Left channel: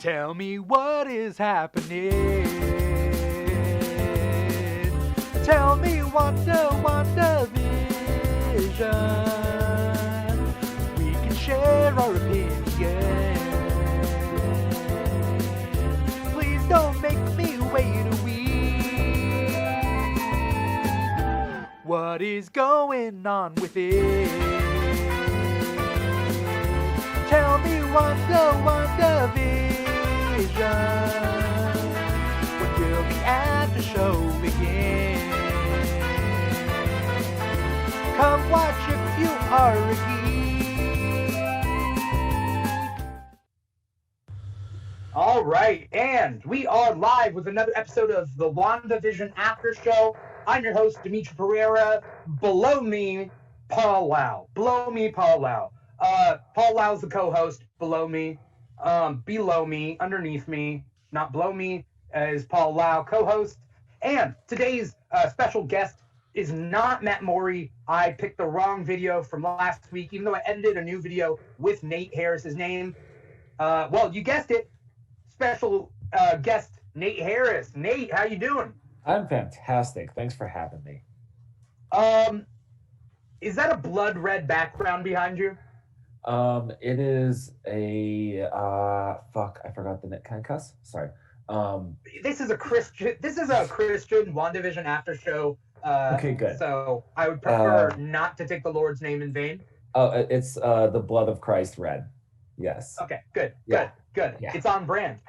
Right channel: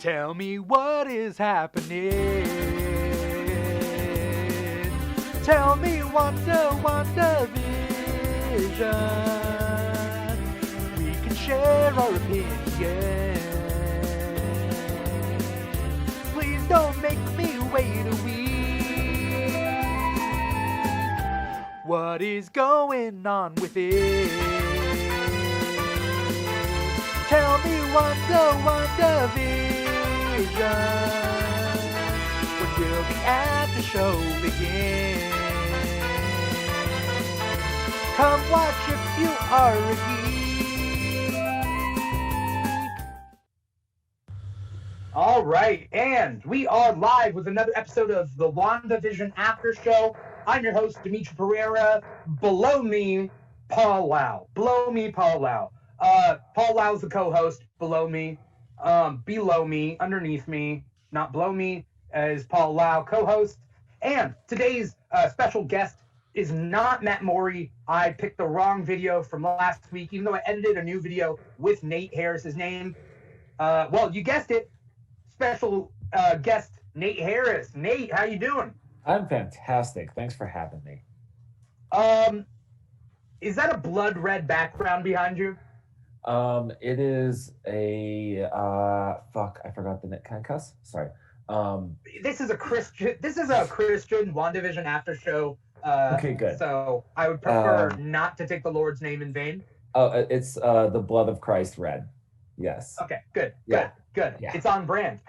Tell me what is happening. Tell me WandaVision. We can share our opinions. Please don't make me wait a week. What is going on with it? Tell me WandaVision. When will the after show begin? Come watch if you are a geek. All right, and we are live with another episode of the WandaVision After Show. I'm your host, Dimithri Perera. Below me, Paul Lao. Below me, Paul Lao. Paul Lau's the co-host. Below me, underneath me, not below me, is Paul Lao, co-host. And today's special guest is not Matt Morey. I picked the wrong video from last week, even though I edited a new video with Nate Harris's name. Well, you guessed it. Special guest Nate Harris. Nate, how you doing? I'm fantastic. Thanks for having me. Is that a blood red background behind you? It is a fuck. I forgot the name. Can I cuss? Sorry. This is a Christian WandaVision After Show. Okay, good. So I would prefer not to take the Lord's name in vain. Oh, it's the blood of Christ red. Yes. Okay, good. Yeah. Good. Yeah. It's on brand.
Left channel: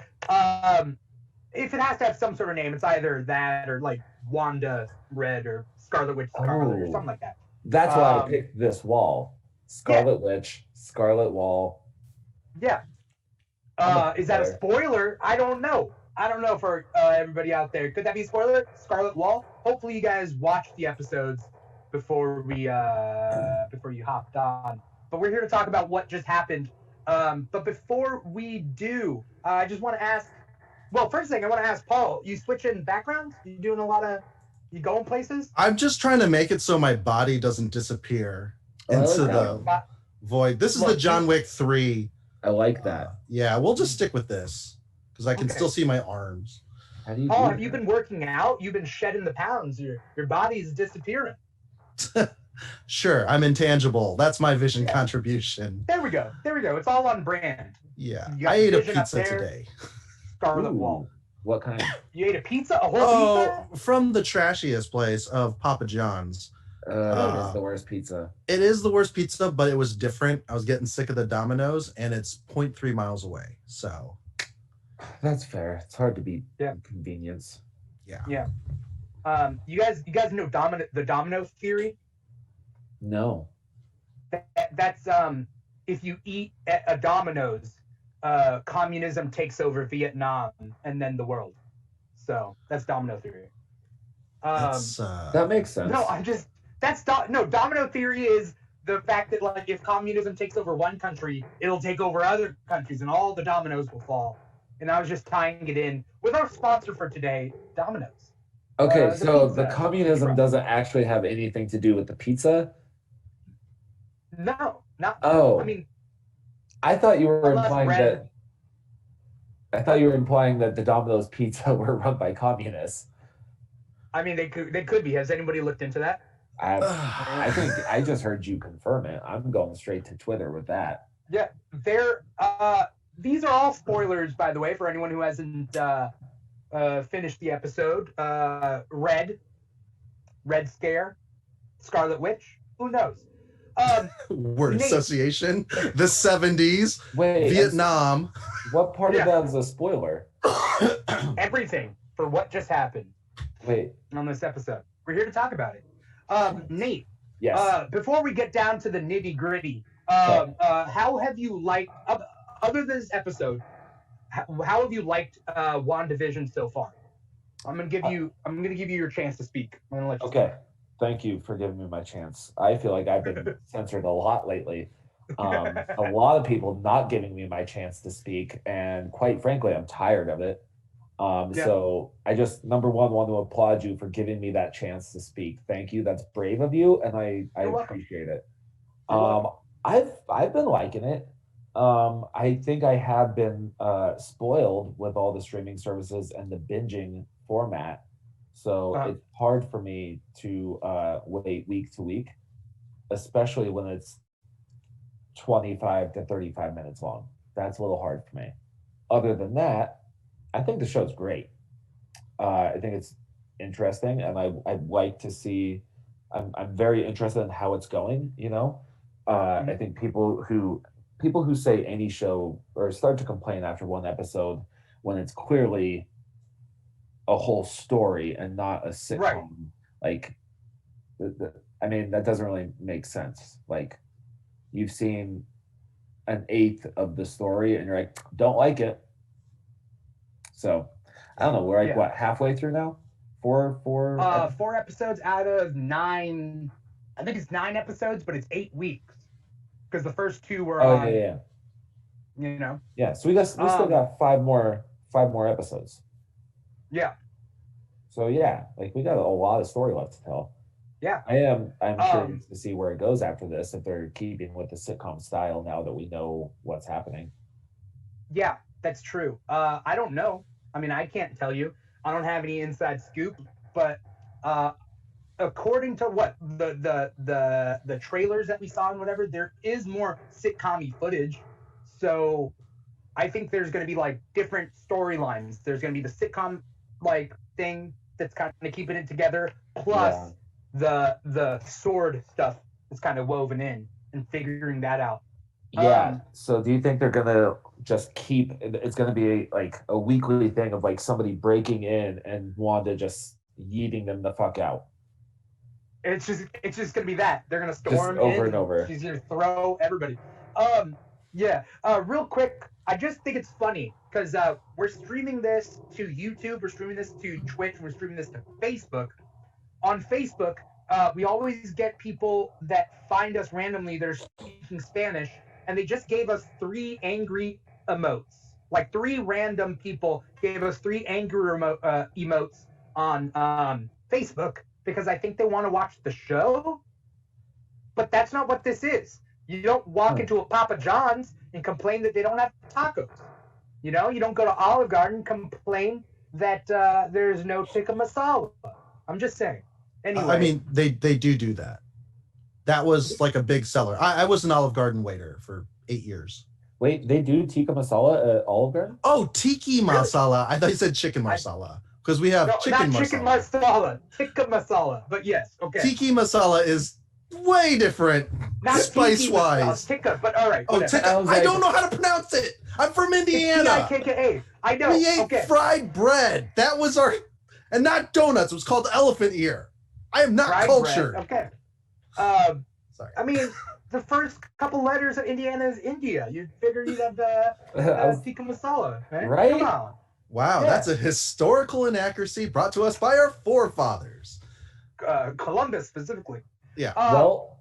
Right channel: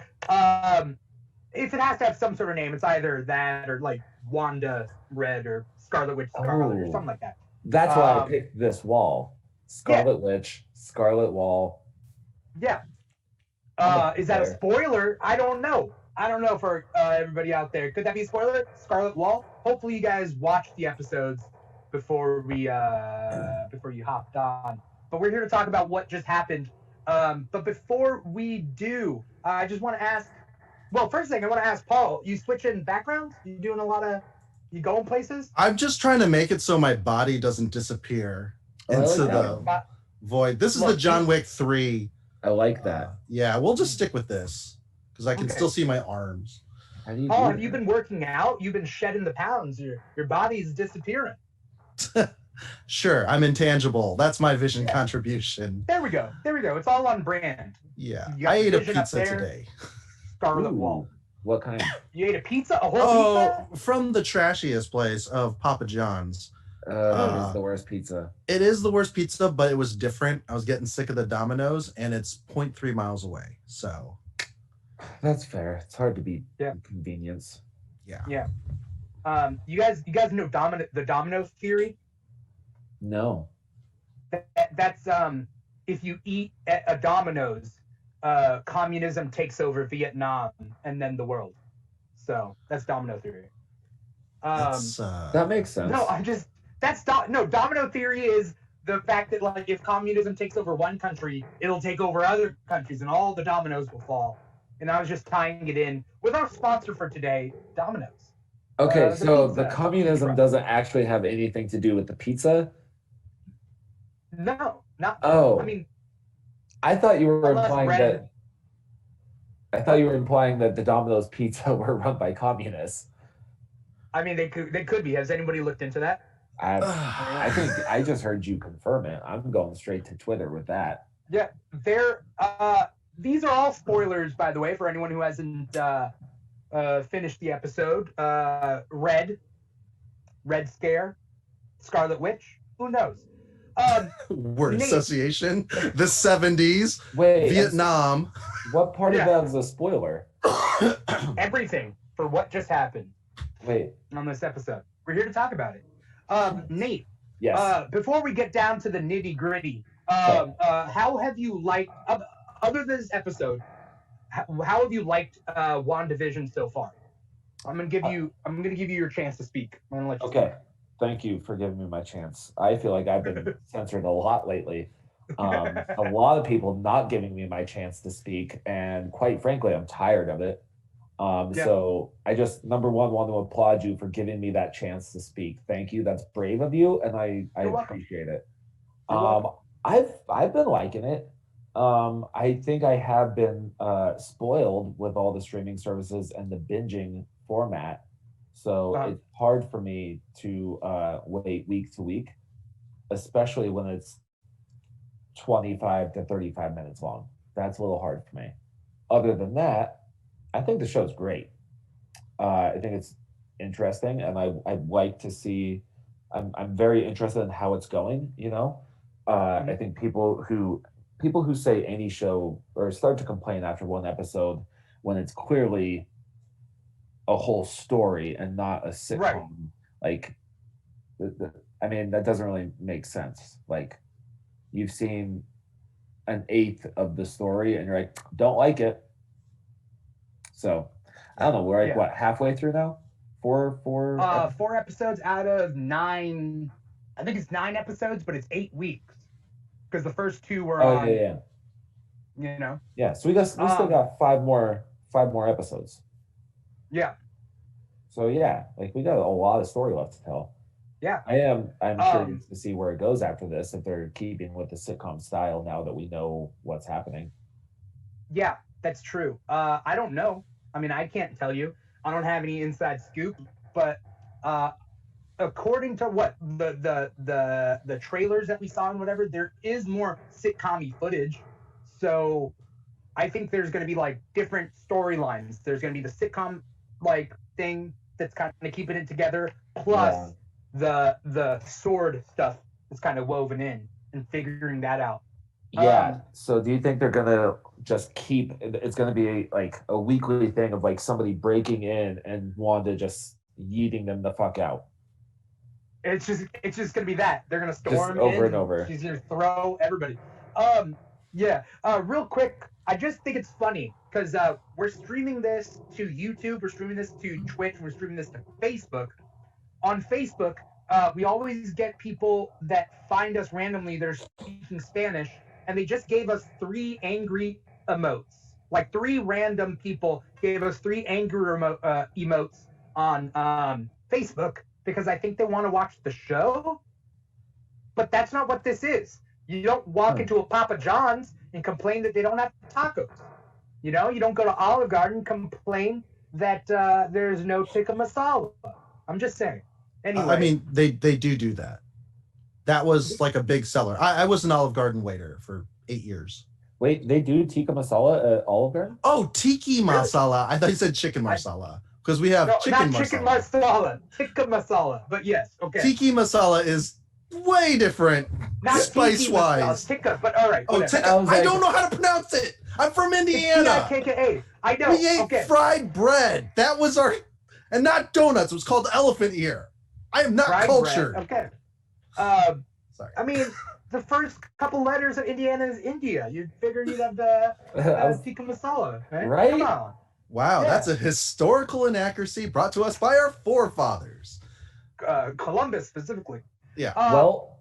If it has to have some sort of name, it's either that or like Wanda Red or Scarlet Witch Scarlet or something like that. That's why I picked this wall. Scarlet Witch, Scarlet Wall. Yeah. Is that a spoiler? I don't know. For everybody out there. Could that be a spoiler? Scarlet Wall? Hopefully you guys watched the episodes before you hopped on. But we're here to talk about what just happened. But before we do, I just want to ask, well, first thing I want to ask Paul, you switching backgrounds? You going places? I'm just trying to make it so my body doesn't disappear into the void. This is the John Wick 3. I like that. Yeah, we'll just stick with this because I can still see my arms. Paul, have you been working out? You've been shedding the pounds. Your body's disappearing. Sure, I'm intangible. That's my vision contribution. There we go. It's all on brand. Yeah, I ate a pizza today. Scarlet Wall. What kind? You ate a pizza? A whole pizza? From the trashiest place of Papa John's. It is the worst pizza. It is the worst pizza, but it was different. I was getting sick of the Domino's, and it's 0.3 miles away. So that's fair. It's hard to beat convenience. Yeah. You guys know the domino theory? No. That's if you eat at a Domino's, communism takes over Vietnam and then the world. So that's domino theory. That makes sense. No, domino theory is the fact that like if communism takes over one country, it'll take over other countries and all the dominoes will fall. And I was just tying it in with our sponsor for today, Domino's. Okay, so the communism doesn't actually have anything to do with the pizza? No, not. Oh. I mean, I thought you were implying that the Domino's pizza were run by communists. I mean, they could be. Has anybody looked into that? I think I just heard you confirm it. I'm going straight to Twitter with that. Yeah, these are all spoilers, by the way, for anyone who hasn't finished the episode. Red Scare, Scarlet Witch, who knows? Word association, the 70s, Wait, Vietnam. What part of that is a spoiler? Everything for what just happened. Wait. On this episode. We're here to talk about it. Nate. Yes. Before we get down to the nitty gritty, how have you liked, other than this episode, how have you liked WandaVision so far? I'm gonna give you your chance to speak. I'm gonna let you speak. Thank you for giving me my chance. I feel like I've been censored a lot lately. A lot of people not giving me my chance to speak, and quite frankly, I'm tired of it. So I just, number one, want to applaud you for giving me that chance to speak. Thank you. That's brave of you, and I appreciate it. I've been liking it. I think I have been spoiled with all the streaming services and the binging format. So it's hard for me to wait week to week, especially when it's 25 to 35 minutes long. That's a little hard for me. Other than that, I think the show's great. I think it's interesting, and I'd like to see. I'm very interested in how it's going. I think people who say any show or start to complain after one episode when it's clearly a whole story and not a sitcom. Right. Like, I mean, that doesn't really make sense. Like, you've seen an eighth of the story, and you're like, don't like it. So, I don't know. We're like what, halfway through now? Four. 4 episodes out of 9. I think it's 9 episodes, but it's 8 weeks because the first 2 were on. Yeah. You know. Yeah. So we still got 5 more episodes. Yeah. So yeah, like we got a lot of story left to tell. Yeah. I'm curious to see where it goes after this, if they're keeping with the sitcom style now that we know what's happening. Yeah, that's true. I don't know. I mean, I can't tell you. I don't have any inside scoop, but according to what the trailers that we saw and whatever, there is more sitcom-y footage. So I think there's going to be like different storylines. There's going to be the sitcom like thing that's kind of keeping it together, plus the sword stuff that's kind of woven in and figuring that out. Yeah. So do you think they're gonna just keep? It's gonna be like a weekly thing of like somebody breaking in and Wanda just yeeting them the fuck out? It's just gonna be that they're gonna storm just over in and over. She's gonna throw everybody. Real quick, I just think it's funny because we're streaming this to YouTube, we're streaming this to Twitch, we're streaming this to Facebook. On Facebook, we always get people that find us randomly that are speaking Spanish, and they just gave us 3 angry emotes. Like 3 random people gave us 3 angry emotes on Facebook because I think they want to watch the show. But that's not what this is. You don't walk into a Papa John's and complain that they don't have tacos. You know, you don't go to Olive Garden and complain that there's no tikka masala. I'm just saying. Anyway. I mean, they do that. That was like a big seller. I was an Olive Garden waiter for 8 years. Wait, they do tikka masala at Olive Garden? Oh, tiki masala. I thought you said chicken masala because we have chicken masala. Tikka masala. But yes, okay. Tiki masala is way different, spice-wise. Tikka, but all right. Oh, tikka. I don't know how to pronounce it. I'm from Indiana. T-I-K-K-A. I know. We ate fried bread. That was our, and not donuts. It was called elephant ear. I am not fried cultured. Bread. Okay. Sorry. I mean, the first couple letters of Indiana is India. You'd figure you'd have tikka masala, right? Come on. Wow, that's a historical inaccuracy brought to us by our forefathers. Columbus specifically. Yeah. Well,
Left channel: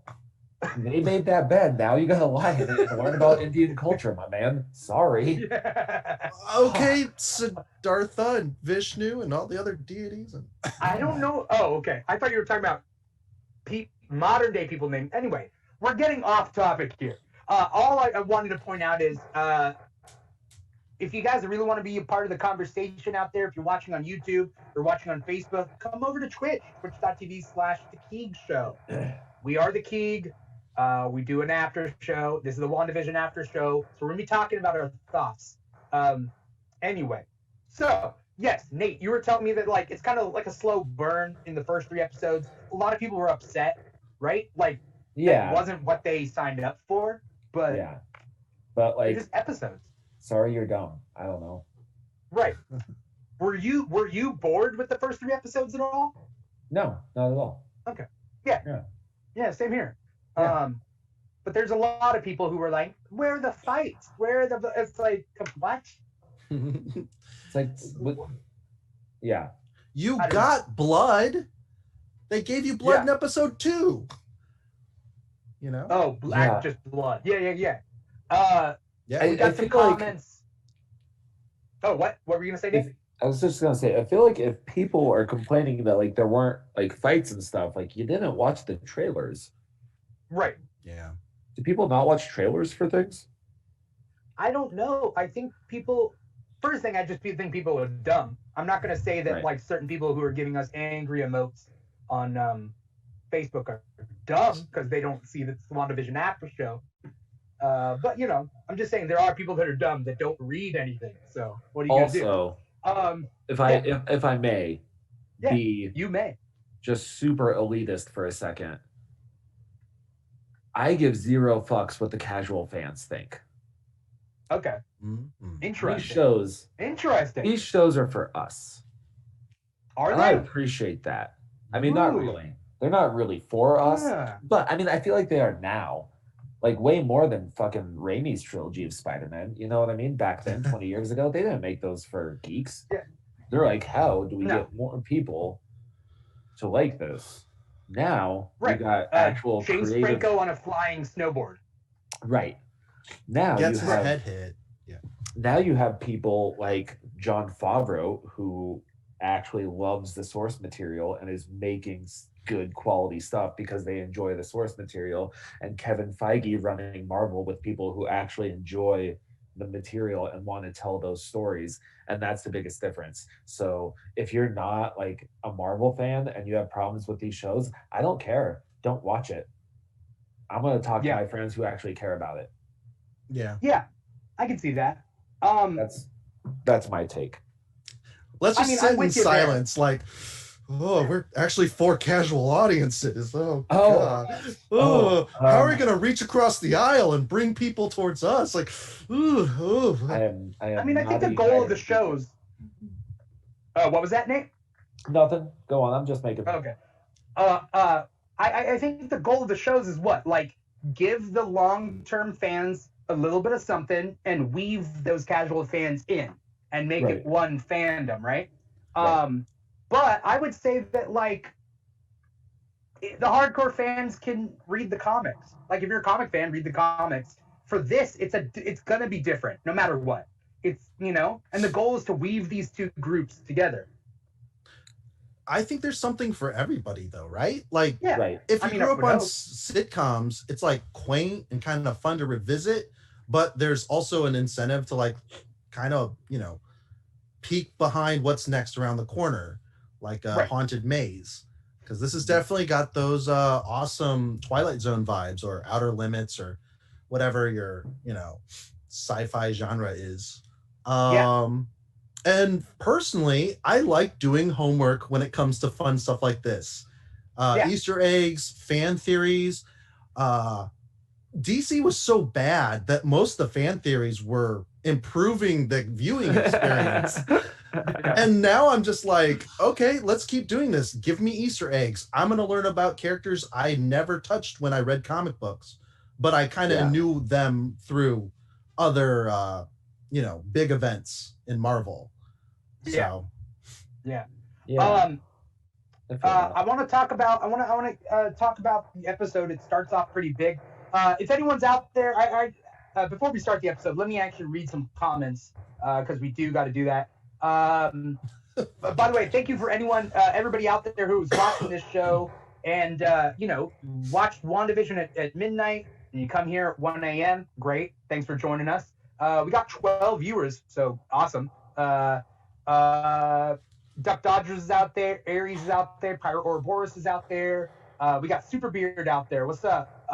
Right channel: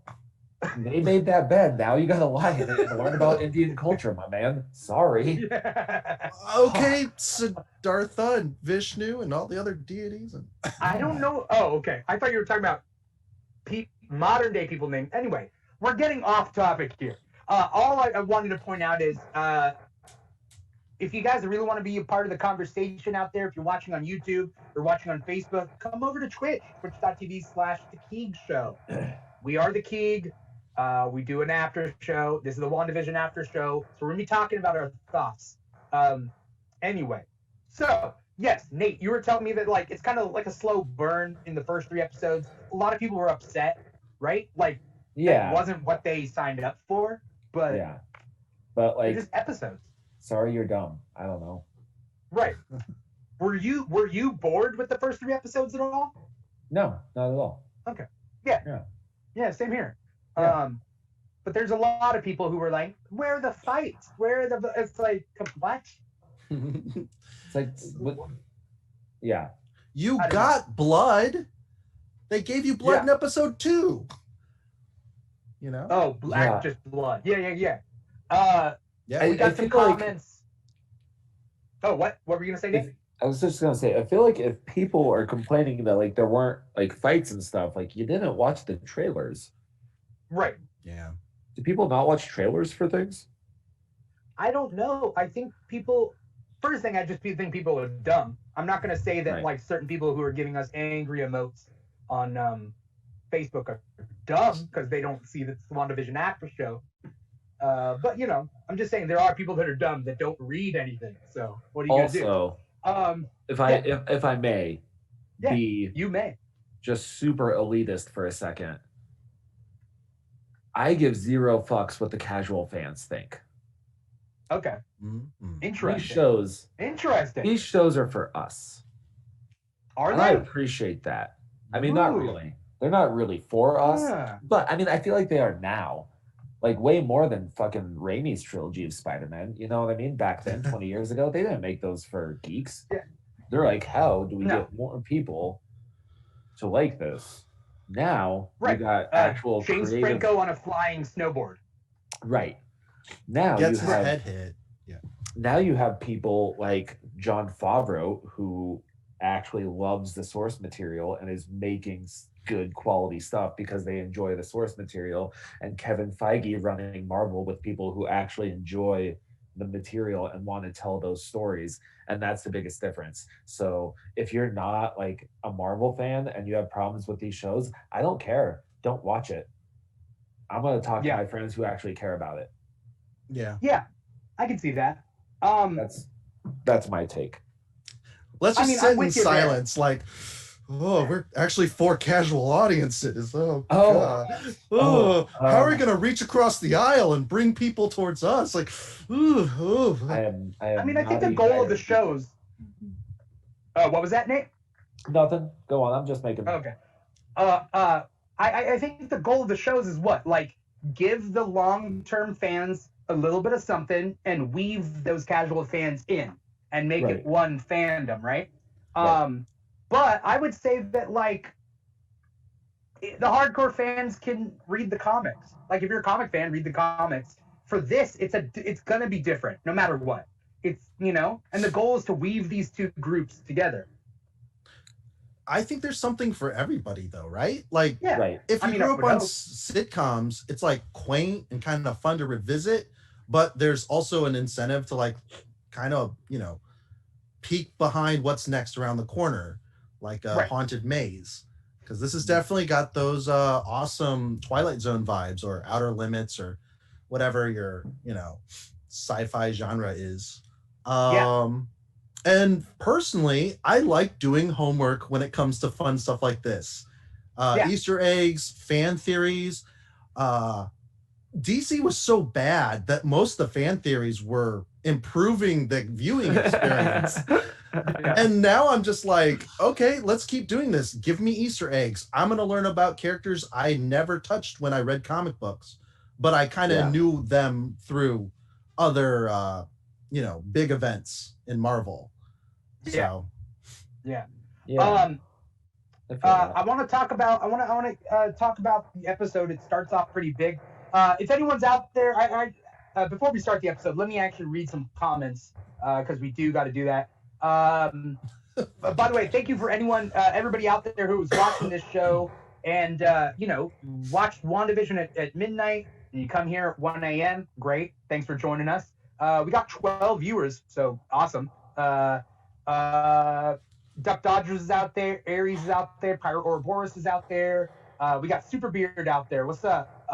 they made that bed. Now you gotta lie and learn about Indian culture, my man. Sorry. Okay, Siddhartha and Vishnu and all the other deities. I don't know. Oh, okay. I thought you were talking about modern day people named. Anyway, we're getting off topic here. All I wanted to point out is if you guys really want to be a part of the conversation out there, if you're watching on YouTube or watching on Facebook, come over to Twitch, twitch.tv/The Keeg Show. We are The Keeg. We do an after show. This is the WandaVision after show. So we're going to be talking about our thoughts. Anyway, so yes, Nate, you were telling me that like it's kind of like a slow burn in the first 3 episodes. A lot of people were upset, right? Like, it wasn't what they signed up for, but like just episodes. Sorry, you're dumb. I don't know. Right. Were you bored with the first 3 episodes at all? No, not at all. Okay. Yeah, same here. Yeah. But there's a lot of people who were like, where are the fights? It's like, what? It's like, yeah. You got blood. They gave you blood in episode 2. You know? Oh, just blood. Yeah. We got some comments. Oh, what were you gonna say, Dave? I was just gonna say, I feel like if people are complaining that like there weren't like fights and stuff, like you didn't watch the trailers. Right. Yeah. Do people not watch trailers for things? I don't know. I think people. First thing, I just think people are dumb. I'm not gonna say that Right. like certain people who are giving us angry emotes on Facebook are dumb because they don't see the WandaVision after show. But you know, I'm just saying there are people that are dumb that don't read anything. So what are you gonna do? Also, if I may Yeah, be you may. just super elitist for a second, I give zero fucks what the casual fans think. Okay. Mm-hmm. Interesting. These shows are for us. Are and they? I appreciate that. I mean, not really. They're not really for us, but I mean, I feel like they are now. Like way more than fucking Raimi's trilogy of Spider-Man. You know what I mean? Back then, 20 years ago, they didn't make those for geeks. Yeah. They're like, how do we get more people to like this? Now we got actual James creative... Franco on a flying snowboard. Right. Now gets his head hit. Yeah. Now you have people like Jon Favreau who actually loves the source material and is making good quality stuff because they enjoy the source material, and Kevin Feige running Marvel with people who actually enjoy the material and want to tell those stories, and that's the biggest difference. So if you're not like a Marvel fan and you have problems with these shows, I don't care. Don't watch it. I'm going to talk to my friends who actually care about it. Yeah, I can see that. That's my take. Let's just sit in silence, like, oh, we're actually for casual audiences. Oh, God. How are we going to reach across the aisle and bring people towards us? Like, I think the goal of the shows. What was that, Nate? Nothing. Go on. I'm just making. Okay. I think the goal of the shows is what? Like, give the long-term fans a little bit of something and weave those casual fans in and make it one fandom, right? But I would say that, like, the hardcore fans can read the comics. Like, if you're a comic fan, read the comics. For this, it's gonna be different, no matter what. It's, you know, and the goal is to weave these two groups together. I think there's something for everybody, though, right? Like, if you grew up on sitcoms, it's like quaint and kind of fun to revisit, but there's also an incentive to, like, kind of, you know, peek behind what's next around the corner, like a haunted maze, because this has definitely got those awesome Twilight Zone vibes or Outer Limits or whatever your, you know, sci-fi genre is. And personally, I like doing homework when it comes to fun stuff like this. Easter eggs, fan theories. DC was so bad that most of the fan theories were improving the viewing experience. And now I'm just like, okay, let's keep doing this. Give me Easter eggs. I'm going to learn about characters I never touched when I read comic books, but I kind of knew them through other, you know, big events in Marvel. So, I want to talk about. I want to talk about the episode. It starts off pretty big. If anyone's out there, before we start the episode, let me actually read some comments because we do got to do that. By the way, thank you for everybody out there who's watching this show and you know, watched WandaVision at midnight and you come here at 1 a.m. Great, thanks for joining us. We got 12 viewers, so awesome. Duck Dodgers is out there, Aries is out there, Pirate Ouroboros is out there. We got Super Beard out there. What's up?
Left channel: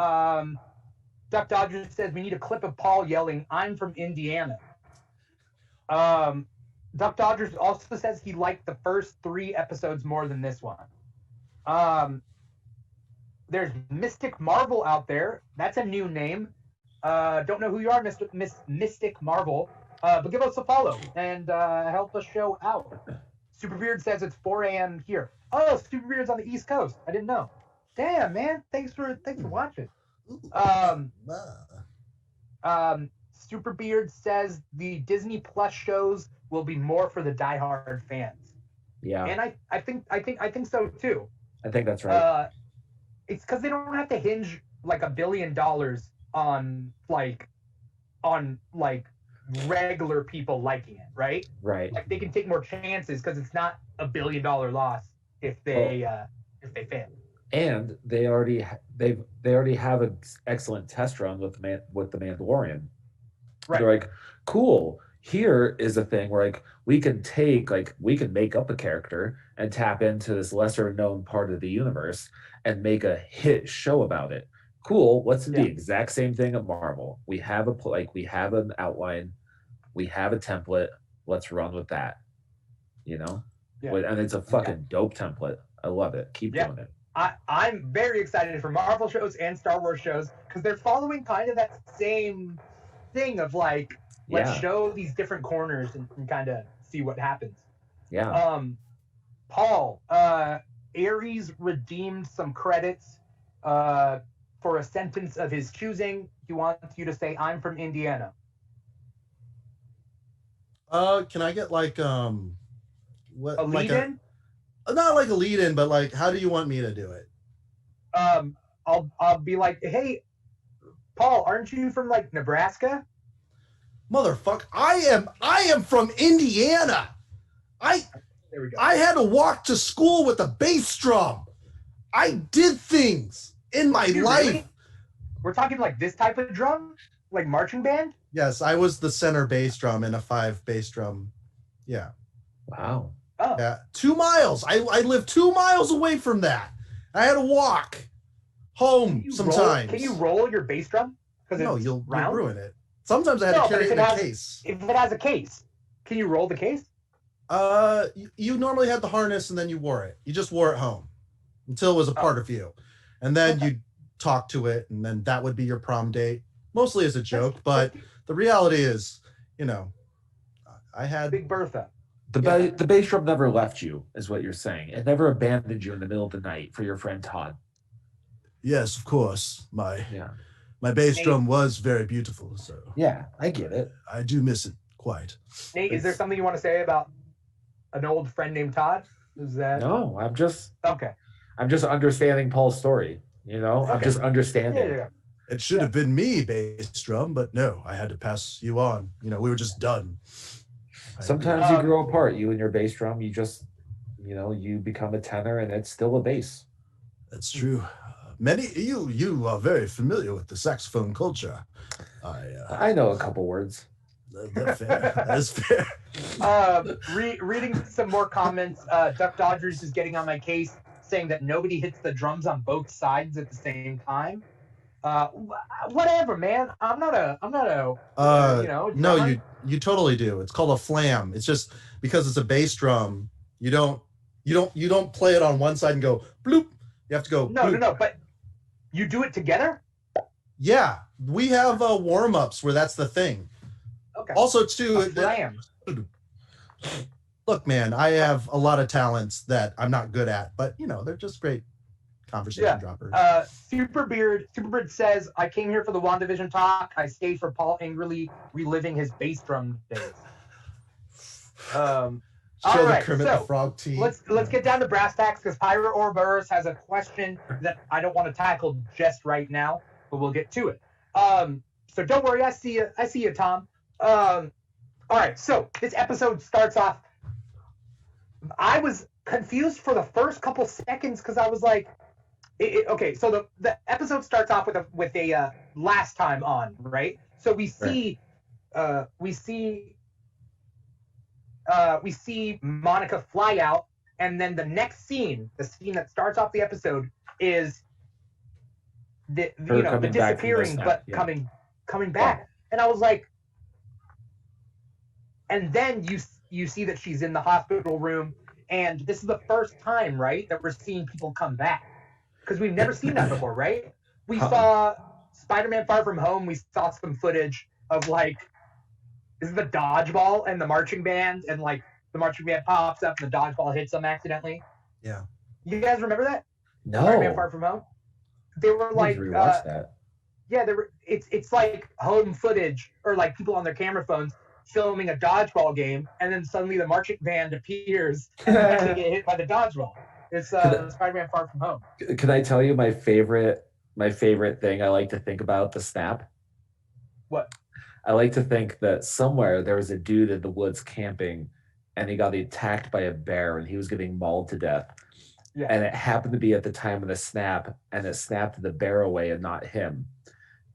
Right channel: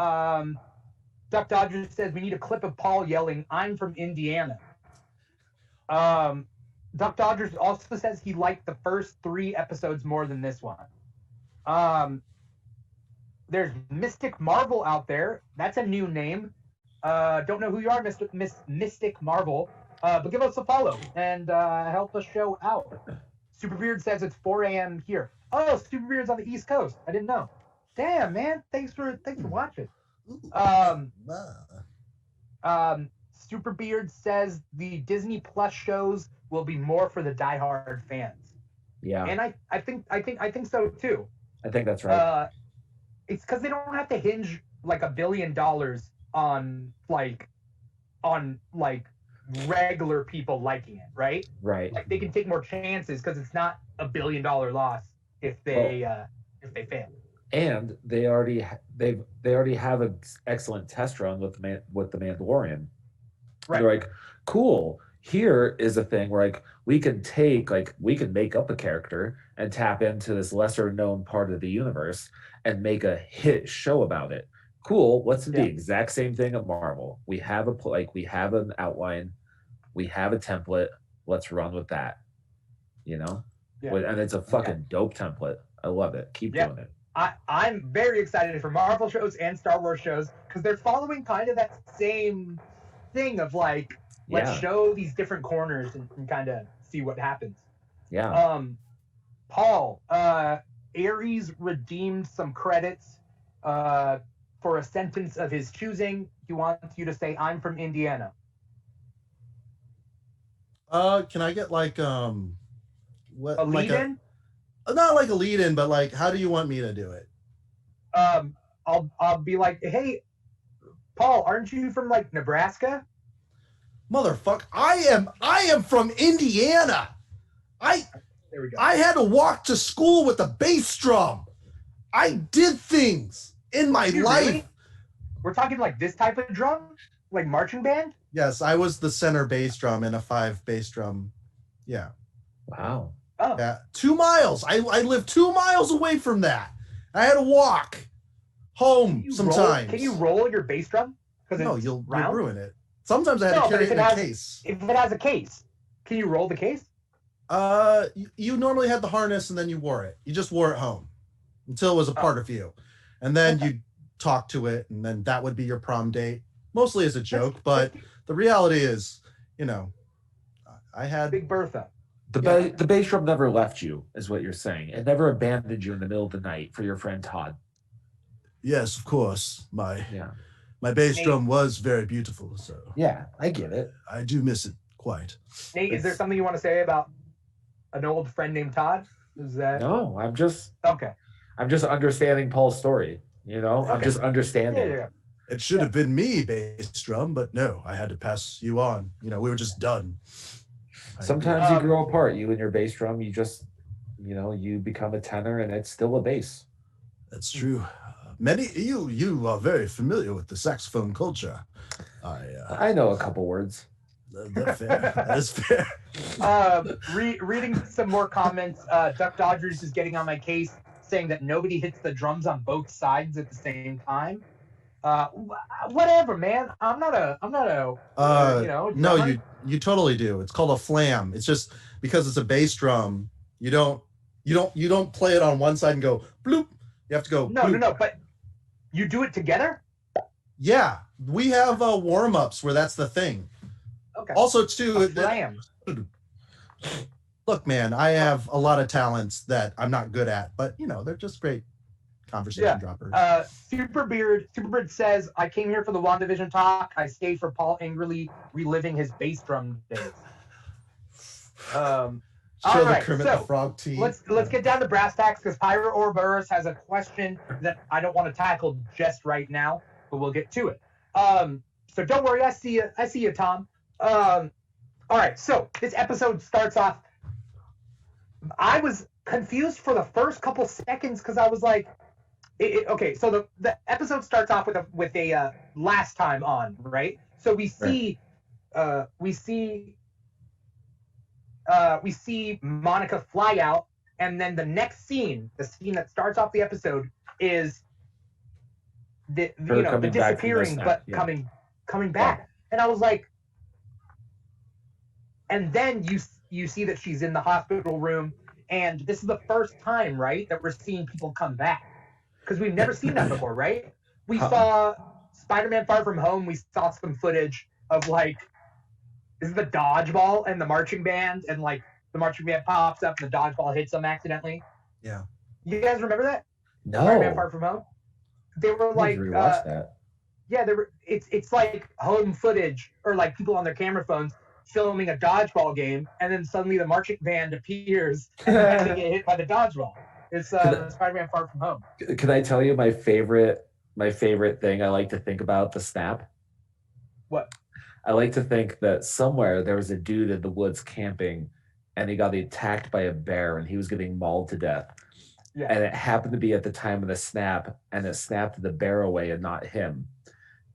Duck Dodgers says we need a clip of Paul yelling, "I'm from Indiana." Duck Dodgers also says he liked the first 3 episodes more than this one. There's Mystic Marvel out there. That's a new name. Don't know who you are, Mystic Marvel. But give us a follow and help us show out. Superbeard says it's 4 a.m. here. Oh, Superbeard's on the East Coast. I didn't know. Damn, man. Thanks for watching. Superbeard says the Disney Plus shows will be more for the diehard fans. Yeah. And I think so too. I think that's right. It's because they don't have to hinge like $1 billion on regular people liking it, right? Right. Like they can take more chances because it's not $1 billion loss if they fail. And they already have an excellent test run with the Mandalorian. Right. They're like, cool. Here is a thing where like we can make up a character and tap into this lesser known part of the universe and make a hit show about it. Cool. Let's do the exact same thing at Marvel. We have we have an outline, we have a template. Let's run with that. You know? Yeah. And it's a fucking dope template. I love it. Keep doing it. I'm very excited for Marvel shows and Star Wars shows because they're following kind of that same thing of like, let's show these different corners and kind of see what happens. Yeah. Paul, Ares redeemed some credits for a sentence of his choosing. He wants you to say, "I'm from Indiana." Can I get like what a lead-in? Not like a lead-in, but like, how do you want me to do it? I'll be like, "Hey, Paul, aren't you from like Nebraska?" Motherfucker, I am from Indiana. There we go. I had to walk to school with a bass drum. I did things in my life. Really? We're talking like this type of drum? Like marching band? Yes, I was the center bass drum in a 5 bass drum. Yeah. Wow. Oh. Yeah. 2 miles. I lived 2 miles away from that. I had to walk home sometimes. Can you roll your bass drum? No, you'll ruin it. Sometimes I had to carry it in a case. If it has a case, can you roll the case? You normally had the harness and then you wore it. You just wore it home until it was a part of you. And then you talk to it, and then that would be your prom date. Mostly as a joke, but the reality is, you know, I had Big Bertha. The bass drum never left you, is what you're saying. It never abandoned you in the middle of the night for your friend Todd. Yes, of course. My bass drum was very beautiful, so yeah, I get it. I do miss it quite. Nate, is there something you want to say about an old friend named Todd? Is that No, I'm just okay. I'm just understanding Paul's story. You know, okay. I'm just understanding. Yeah. It should have been me, bass drum, but no, I had to pass you on. You know, we were just done. Sometimes you grow apart, you and your bass drum. You just, you know, you become a tenor, and it's still a bass. That's true. You are very familiar with the saxophone culture. I know a couple words. That's fair. That is fair. Reading some more comments. Duck Dodgers is getting on my case, saying that nobody hits the drums on both sides at the same time. Whatever, man. I'm not a you know. No, you totally do. It's called a flam. It's just because it's a bass drum. You don't play it on one side and go bloop. You have to go. No. But you do it together. Yeah, we have warm-ups where that's the thing. Okay. Also, too. Look, man, I have a lot of talents that I'm not good at, but you know, they're just great conversation droppers. Superbeard says, "I came here for the WandaVision talk. I stayed for Paul angrily reliving his bass drum days." Show the Kermit the Frog team. Let's get down to brass tacks because Pyra Ouroboros has a question that I don't want to tackle just right now, but we'll get to it. So don't worry, I see you, Tom. All right, so this episode starts off. I was confused for the first couple seconds because I was like, okay, so the episode starts off with a last time on, right? So we see Monica fly out, and then the next scene, the scene that starts off the episode, is the disappearing but coming back, and I was like, and then you see that she's in the hospital room, and this is the first time, right, that we're seeing people come back. Because we've never seen that before, right? We saw Spider-Man Far From Home. We saw some footage of, like, this is the dodgeball and the marching band, and, like, the marching band pops up and the dodgeball hits them accidentally. Yeah. You guys remember that? No. Spider-Man Far From Home? They were, like... rewatch that. Yeah, it's like home footage, or, like, people on their camera phones filming a dodgeball game, and then suddenly the marching band appears and they get hit by the dodgeball. It's Spider-Man Far From Home. Can I tell you my favorite thing I like to think about the snap? What? I like to think that somewhere there was a dude in the woods camping, and he got attacked by a bear, and he was getting mauled to death. Yeah. And it happened to be at the time of the snap, and it snapped the bear away and not him.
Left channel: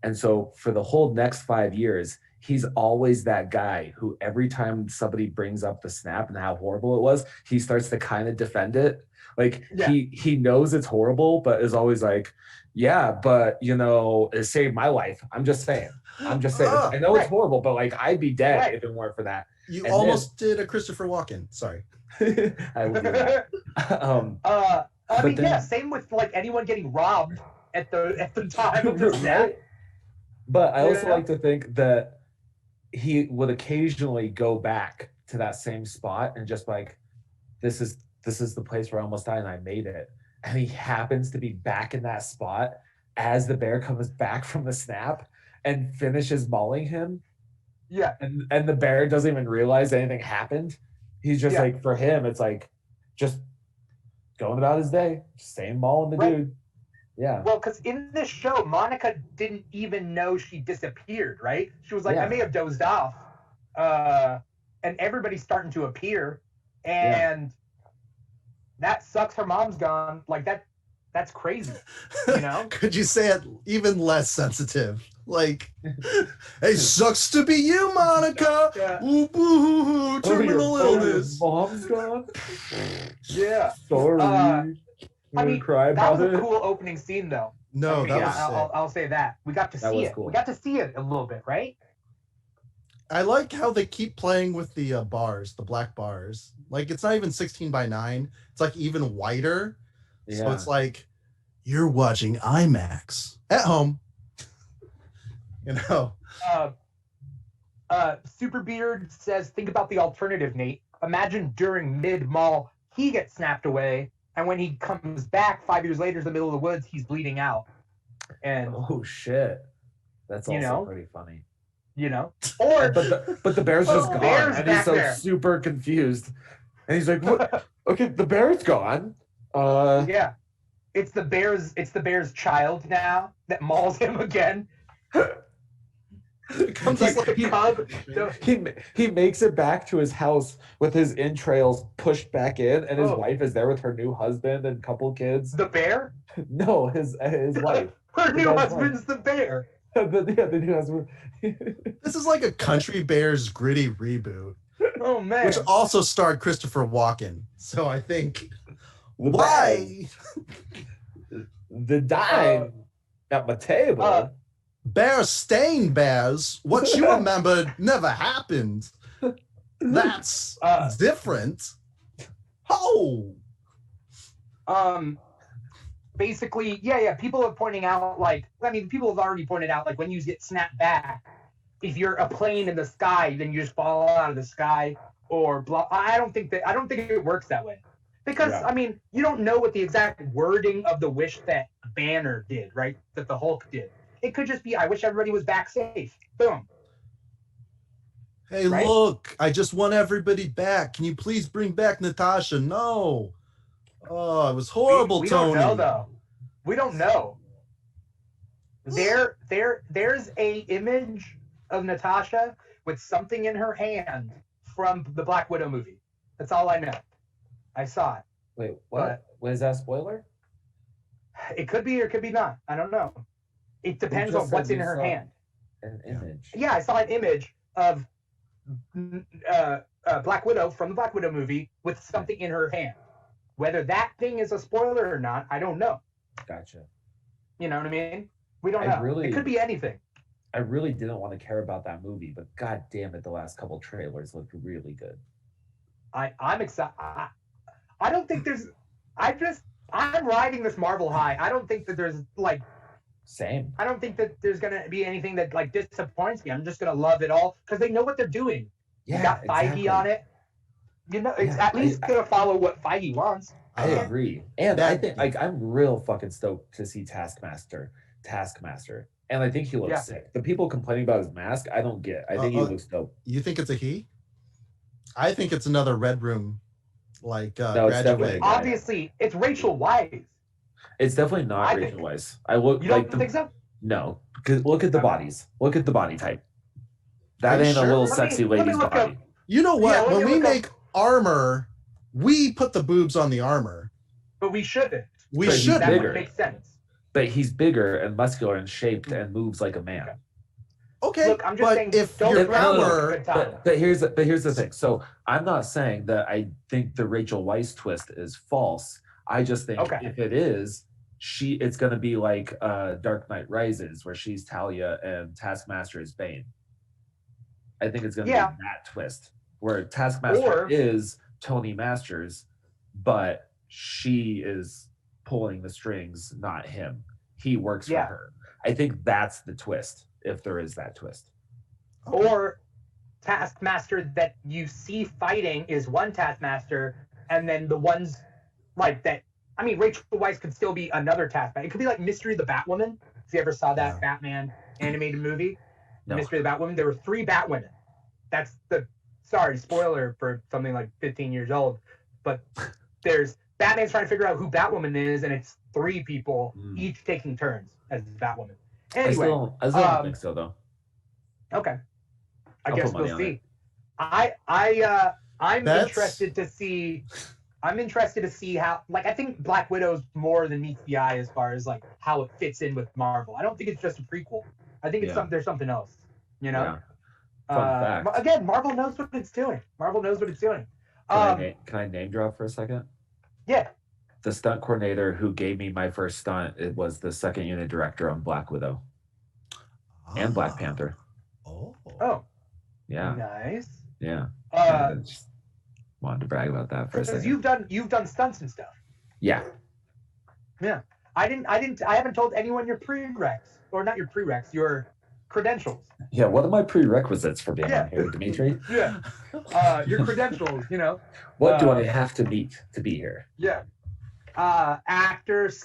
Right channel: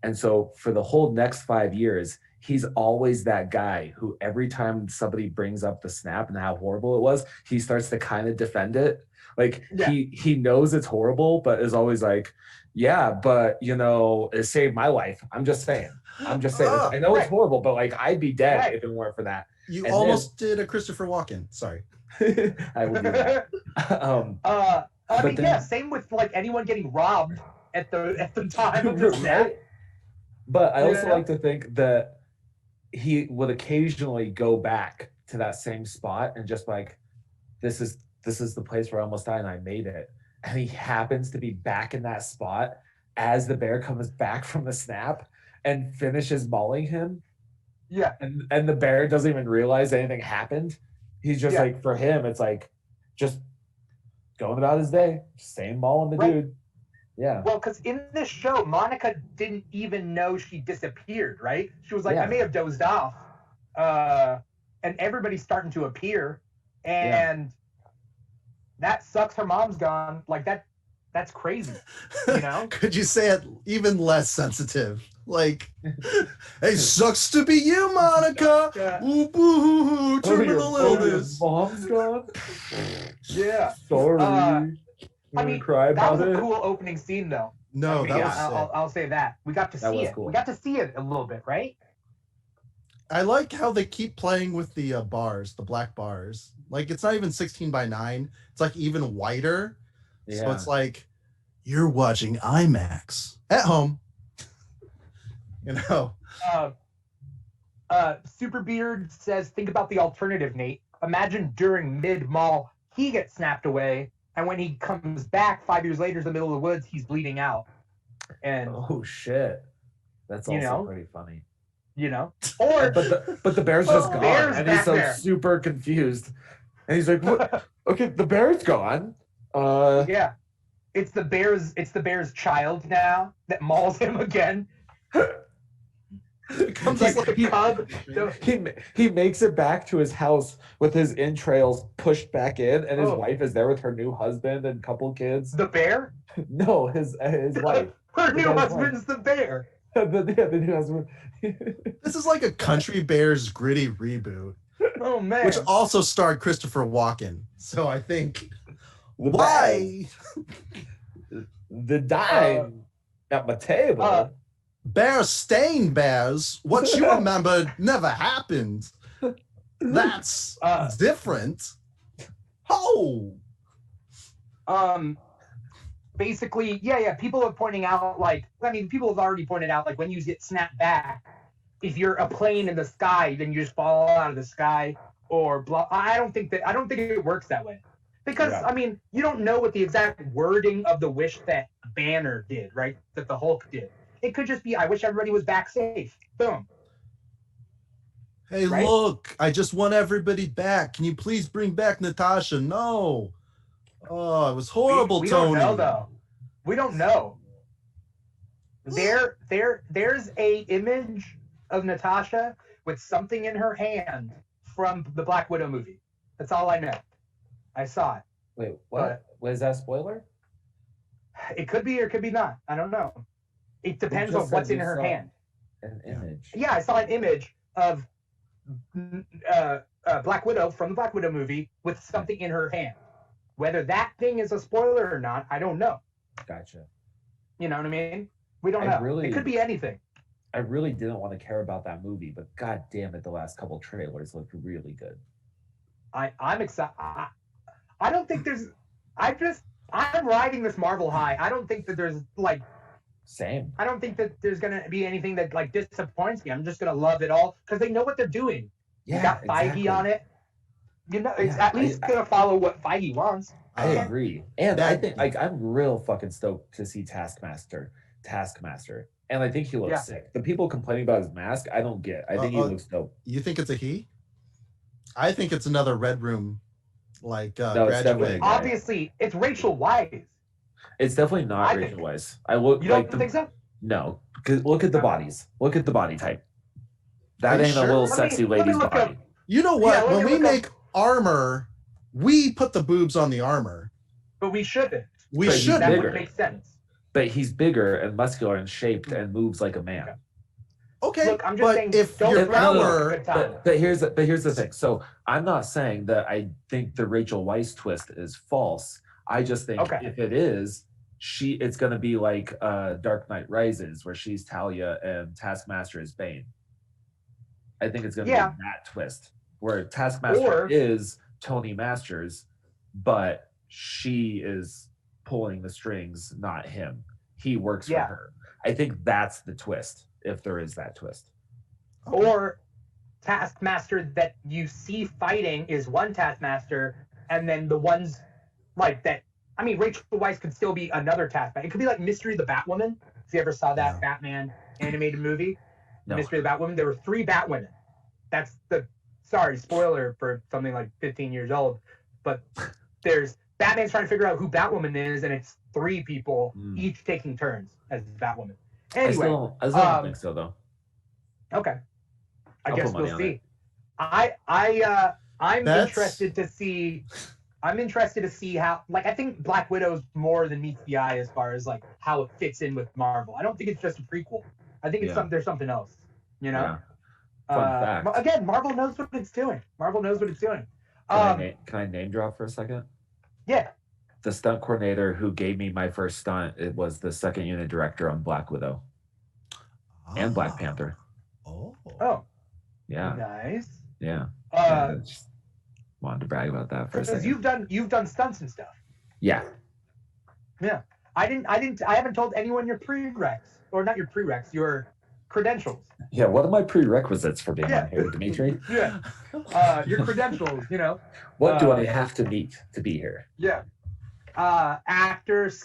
And so for the whole next 5 years, he's always that guy who every time somebody brings up the snap and how horrible it was, he starts to kind of defend it. Like he knows it's horrible, but is always like, yeah, but it saved my life. I'm just saying. I know it's horrible, but like I'd be dead if it weren't for that. You almost did a Christopher Walken. Sorry. I will do that. Same with like anyone getting robbed at the time of the snap. But I also like to think that he would occasionally go back to that same spot and just like, this is the place where I almost died and I made it. And he happens to be back in that spot as the bear comes back from the snap and finishes mauling him. Yeah. And the bear doesn't even realize anything happened. He's just like, for him, it's like just going about his day, same mauling the dude. Yeah. Well, because in this show, Monica didn't even know she disappeared, right? She was like, I may have dozed off. And everybody's starting to appear. And that sucks. Her mom's gone. Like, that's crazy. Could you say it even less sensitive? Like, hey, sucks to be you, Monica. Terminal illness. Mom's gone. Yeah. Sorry. Cry about that was it. a cool opening scene, though. No, that was I'll say that. We got to see it. Cool. We got to see it a little bit, right? I like how they keep playing with the bars, the black bars. Like, it's not even 16:9. It's like even whiter. Yeah. So it's like you're watching IMAX at home. Superbeard says, think about the alternative, Nate. Imagine during mid-mall, he gets snapped away, and when he comes back 5 years later in the middle of the woods, he's bleeding out. And oh shit, that's also pretty funny. Or but the bear's just gone, and he's so there. super confused, and he's like, "What? Okay, the bear's gone." Yeah, it's the bear's child now that mauls him again. He makes it back to his house with his entrails pushed back in, and his wife is there with her new husband and couple kids. The bear? No, his wife. Her new husband's the bear. the new husband. This is like a Country Bears gritty reboot. Oh man! Which also starred Christopher Walken. So I think why the dime at my table. Bear stain bears. What you remember never happened. That's different. Oh. Basically, people are pointing out, people have already pointed out, like, when you get snapped back, if you're a plane in the sky, then you just fall out of the sky, or blah. I don't think it works that way. Because, you don't know what the exact wording of the wish that Banner did, right? That the Hulk did. It could just be, I wish everybody was back safe. Boom. Hey, right? Look, I just want everybody back. Can you please bring back Natasha? No. Oh, it was horrible, we Tony. We don't know, though. We don't know. There's a image of Natasha with something in her hand from the Black Widow movie. That's all I know. I saw it. Wait, what? Was that a spoiler? It could be or it could be not. I don't know. It depends on what's in her hand. An image. Yeah, I saw an image of Black Widow from the Black Widow movie with something in her hand. Whether that thing is a spoiler or not, I don't know. Gotcha. You know what I mean? We don't know. It could be anything. I really didn't want to care about that movie, but god damn it, the last couple trailers looked really good. I'm excited. I don't think there's. I'm riding this Marvel high. I don't think that there's Same. I don't think that there's gonna be anything that disappoints me. I'm just gonna love it all because they know what they're doing. Yeah, you got Feige on it. It's at least gonna follow what Feige wants. I agree, and I think I'm real fucking stoked to see Taskmaster, and I think he looks sick. The people complaining about his mask, I don't get. I think he looks dope. You think it's a he? I think it's another Red Room, no, it's definitely obviously it's Rachel Weisz. It's definitely not Rachel Weisz. I look. You don't think so? No, because look at the bodies. Look at the body type. That ain't a little sexy lady's body. You know what? When we make armor, we put the boobs on the armor. But we shouldn't. We should. That would make sense. But he's bigger and muscular and shaped and moves like a man. Okay, Look, I'm just saying, if don't your drown power, a good time. but here's the thing. So I'm not saying that I think the Rachel Weisz twist is false. I just think if it is, it's going to be like Dark Knight Rises, where she's Talia and Taskmaster is Bane. I think it's going to be that twist, where Taskmaster is Tony Masters, but she is pulling the strings, not him. He works for her. I think that's the twist, if there is that twist. Okay. Or Taskmaster that you see fighting is one Taskmaster, and then the ones like that. I mean, Rachel Weisz could still be another Taskmaster. It could be like Mystery of the Batwoman. If you ever saw that Batman animated movie, Mystery of the Batwoman, there were 3 Batwomen. That's sorry, spoiler for something like 15 years old, but there's Batman's trying to figure out who Batwoman is, and it's 3 people each taking turns as Batwoman. Anyway, I still don't think so though. Okay, I guess we'll see. I'm interested to see. I'm interested to see how. Like, I think Black Widow's more than meets the eye as far as like how it fits in with Marvel. I don't think it's just a prequel. I think it's there's something else. You know. Yeah. Again, Marvel knows what it's doing. Can I name drop for a second? Yeah. The stunt coordinator who gave me my first stunt, it was the second unit director on Black Widow and Black Panther. Oh. Yeah. Nice. Yeah. Just wanted to brag about that for a second. Because you've done stunts and stuff. Yeah. Yeah. I haven't told anyone your prereqs, or not your prereqs, your credentials. Yeah, what are my prerequisites for being on here, Dimithri? Your credentials, you know. What do I have to meet to be here? Yeah. Actor /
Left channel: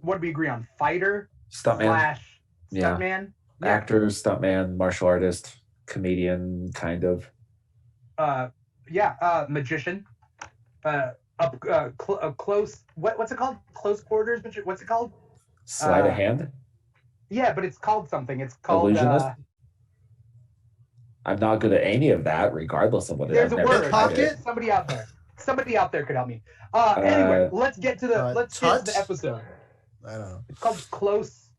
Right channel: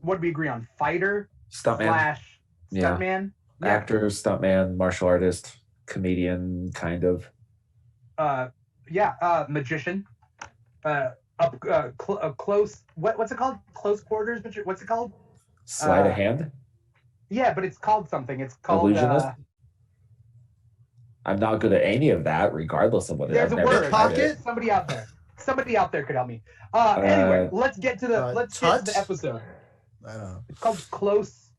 what do we agree on? Fighter stuntman / stuntman. Yeah. Actor, stuntman, martial artist, comedian, kind of. Magician. Close. What's it called? Close quarters. What's it called? Sleight of hand. Yeah, but it's called something. It's called illusionist. I'm not good at any of that, regardless of what it is. There's a word. Pocket. Somebody out there could help me. Anyway, let's get to the episode. I don't know. It's called close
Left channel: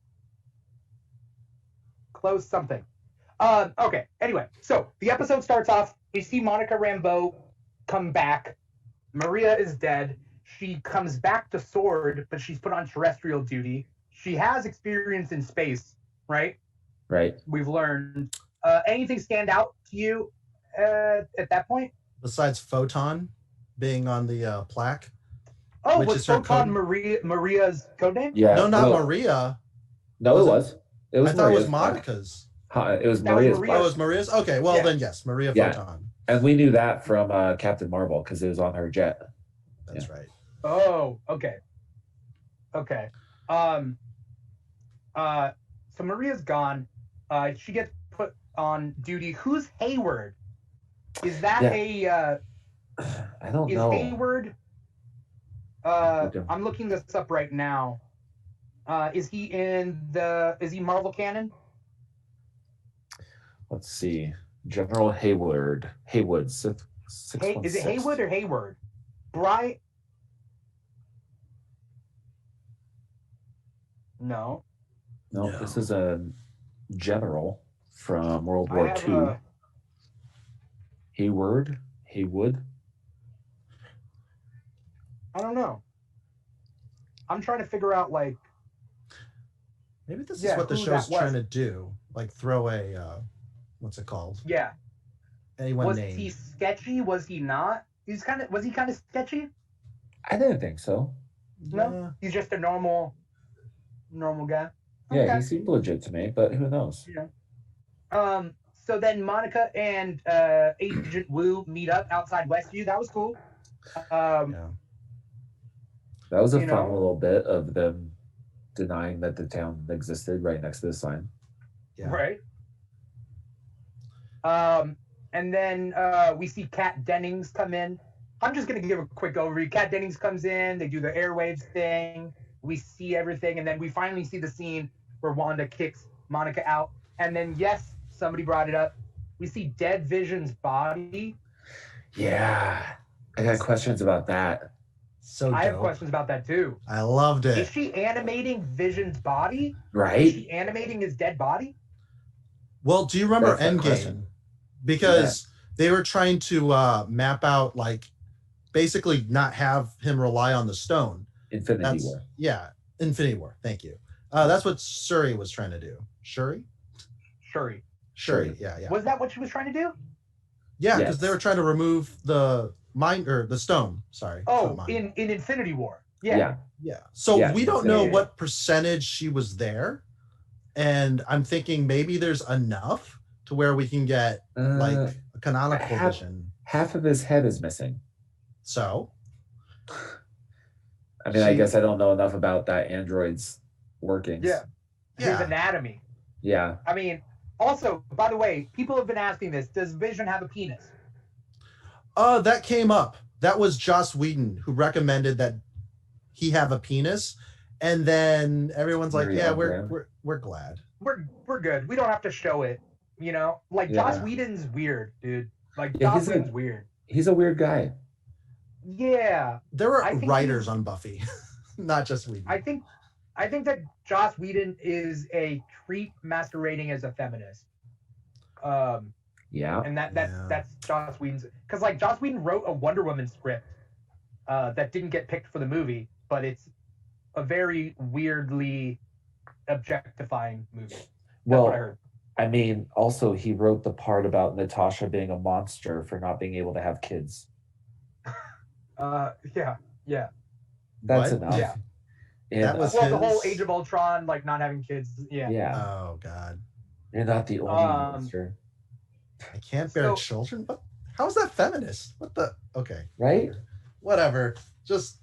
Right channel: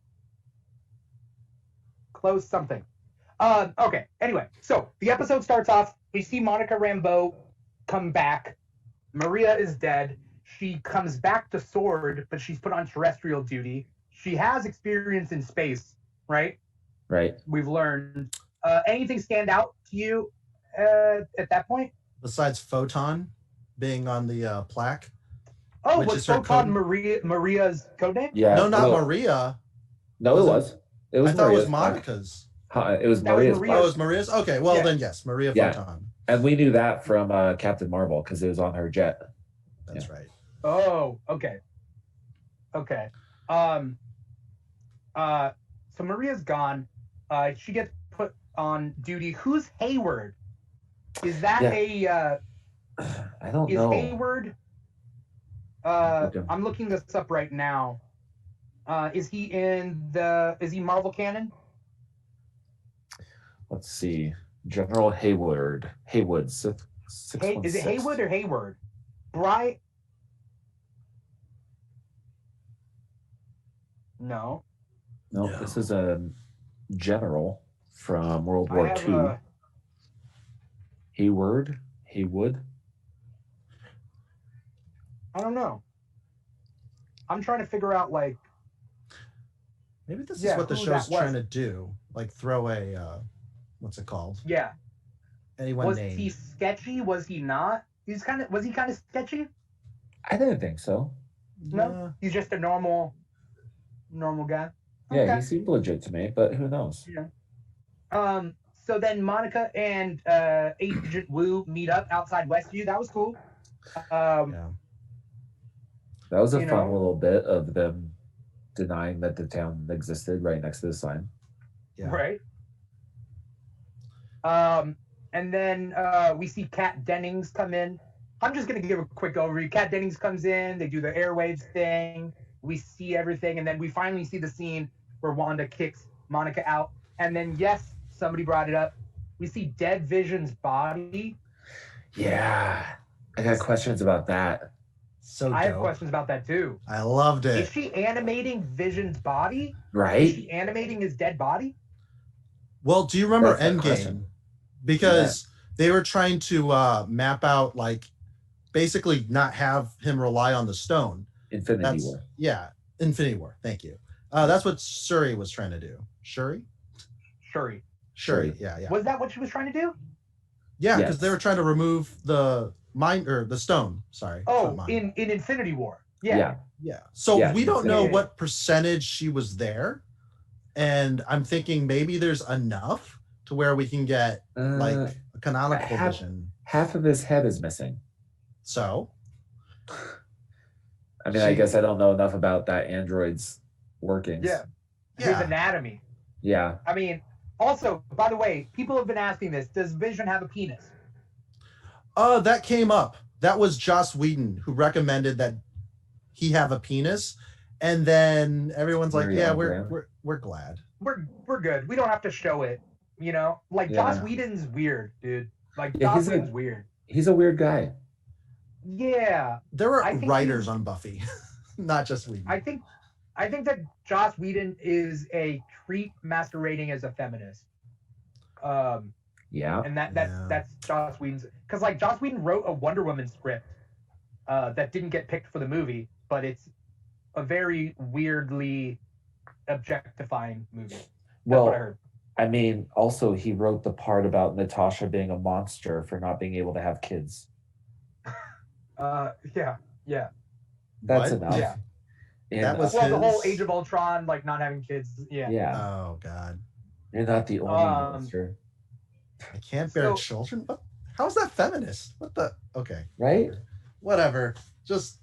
something. Okay. Anyway, so the episode starts off. We see Monica Rambeau come back. Maria is dead. She comes back to Sword, but she's put on terrestrial duty. She has experience in space, right? Right. We've learned. Anything stand out to you at that point? Besides Photon being on the plaque. Oh, was Photon Maria's code name? Yeah. No, not Maria. No, it was. It was. I thought it was Monica's. It was Maria's. Oh, it was Maria's? Okay, well then yes, Maria Photon. And we knew that from Captain Marvel because it was on her jet. That's right. Oh, okay. Okay. So Maria's gone. She gets put on duty. Who's Hayward? Is that I don't know. Is Hayward? I'm looking this up right now. Is he Marvel canon? Let's see. General Haywood. Is it Haywood or Hayward? Bright. No, this is a general from World War II. Haywood. I don't know. I'm trying to figure out like. Maybe this is what the show's trying to do. Like throw a, what's it called? Yeah. Anyone named. Was he sketchy? Was he not? Was he kind of sketchy? I didn't think so. No, he's just a normal guy. Yeah, okay. He seemed legit to me, but who knows? Yeah. So then Monica and Agent Wu meet up outside Westview. That was cool. That was a fun little bit of them denying that the town existed right next to the sign. Yeah. Right. And then we see Kat Dennings come in. I'm just going to give a quick overview. Kat Dennings comes in. They do the airwaves thing. We see everything. And then we finally see the scene where Wanda kicks Monica out. And then, yes, somebody brought it up. We see dead Vision's body. Yeah. I got questions about that. So I have questions about that, too. I loved it. Is she animating Vision's body? Right. Is she animating his dead body? Well, do you remember That's that Endgame? question. Because they were trying to map out, like, basically not have him rely on the stone. Infinity War. Yeah, Infinity War. Thank you. That's what Shuri was trying to do. Shuri. Yeah. Was that what she was trying to do? Yeah, because they were trying to remove the the stone. Sorry. Oh, in Infinity War. Yeah. So we don't know what percentage she was there, and I'm thinking maybe there's enough to where we can get like a canonical vision. Half of his head is missing. So, I mean, I guess I don't know enough about that android's workings. Yeah. His anatomy. Yeah. I mean, also, by the way, people have been asking this: does Vision have a penis? That came up. That was Joss Whedon who recommended that he have a penis, and then everyone's like, "Yeah, we're glad. We're good. We don't have to show it." You know, like Joss Whedon's weird, dude. Like Joss Whedon's weird. He's a weird guy. Yeah. There were writers on Buffy, not just Whedon. I think that Joss Whedon is a creep masquerading as a feminist. And that's Joss Whedon's, because like Joss Whedon wrote a Wonder Woman script that didn't get picked for the movie, but it's a very weirdly objectifying movie. That's what I heard. I mean, also he wrote the part about Natasha being a monster for not being able to have kids. Yeah. That's enough. Yeah. And, that was the whole Age of Ultron, like not having kids. Yeah. Yeah. Oh God. You're not the only monster. I can't bear children. What? How is that feminist? What the? Okay. Right. Whatever. Just.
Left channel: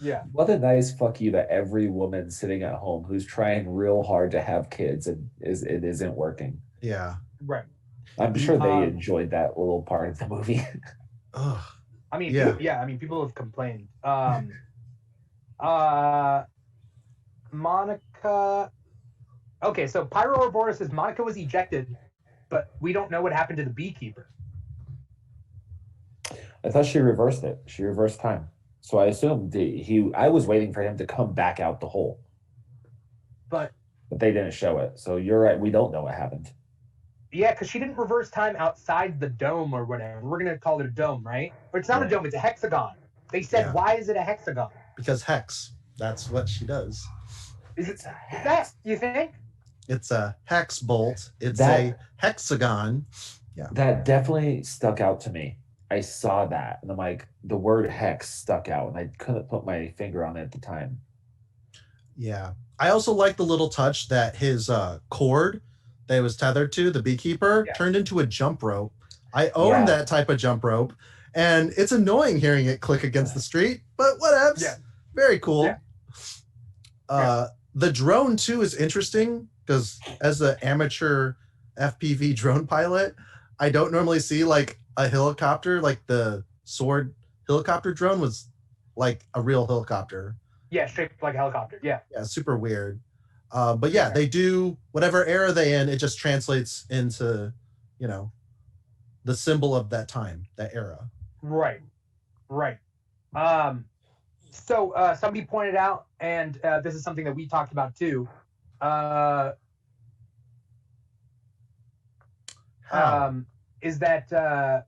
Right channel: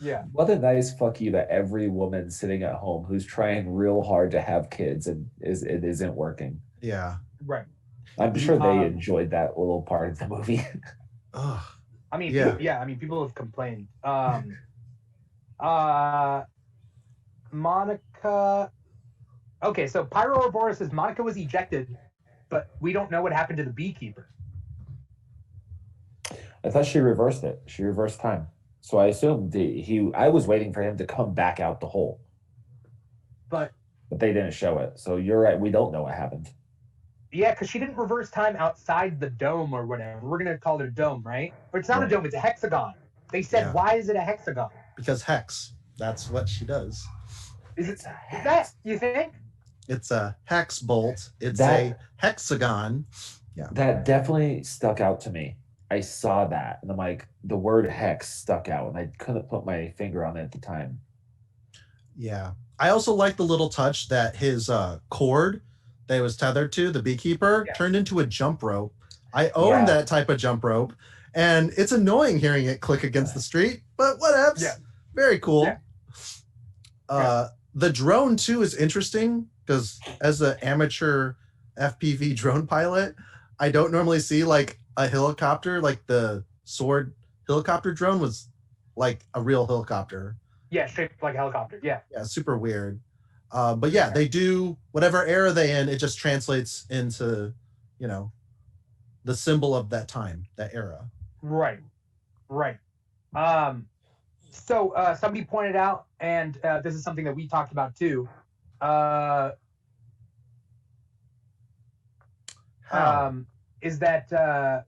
Yeah. What a nice fuck you to every woman sitting at home who's trying real hard to have kids and it isn't working. Yeah. Right. I'm sure they enjoyed that little part of the movie. Ugh. I mean, people have complained. Monica. Okay, so Pyro Ouroboros says Monica was ejected, but we don't know what happened to the beekeeper. I thought she reversed it. She reversed time. So I assumed I was waiting for him to come back out the hole. But they didn't show it. So you're right. We don't know what happened. Yeah, because she didn't reverse time outside the dome or whatever. We're going to call it a dome, right? But it's not a dome. It's a hexagon. They said, why is it a hexagon? Because hex. That's what she does. Is that, you think? It's a hex bolt. It's a hexagon. Yeah. That definitely stuck out to me. I saw that, and I'm like, the word hex stuck out, and I couldn't put my finger on it at the time. Yeah. I also like the little touch that his cord that he was tethered to, the beekeeper, turned into a jump rope. I own that type of jump rope, and it's annoying hearing it click against the street, but whatevs. Yeah. Very cool. Yeah. The drone, too, is interesting, because as an amateur FPV drone pilot, I don't normally see, like, a helicopter, like the Sword helicopter drone was like a real helicopter. Yeah, shaped like a helicopter. Yeah. Yeah, super weird. But yeah, they do whatever era they in, it just translates into, the symbol of that time, that era. Right. So somebody pointed out, and this is something that we talked about too. Is that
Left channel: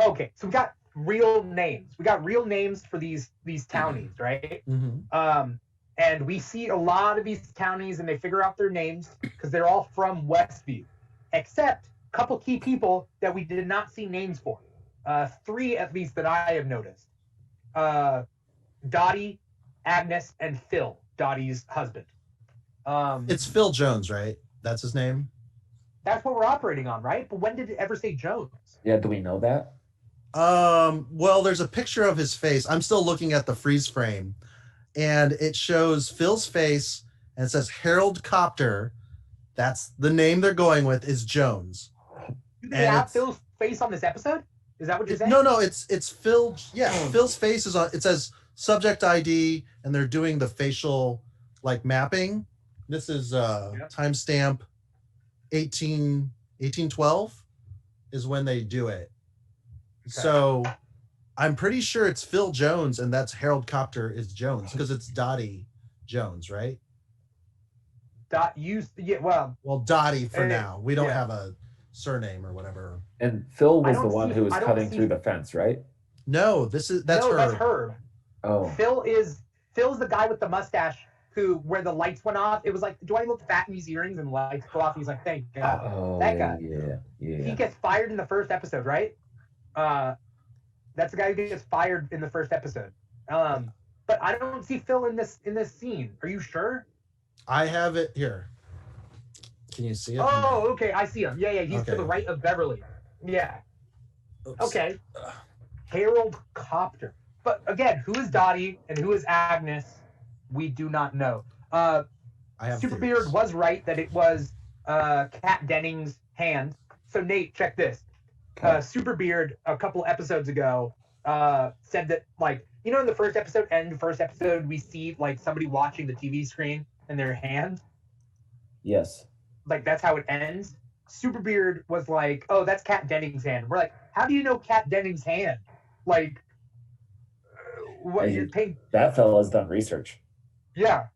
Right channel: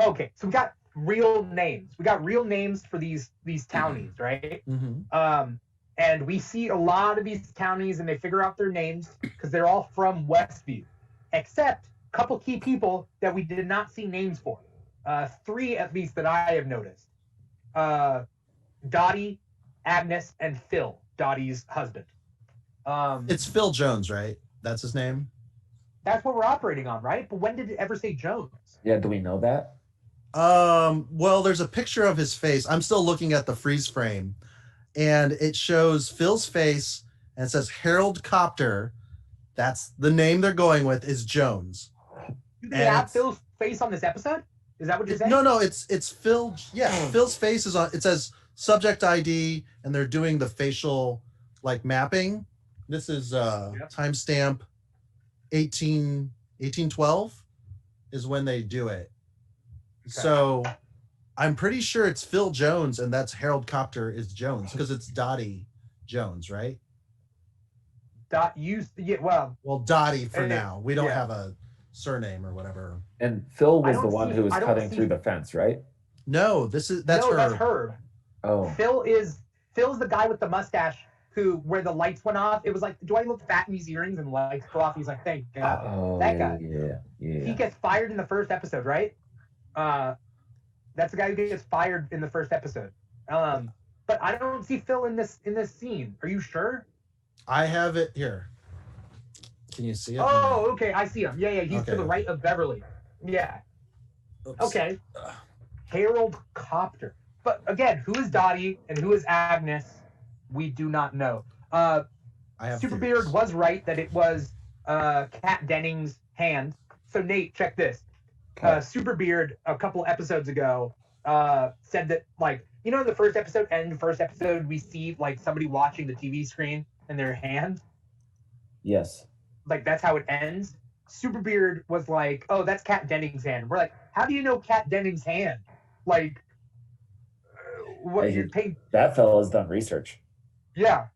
okay? So we got real names. We got real names for these townies, right? Mm-hmm. And we see a lot of these townies, and they figure out their names because they're all from Westview, except a couple key people that we did not see names for. 3 at least that I have noticed. Dottie, Agnes, and Phil, Dottie's husband. It's Phil Jones, right? That's his name? That's what we're operating on, right? But when did it ever say Jones? Yeah, do we know that? Well, there's a picture of his face. I'm still looking at the freeze frame, and it shows Phil's face, and it says Harold Copter. That's the name they're going with, is Jones. Do they have Phil's face on this episode? Is that what you're saying? No, it's Phil. Yeah, Phil's face is on. It says subject ID, and they're doing the facial mapping. This is timestamp 1812 is when they do it. Okay. So I'm pretty sure it's Phil Jones, and that's Harold Copter is Jones, because it's Dottie Jones, right? Dottie for now. We don't yeah. have a surname or whatever. And Phil was the one see- who was I don't cutting see- through the fence, right? No, that's No, her. that's Herb. Oh, Phil's the guy with the mustache where the lights went off. It was like, do I look fat in these earrings? And the lights go off. He's like, thank God. That guy. Yeah. He gets fired in the first episode, right? That's the guy who gets fired in the first episode. But I don't see Phil in this scene. Are you sure? I have it here. Can you see it? Oh, okay. I see him. Yeah. He's Okay. to the right of Beverly. Yeah. Oops. Okay. Harold Copter. But again, who is Dottie and who is Agnes? We do not know. I have Superbeard theories. was right that it was Kat Dennings' hand. So Nate, check this. Superbeard a couple episodes ago said that, like, you know, in the first episode we see like somebody watching the TV screen in their hand. Yes. Like that's how it ends. Superbeard was like, "Oh, that's Kat Dennings' hand." We're like, "How do you know Kat Dennings' hand?" Like, what you're paying? That fella's done research. Yeah,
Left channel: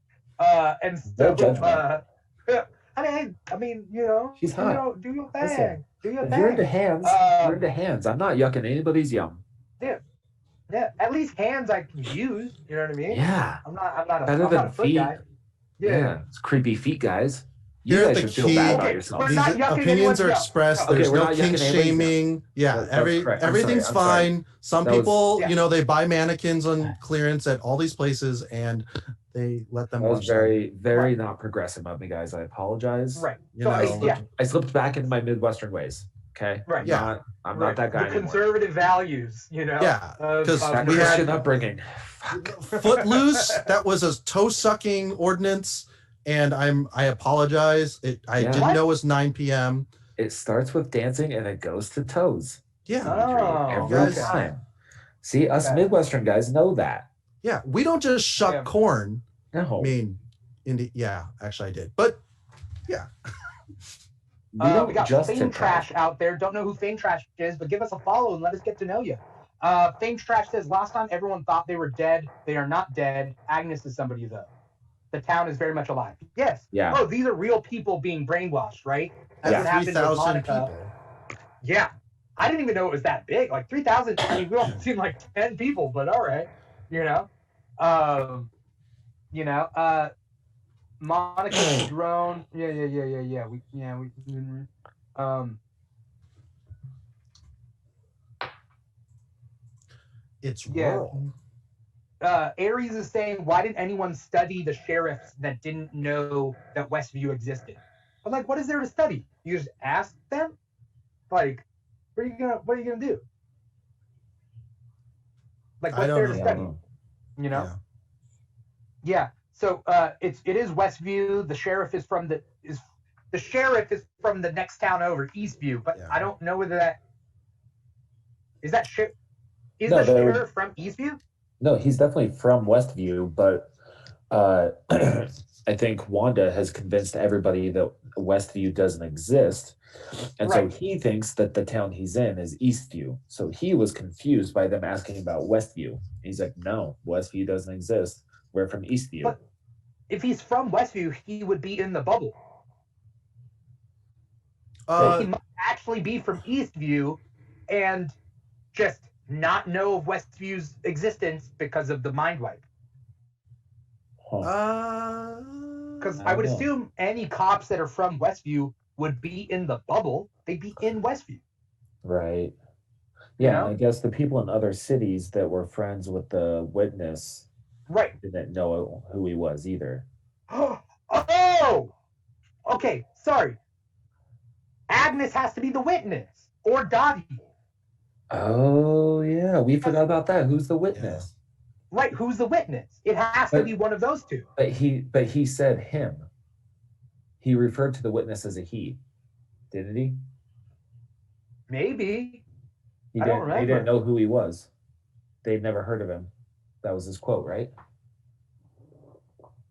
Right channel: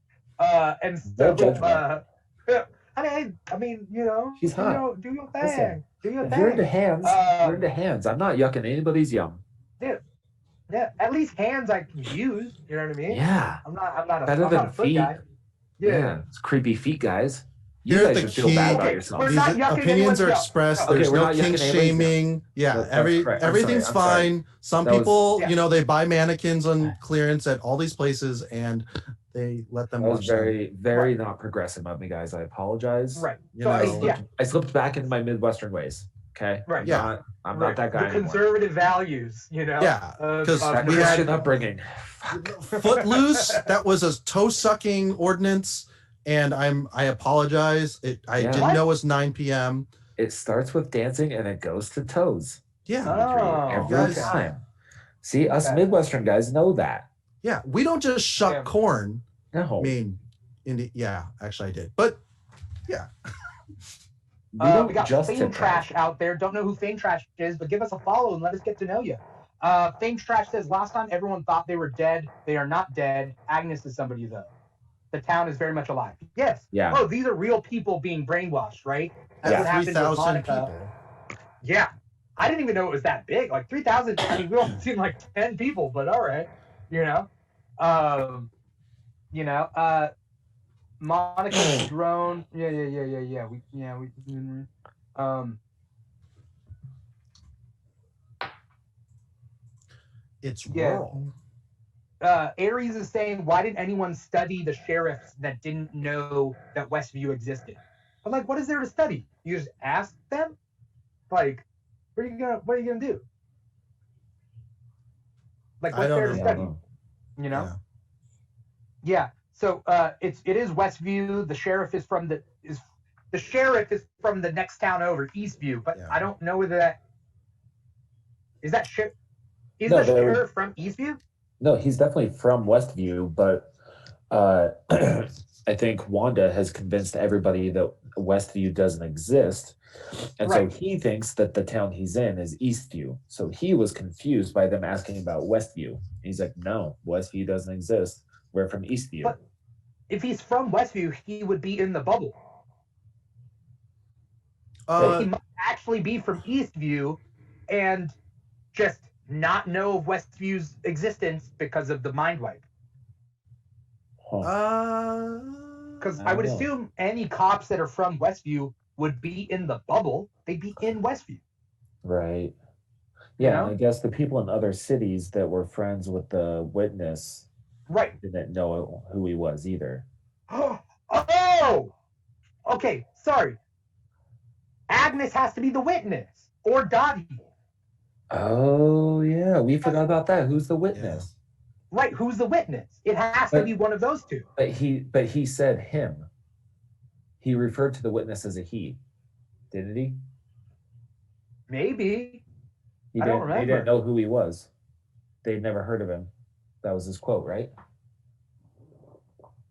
and so No judgment. I mean, you know, She's hot. Do your thing. Listen, Do your If thing. you're into hands, you're into hands. I'm not yucking anybody's yum. Yeah, at least hands I can use. You know what I mean? Yeah. I'm not a Better than foot feet. guy. Yeah. It's creepy feet, guys. You Here's guys the should feel key. bad Okay, about we're yourselves. not These yucking opinions anyone's are yum. expressed. Okay, There's we're no not yucking kink anybody's shaming. Yeah, That's correct. I'm everything's sorry. I'm sorry. fine. Some That was- people, Yeah. you know, they buy mannequins on clearance at all these places and they let them That was watch them. very, very Right. not progressive of me, guys. I apologize. Right. You So know. I slipped back into my Midwestern ways. Okay. Right. Yeah. I'm right. not that guy The anymore. conservative values, you know. Yeah, of- 'cause of That we had- Christian upbringing. Footloose, that was a toe sucking ordinance, and I apologize. I Yeah. didn't What? know it was 9 p.m. It starts with dancing and it goes to toes. Yeah, Oh, Every guys- time. See, us Okay. Midwestern guys know that. yeah. We don't just shuck Yeah. corn. No. I mean, yeah, actually I did, but yeah. We don't we got just Fame hit Trash out there. Don't know who Fame Trash is, but give us a follow and let us get to know you. Fame Trash says, last time everyone thought they were dead. They are not dead. Agnes is somebody, though. The town is very much alive. Yes. Yeah. Oh, these are real people being brainwashed, right? That's what happened with 3,000 Monica. people. Yeah. I didn't even know it was that big. Like 3,000. I mean, we all seen like 10 people, but all right. Monica drone. Yeah. It's Yeah. rural. Aries is saying, why didn't anyone study the sheriffs that didn't know that Westview existed? But like, what is there to study? You just ask them? Like, what are you gonna do? Like, I what's don't there to know. study? You know? Yeah. So it is Westview. The sheriff is from the next town over, Eastview. But Yeah. I don't know whether that is that is No, the they're- sheriff from Eastview? No, he's definitely from Westview, but I think Wanda has convinced everybody that Westview doesn't exist. And Right. so he thinks that the town he's in is Eastview. So he was confused by them asking about Westview. He's like, no, Westview doesn't exist. We're from Eastview. But if he's from Westview, he would be in the bubble. He might actually be from Eastview and just not know of Westview's existence because of the mind wipe. Because I would know. assume any cops that are from Westview would be in the bubble. They'd be in Westview. Right. Yeah, know? and I guess the people in other cities that were friends with the witness Right. didn't know who he was either. Oh! Okay, sorry. Agnes has to be the witness. Or Dottie. Oh yeah, we forgot about that. Who's the witness? Right, who's the witness? It has to But- be one of those two. But he said him. He referred to the witness as a he, didn't he? Maybe. He I don't didn't. They remember. didn't know who he was. They'd never heard of him. That was his quote, right?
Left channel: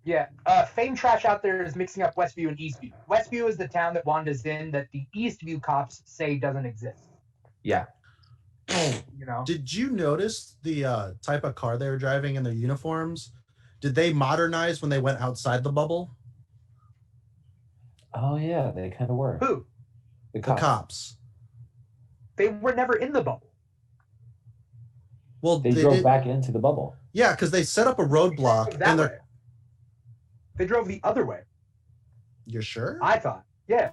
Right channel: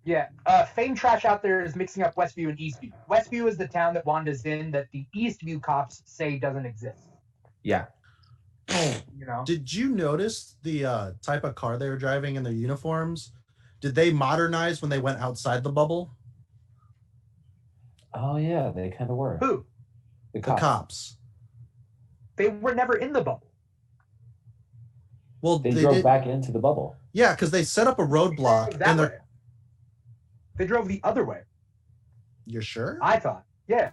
Yeah. Fame Trash out there is mixing up Westview and Eastview. Westview is the town that Wanda's in that the Eastview cops say doesn't exist. Yeah. You know? Did you notice the type of car they were driving in their uniforms? Did they modernize when they went outside the bubble? Oh yeah, they kind of were. Who? The The cops. cops. They were never in the bubble. Well, They they drove did. back into the bubble. Yeah, because they set up a They drove roadblock, that and way. they're. They drove the other way. You're sure? I thought. Yeah.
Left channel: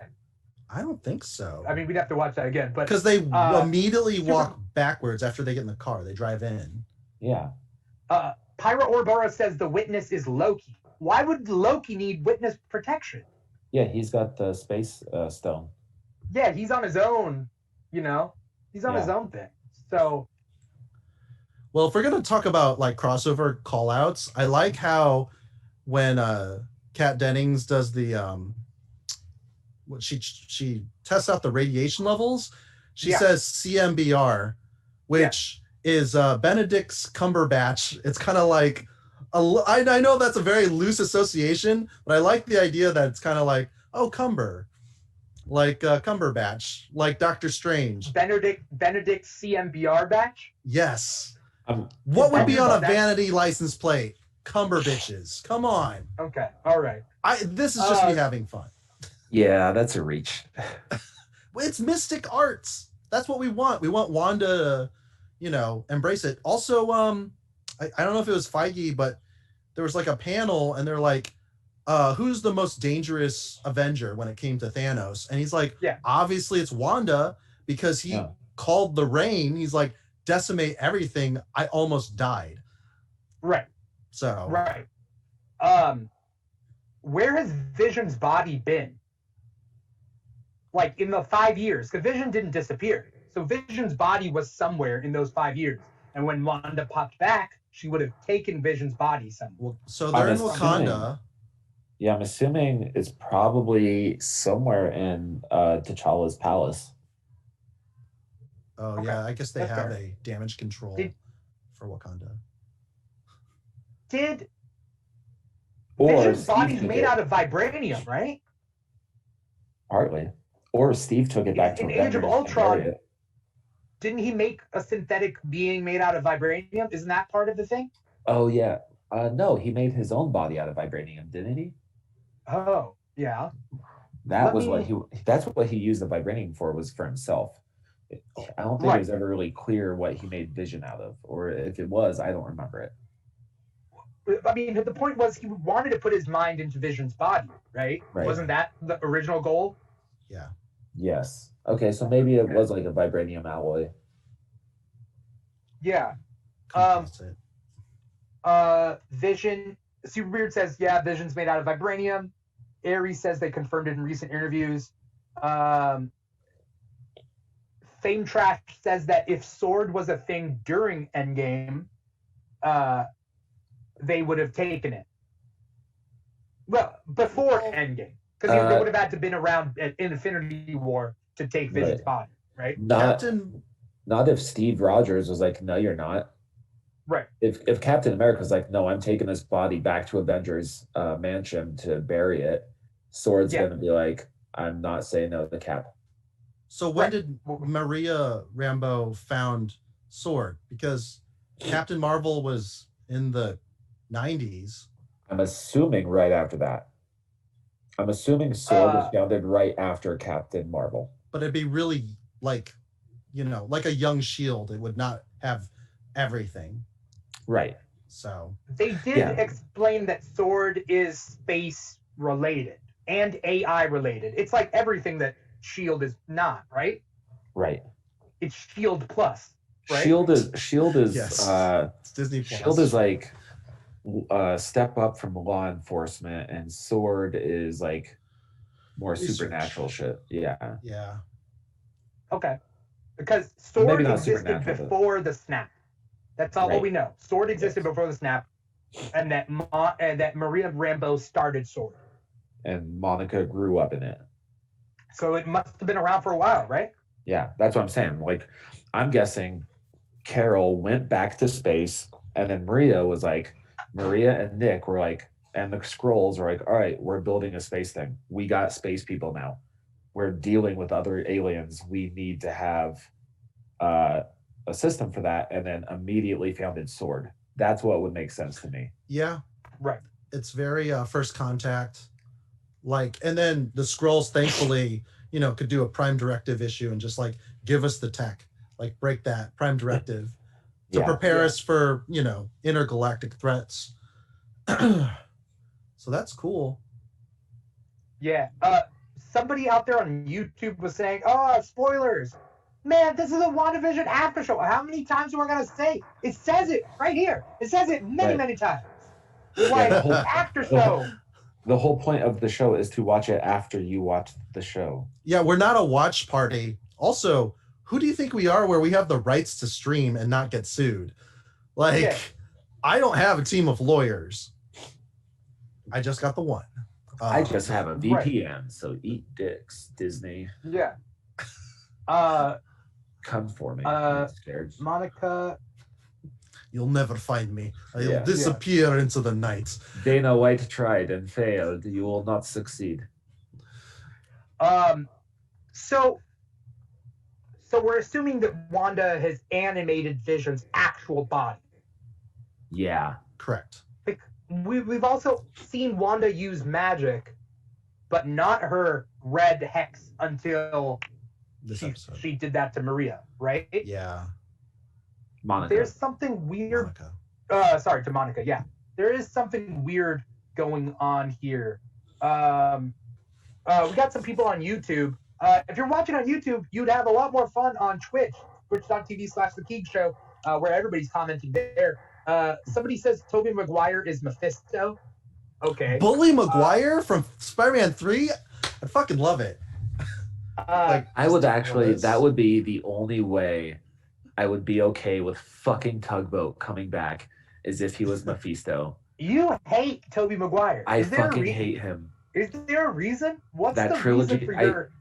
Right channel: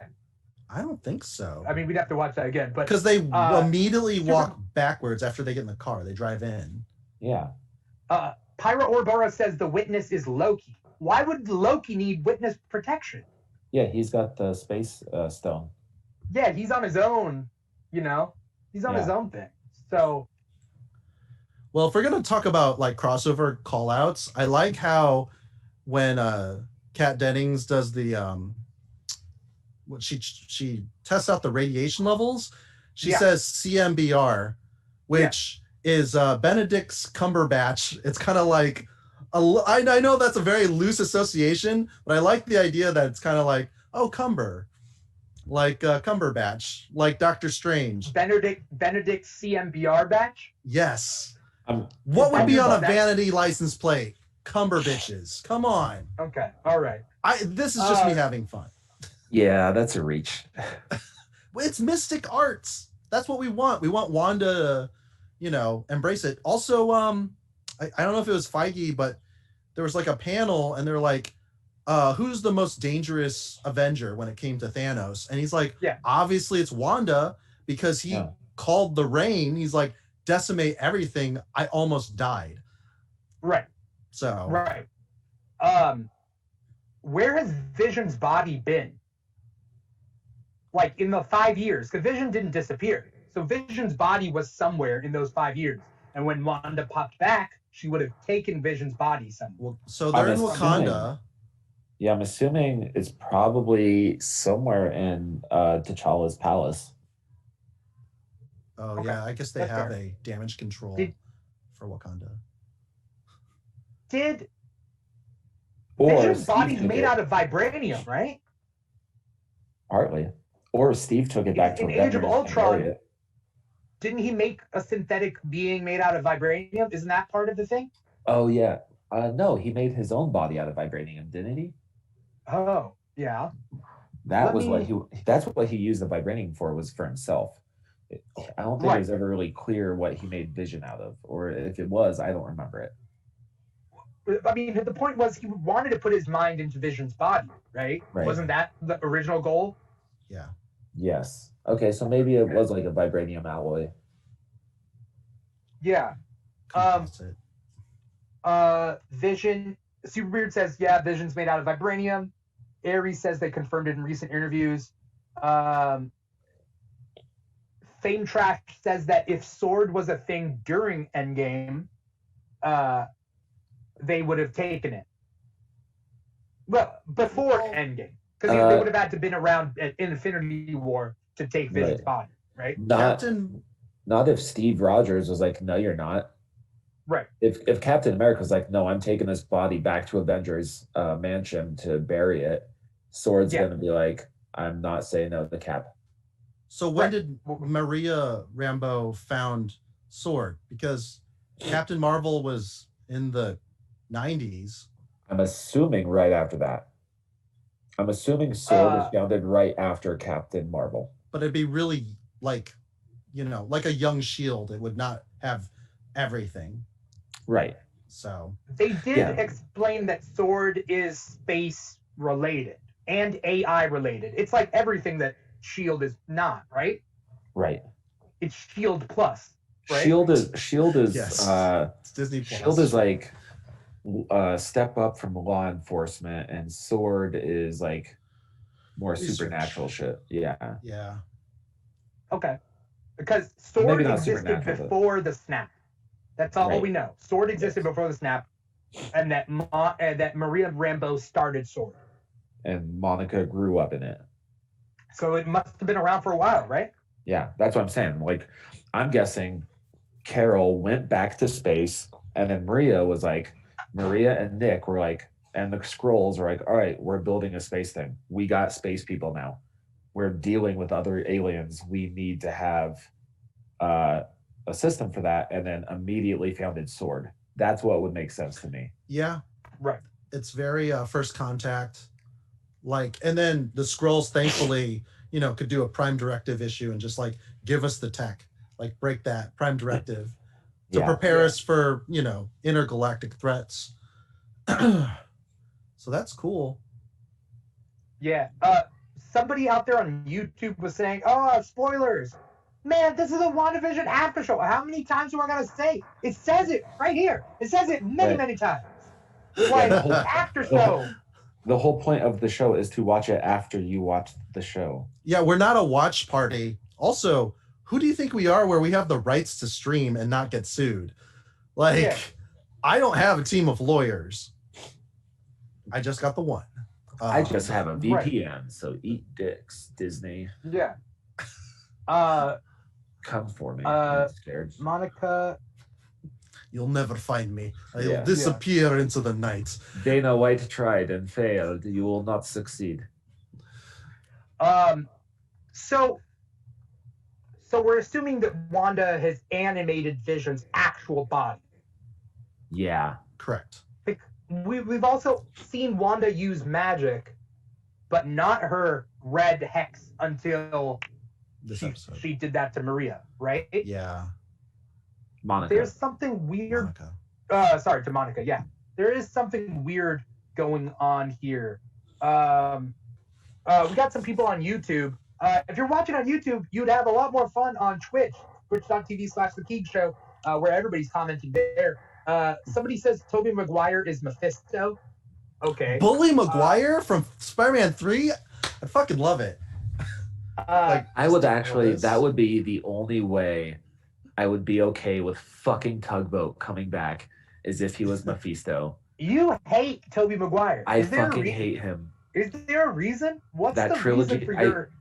I don't think so. I mean, we'd have to watch that again, but Because they immediately Super- walk backwards after they get in the car. They drive in. Yeah. Pyra Orbora says the witness is Loki. Why would Loki need witness protection? Yeah, he's got the space stone. Yeah, he's on his own. You know, he's on his own thing. So. Well, if we're gonna talk about like crossover callouts, I like how when Kat Dennings does the what she tests out the radiation levels, she says CMBR, which is Benedict's Cumberbatch. It's kind of like I know that's a very loose association, but I like the idea that it's kind of like, oh, Cumber, like Cumberbatch, like Doctor Strange. Benedict CMBR batch. Yes. What would be on a that- vanity license plate? Cumberbitches. Come on. Okay. All right. This is just me having fun. Yeah, that's a reach. It's Mystic Arts. That's what we want. We want Wanda to, embrace it. Also, I don't know if it was Feige, but there was like a panel and they're like, who's the most dangerous Avenger when it came to Thanos? And he's like, obviously it's Wanda because he called the rain. He's like, decimate everything. I almost died. Right. So. Right. Where has Vision's body been? Like in the 5 years, because Vision didn't disappear. So Vision's body was somewhere in those 5 years. And when Wanda popped back, she would have taken Vision's body somewhere. Well, so they're in Wakanda. Yeah, I'm assuming it's probably somewhere in T'Challa's palace. Oh, Okay. yeah. I guess they That's have fair. a damage control for Wakanda. Vision's body's made out of vibranium, right? Partly. Or Steve took it back to in Age of Avengers and Ultron. buried it. Didn't he make a synthetic being made out of vibranium? Isn't that part of the thing? Oh yeah. No, he made his own body out of vibranium, didn't he? Oh, yeah. That's what he used the vibranium for, was for himself. I don't think it was ever really clear what he made Vision out of, or if it was, I don't remember it. I mean, the point was he wanted to put his mind into Vision's body, right? Wasn't that the original goal? Yeah. Yes. Okay, so maybe it was like a vibranium alloy. Yeah. Composite. Vision. Superbeard says, yeah, Vision's made out of vibranium. Ares says they confirmed it in recent interviews. Fame Trash says that if Sword was a thing during Endgame, they would have taken it. Well, before Endgame, because they would have had to been around in Infinity War to take Vision's body, right? Not if Steve Rogers was like, no, you're not. Right. If Captain America was like, no, I'm taking this body back to Avengers mansion to bury it, Sword's gonna be like, I'm not saying no to Cap. So when did Maria Rambeau found Sword? Because Captain Marvel was in the 90s. I'm assuming right after that. I'm assuming Sword was founded right after Captain Marvel. But it'd be really like, like a young Shield. It would not have everything. Right. So they did explain that Sword is space related and AI related. It's like everything that Shield is not, right? Right. It's Shield Plus. Right? Shield is yes. It's Disney Plus. Shield is like step up from law enforcement, and Sword is like more supernatural shit. Yeah. Yeah. Okay. Because Sword existed before the snap. That's all we know. Sword existed before the snap, and that Maria Rambeau started Sword. And Monica grew up in it. So it must have been around for a while, right? Yeah, that's what I'm saying. Like, I'm guessing Carol went back to space, and then Maria and Nick were like, and the Skrulls were like, all right, we're building a space thing. We got space people now. We're dealing with other aliens. We need to have a system for that, and then immediately founded Sword. That's what would make sense to me. Yeah. Right. It's very First Contact. Like, and then the Skrulls, thankfully, could do a Prime Directive issue and just like give us the tech, like break that Prime Directive to prepare us for, intergalactic threats. So that's cool. Yeah. Somebody out there on YouTube was saying, "Oh, spoilers." Man, this is a WandaVision after show. How many times am I gonna say? It says it right here. It says it many times. Like after show. The whole point of the show is to watch it after you watch the show. Yeah, we're not a watch party. Also, who do you think we are where we have the rights to stream and not get sued? Like, I don't have a team of lawyers. I just got the one. I just have a VPN, so eat dicks, Disney. Yeah. Come for me. I'm scared. Monica. You'll never find me. I'll disappear into the night. Dana White tried and failed. You will not succeed. So we're assuming that Wanda has animated Vision's actual body. Yeah. Correct. We've also seen Wanda use magic, but not her red hex until she did that to Maria, right? Yeah. Monica. There's something weird. Sorry, to Monica. Yeah, there is something weird going on here. We got some people on YouTube. If you're watching on YouTube, you'd have a lot more fun on Twitch, twitch.tv/The Keeg Show, where everybody's commenting there. Somebody says Tobey Maguire is Mephisto. Okay. Bully Maguire from Spider-Man 3? I fucking love it. I would actually, that would be the only way I would be okay with fucking Tugboat coming back, is if he was Mephisto. You hate Tobey Maguire. I fucking hate him. Is there a reason? What's that the trilogy? Reason for your...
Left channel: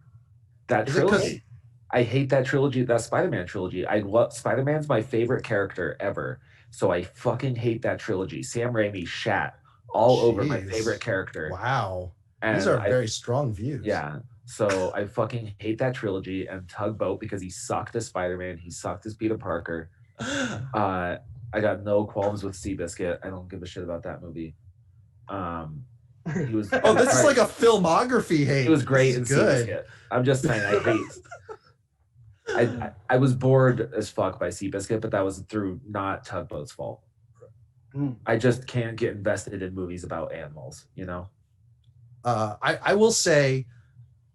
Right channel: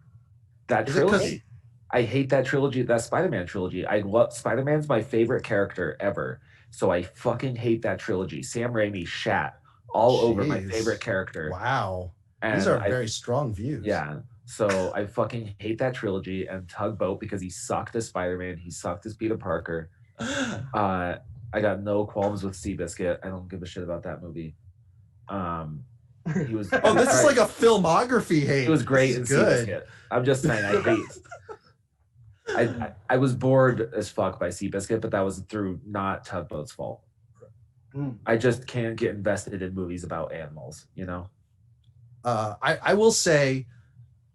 That trilogy. I hate that trilogy, that Spider-Man trilogy. I love Spider-Man's my favorite character ever. So I fucking hate that trilogy. Sam Raimi shat all over my favorite character. Wow. And these are very strong views. Yeah. So I fucking hate that trilogy and Tugboat because he sucked as Spider-Man. He sucked as Peter Parker. I got no qualms with Seabiscuit. I don't give a shit about that movie. He was. Oh, this is like a filmography hate. He was great in Seabiscuit. I'm just saying, I hate. I was bored as fuck by Seabiscuit, but that was through not Tugboat's fault. I just can't get invested in movies about animals, I will say,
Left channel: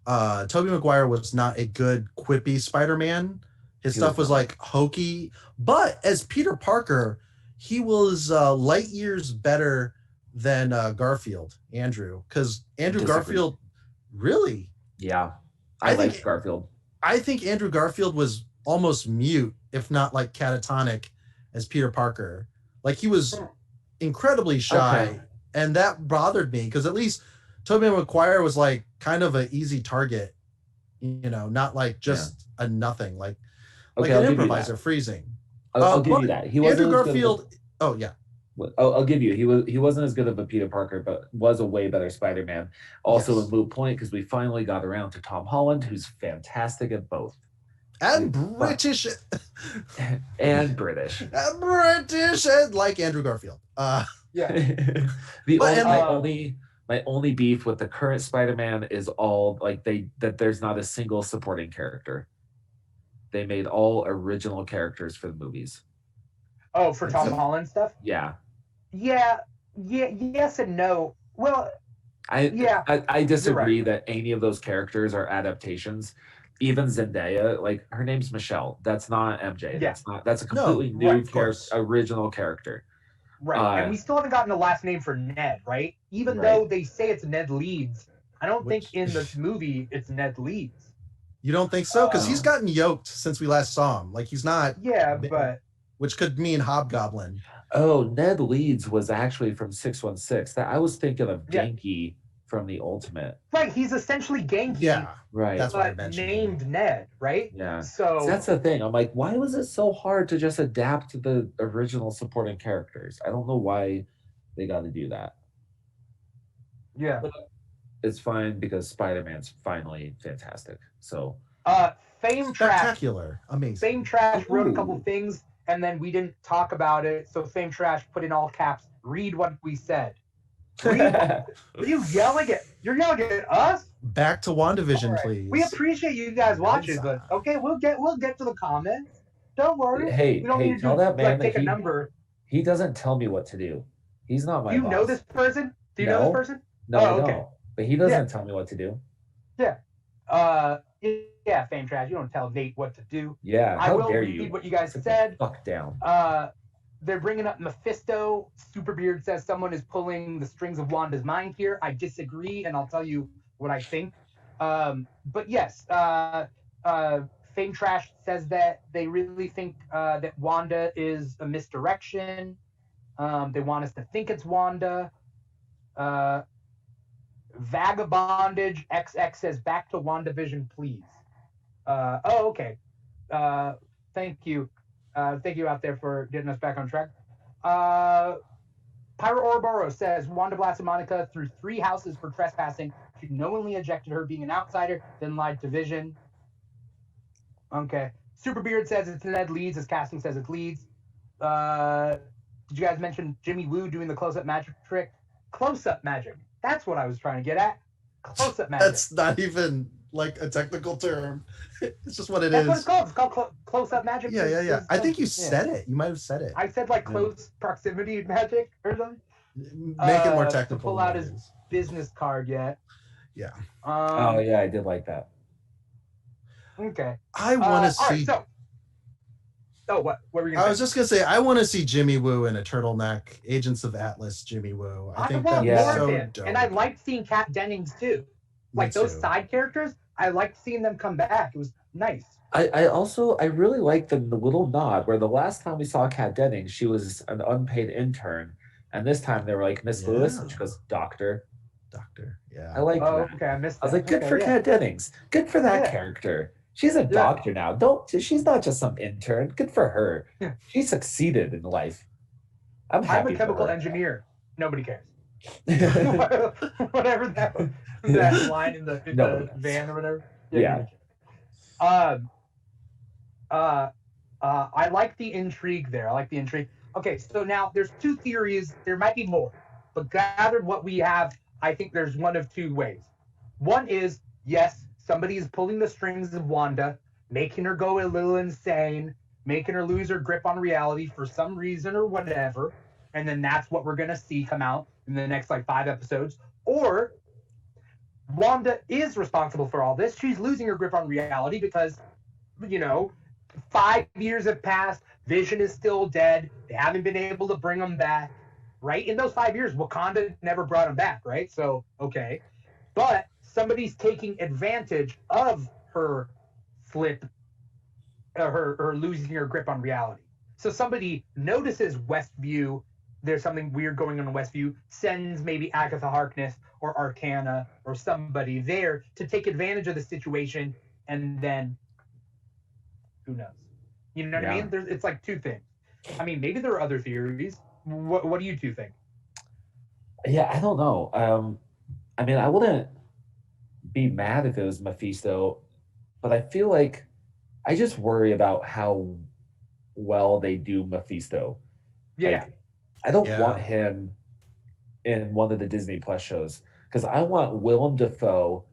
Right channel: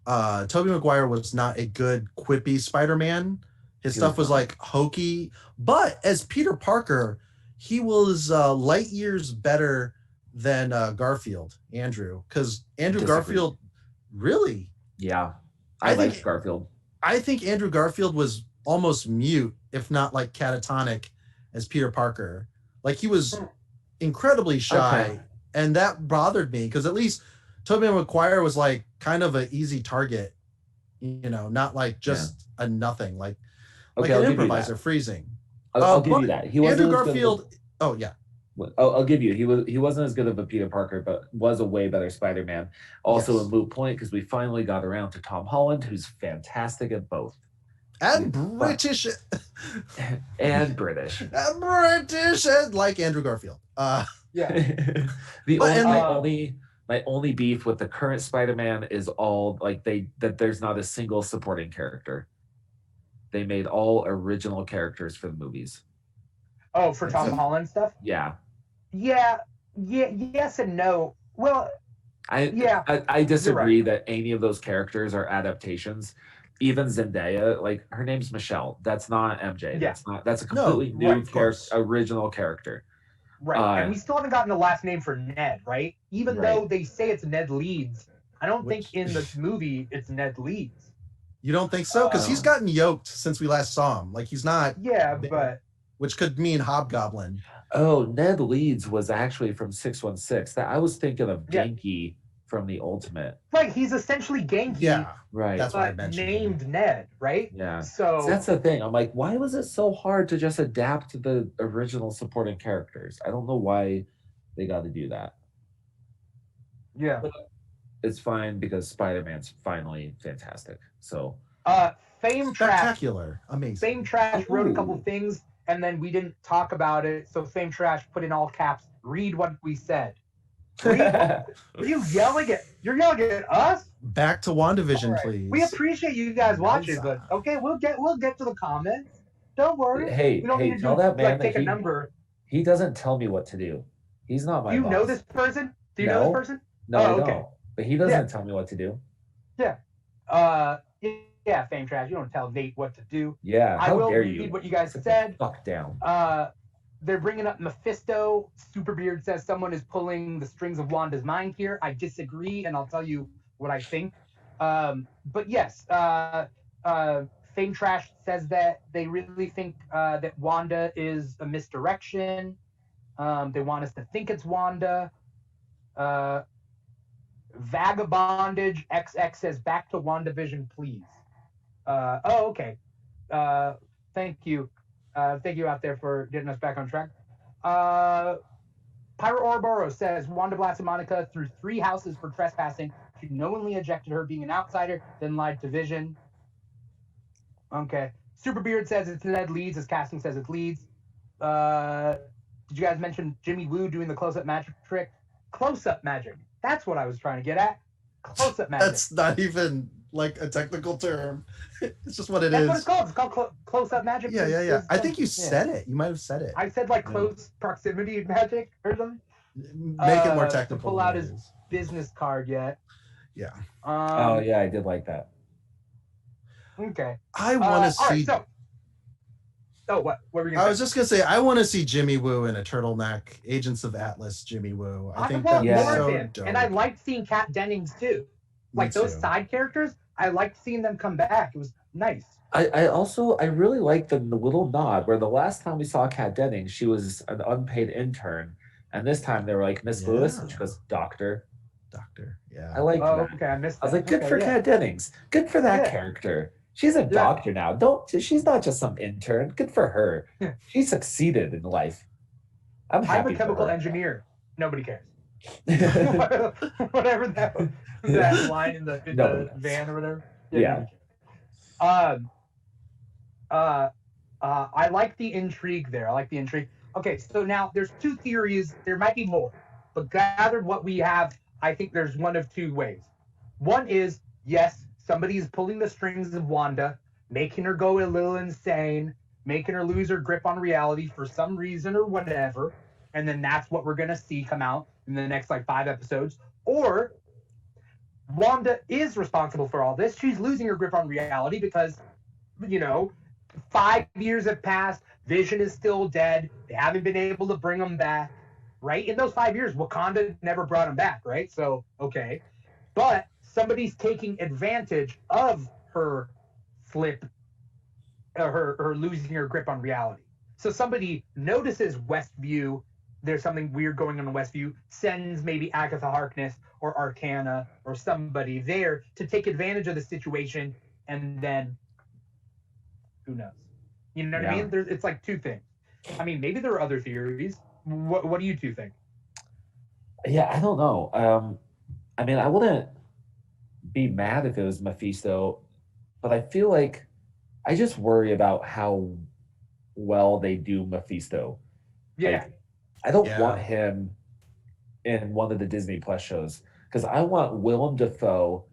Tobey Maguire was not a good quippy Spider-Man. His stuff was like hokey, but as Peter Parker, he was light years better than Andrew, because Garfield, really? Yeah, I like Garfield. I think Andrew Garfield was almost mute, if not like catatonic, as Peter Parker. Like he was incredibly shy, and that bothered me because at least Tobey Maguire was like kind of an easy target, not like just a nothing, like an improviser freezing. I'll give you that. He wasn't Andrew Garfield. Oh yeah. I'll give you. He wasn't as good of a Peter Parker, but was a way better Spider-Man. Also a moot point because we finally got around to Tom Holland, who's fantastic at both. And British. And British. And British, and like Andrew Garfield. Yeah. My only beef with the current Spider-Man is all like that there's not a single supporting character. They made all original characters for the movies. Oh, for Tom Holland stuff? Yeah. Yeah, yes and no. Well, I disagree that any of those characters are adaptations. Even Zendaya, like her name's Michelle. That's not MJ. Yeah. That's a completely new original character. Right. And we still haven't gotten a last name for Ned, right? Even though they say it's Ned Leeds. I don't think in this movie it's Ned Leeds. You don't think so? Because he's gotten yoked since we last saw him. Like he's not. Yeah, but. Which could mean Hobgoblin. Oh, Ned Leeds was actually from 616. That I was thinking of Genki from the Ultimate. Right, he's essentially Genki. Yeah, right. That's what I mentioned. Named Ned, right? Yeah. So that's the ththing. I'm like, why was it so hard to just adapt the original supporting characters? I don't know why they got to do that. Yeah. But it's fine because Spider-Man's finally fantastic. So. Fame Trash. Spectacular. Amazing. Fame Trash wrote a couple things. And then we didn't talk about it. So Fame Trash put in all caps, read what we said. Are you yelling at? You're yelling at us? Back to WandaVision, Right. please. We appreciate you guys watching, but okay, we'll get to the comments. Don't worry. Hey, you don't need to tell that man take that a number. He doesn't tell me what to do. He's not my Do you boss. know this person? Do you know this person? No, I don't. But he doesn't tell me what to do. Yeah. Yeah, Fame Trash. You don't tell Nate what to do. Yeah, I will dare read you? what you guys said. Fuck down. They're bringing up Mephisto. Superbeard says someone is pulling the strings of Wanda's mind here. I disagree, and I'll tell you what I think. But yes, Fame Trash says that they really think that Wanda is a misdirection. They want us to think it's Wanda. Vagabondage XX says back to WandaVision, please. Okay. Thank you. Thank you out there for getting us back on track. Pyro Ouroboros says Wanda blasted Monica through 3 houses for trespassing. She knowingly ejected her being an outsider, then lied to Vision. Okay. Superbeard says it's Ned Leeds. His casting says it's Leeds. Did you guys mention Jimmy Woo doing the close-up magic trick? Close-up magic. That's what I was trying to get at. Close-up magic. That's not even like a technical term. It's just what it is. That's what it's called. It's called close-up magic. Yeah. I think you said it. You might have said it. I said like close proximity magic or something. Make it more technical. Pull out his business card yet. Yeah. Oh yeah, I did like that. Okay. I want to see. Right, what were you gonna say? I was just gonna say I want to see Jimmy Woo in a turtleneck. Agents of Atlas, Jimmy Woo. I think that'd be so dope. And I liked seeing Kat Dennings too. Like those side characters, I liked seeing them come back. It was nice. I really like the little nod where the last time we saw Kat Dennings, she was an unpaid intern, and this time they were like Miss Lewis, and she goes Doctor. Yeah. I like that. Okay, I missed that. I was like, good for Kat Dennings. Good for that character. She's a doctor now. She's not just some intern. Good for her. She succeeded in life. I'm happy. I'm a chemical engineer. Nobody cares. Whatever that line in the van or whatever. Yeah. I like the intrigue there. Okay, so now there's 2 theories. There might be more, but gathered what we have, I think there's one of 2 ways. One is, yes, somebody's pulling the strings of Wanda, making her go a little insane, making her lose her grip on reality for some reason or whatever, and then that's what we're gonna see come out in the next 5 episodes. Or Wanda is responsible for all this. She's losing her grip on reality because, 5 years have passed. Vision is still dead. They haven't been able to bring him back, right? In those 5 years, Wakanda never brought him back, right? So, okay. But somebody's taking advantage of her her losing her grip on reality. So somebody notices Westview, there's something weird going on in Westview, sends maybe Agatha Harkness or Arcana or somebody there to take advantage of the situation, and then who knows? You know what I mean? It's 2 things. I mean, maybe there are other theories. What do you 2 think? Yeah, I don't know. I mean, I wouldn't be mad if it was Mephisto, but I feel like I just worry about how well they do Mephisto. Yeah. I don't want him in one of the Disney Plus shows because I want Willem Dafoe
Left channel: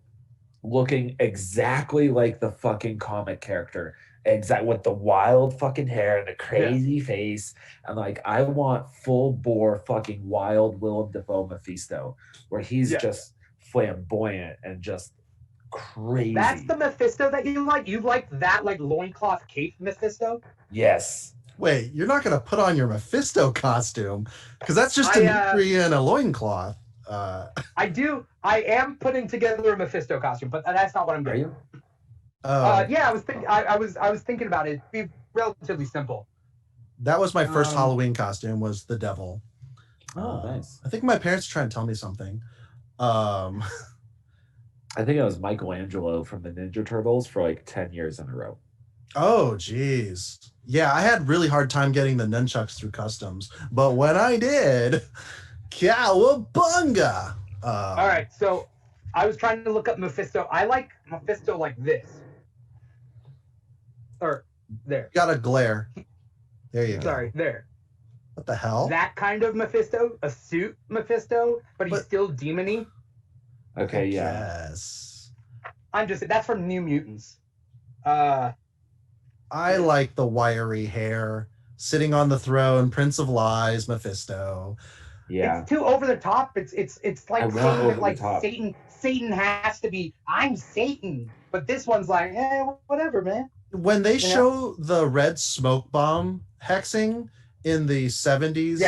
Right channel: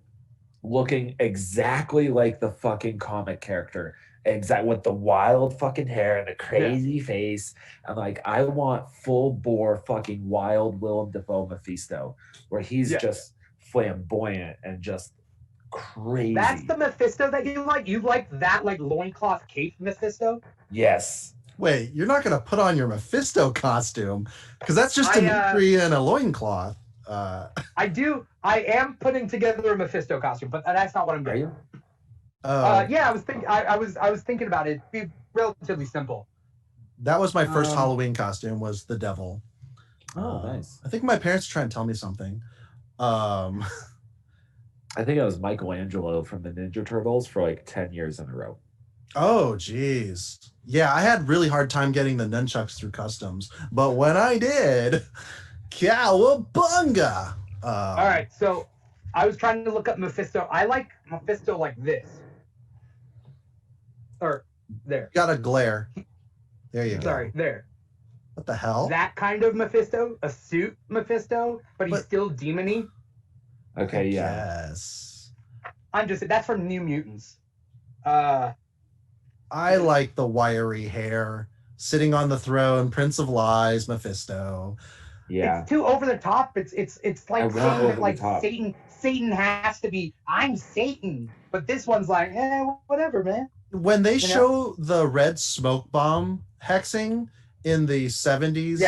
looking exactly like the fucking comic character, with the wild fucking hair and the crazy face, and I want full bore fucking wild Willem Dafoe Mephisto, where he's just flamboyant and just crazy. That's the Mephisto that you like? You like that loincloth cape Mephisto? Yes. Wait, you're not gonna put on your Mephisto costume because that's just Dimithri in a loincloth. I do. I am putting together a Mephisto costume, but that's not what I'm doing. Yeah, I was thinking about it. It'd be relatively simple. That was my first Halloween costume. Was the devil. Oh, nice. I think my parents are trying to tell me something. I think it was Michelangelo from the Ninja Turtles for 10 years in a row. Oh, geez. Yeah, I had really hard time getting the nunchucks through customs, but when I did, cowabunga! All right, so I was trying to look up Mephisto. I like Mephisto like this. Or there. Got a glare. There you go. Sorry, there. What the hell? That kind of Mephisto, a suit Mephisto, but he's still demony. Okay, Yes. That's from New Mutants. I like the wiry hair, sitting on the throne, Prince of Lies, Mephisto. Yeah. It's too over the top. It's like saying that like Satan has to be, I'm Satan. But this one's like, whatever, man. When they show the red smoke bomb hexing in the 70s,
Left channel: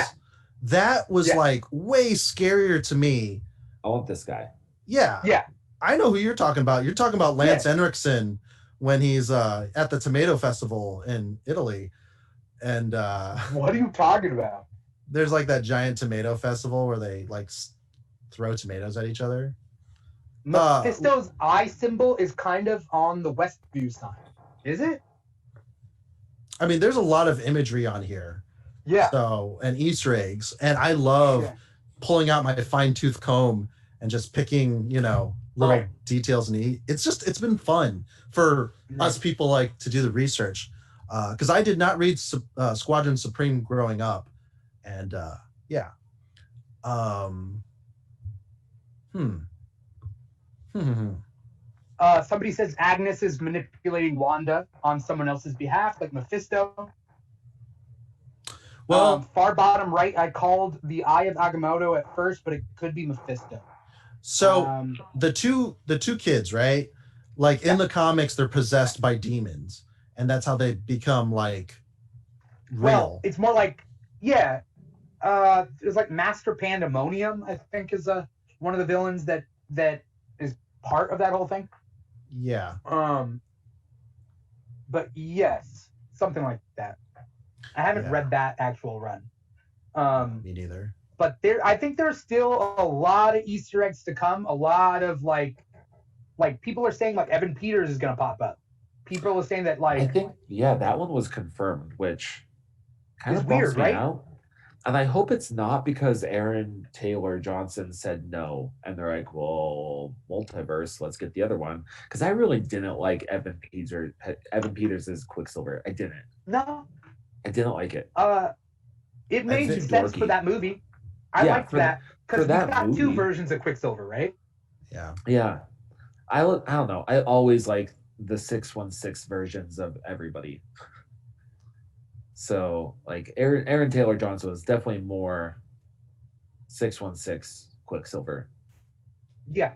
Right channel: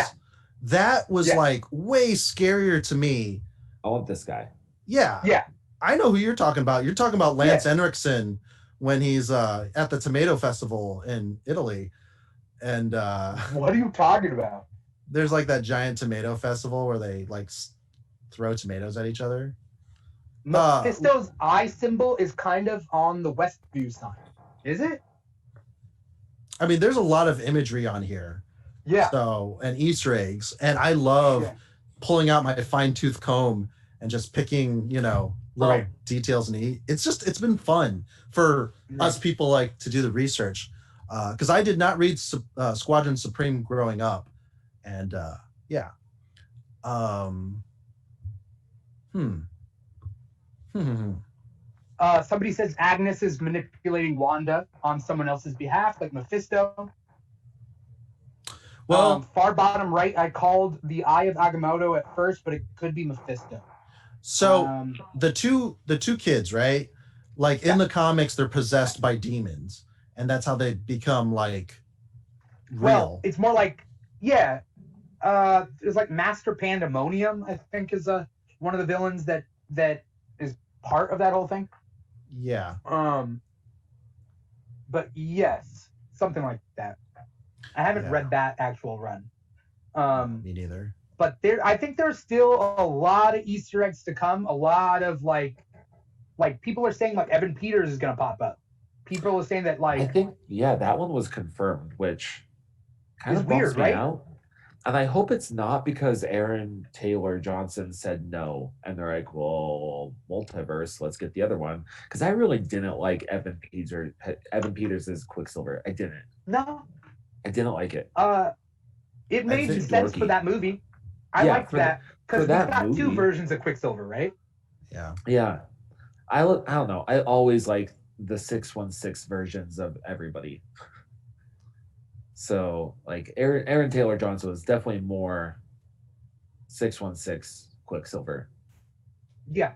that was like way scarier to me. I want this guy. Yeah. Yeah. I know who you're talking about. You're talking about Lance Henriksen when he's at the Tomato Festival in Italy. And what are you talking about? There's like that giant tomato festival where they like throw tomatoes at each other. Mephisto's eye symbol is kind of on the Westview sign. Is it? I mean, there's a lot of imagery on here. Yeah. So, and Easter eggs. And I love pulling out my fine-tooth comb and just picking, little details. And it's been fun for us people like to do the research. Because I did not read Squadron Supreme growing up. And somebody says Agnes is manipulating Wanda on someone else's behalf, like Mephisto. Well, far bottom right, I called the Eye of Agamotto at first, but it could be Mephisto. So the two kids, right? Like in the comics, they're possessed by demons, and that's how they become like real. Well, it's more like it's like Master Pandemonium, I think, is one of the villains that is part of that whole thing. Yeah. But yes, something like that. I haven't read that actual run. Me neither. But I think there's still a lot of Easter eggs to come. A lot of like people are saying like Evan Peters is gonna pop up. People are saying that like I think that one was confirmed, which kind of bums weird, me right? out. And I hope it's not because Aaron Taylor Johnson said no, and they're like, "Well, multiverse, let's get the other one." Because I really didn't like Evan Peters as Quicksilver. I didn't. No, I didn't like it. It made sense for that movie. I liked that because we got two versions of Quicksilver, right? Yeah. Yeah. I don't know. I always like the 616 versions of everybody. So like Aaron Taylor Johnson was definitely more 616 Quicksilver. Yeah.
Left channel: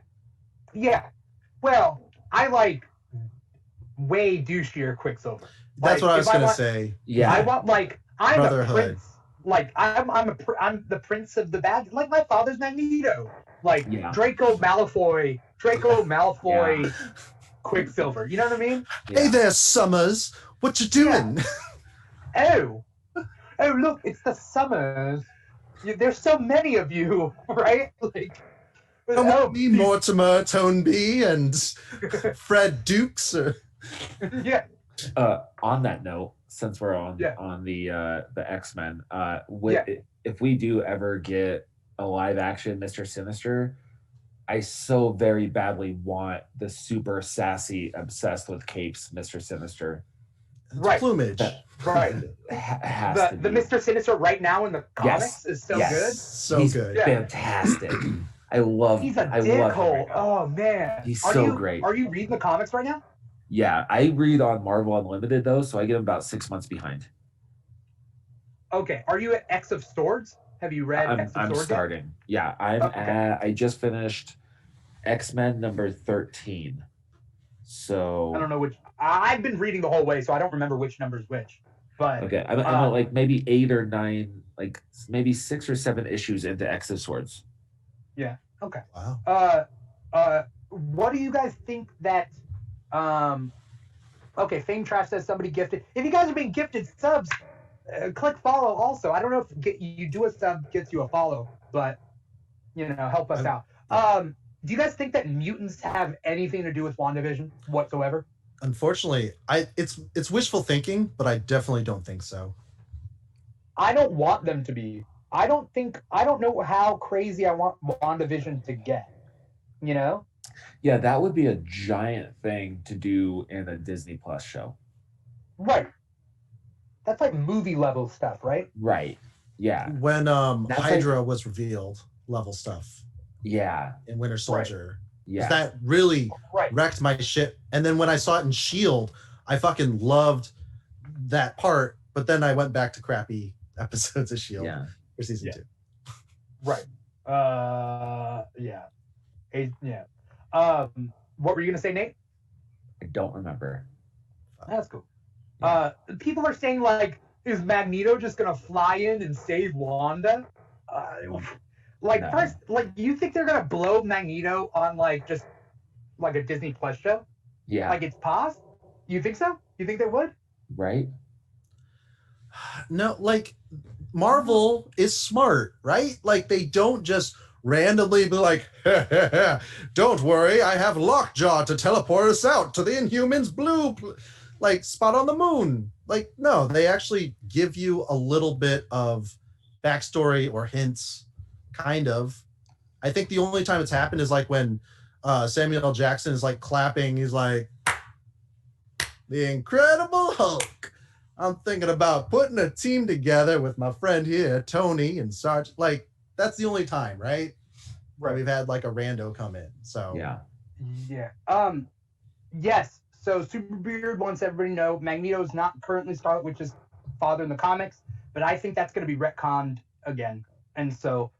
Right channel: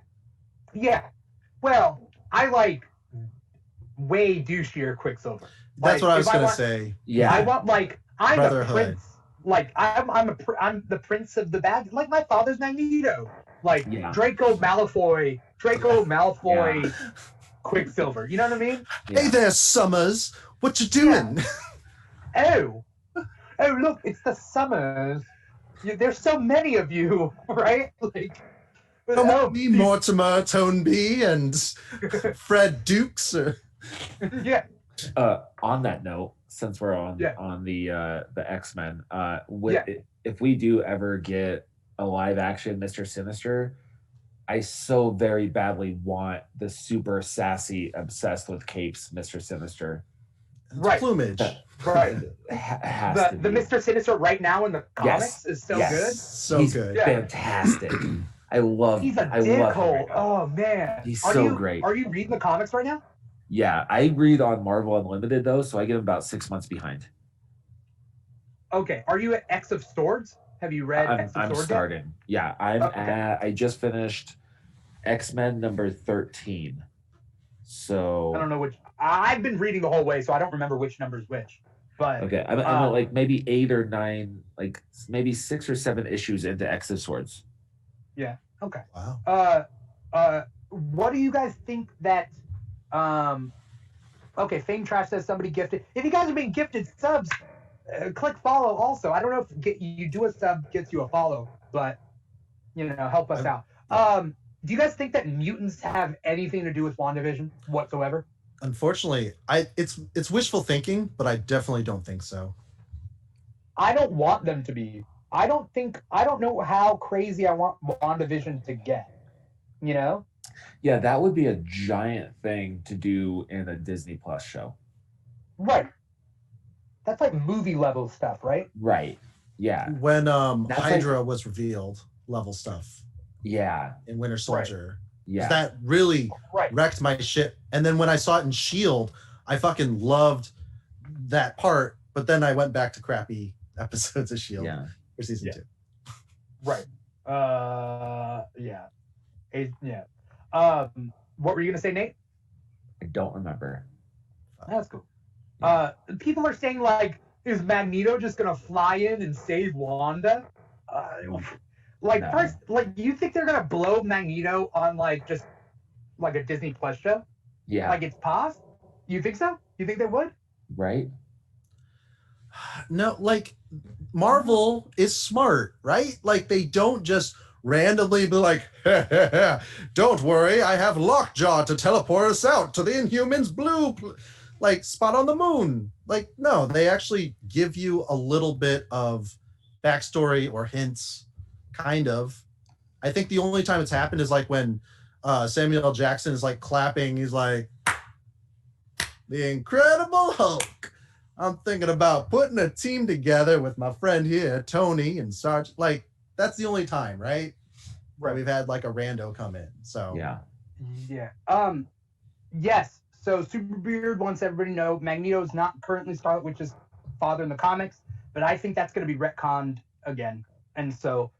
Well, I like way douchier Quicksilver. That's what I was gonna say. Yeah. I want I'm Brotherhood. a prince. Like I'm the prince of the bad. Like my father's Magneto. Like Draco Malfoy. Quicksilver. You know what I mean? Yeah. Hey there, Summers. What you doing? Oh, look, it's the Summers. There's so many of you, right? Like, come with me, Mortimer Toneby and Fred Dukes. Yeah. On that note, since we're on the X-Men, if we do ever get a live action Mr. Sinister, I so very badly want the super sassy, obsessed with capes Mr. Sinister. Right. Plumage. Right. The Mr. Sinister right now in the comics is so good. So he's good. Fantastic. I love He's a dickhole. Oh man. He's so great. Are you reading the comics right now? Yeah, I read on Marvel Unlimited though, so I get about 6 months behind. Okay. Are you at X of Swords? Have you read X of Swords? I'm starting. Yeah, I just finished X-Men number 13. So I don't know which. I've been reading the whole way, so I don't remember which number's which. But okay, I'm at like maybe 8 or 9, like maybe 6 or 7 issues into X of Swords. Yeah. Okay. Wow. What do you guys think that? Okay, Fame Trash says somebody gifted. If you guys are being gifted subs, click follow. Also, I don't know if you do a sub gets you a follow, but help us out. Do you guys think that mutants have anything to do with WandaVision whatsoever? Unfortunately, it's wishful thinking, but I definitely don't think so. I don't want them to be. I don't know how crazy I want WandaVision to get. Yeah, that would be a giant thing to do in a Disney Plus show. Right. That's like movie level stuff, right? Right. Yeah. When That's Hydra was revealed, level stuff. Yeah. In Winter Soldier. Yeah. That really wrecked my shit. And then when I saw it in Shield, I fucking loved that part. But then I went back to crappy episodes of Shield for season 2. Right. What were you gonna say, Nate? I don't remember. That's cool. People are saying like, is Magneto just gonna fly in and save Wanda? First, you think they're gonna blow Magneto on just a Disney Plus show? Yeah. Like it's paused? You think so? You think they would? Right. No, Marvel is smart, right? They don't just randomly be like, don't worry, I have Lockjaw to teleport us out to the Inhumans blue spot on the moon. No, they actually give you a little bit of backstory or hints, kind of. I think the only time it's happened is when Samuel L. Jackson is clapping. He's like, the Incredible Hulk. I'm thinking about putting a team together with my friend here, Tony and Sarge. That's the only time, right? Where we've had a rando come in. So yeah. Yes. So Superbeard wants everybody to know Magneto is not currently Scarlet Witch's father in the comics, but I think that's going to be retconned again. And so,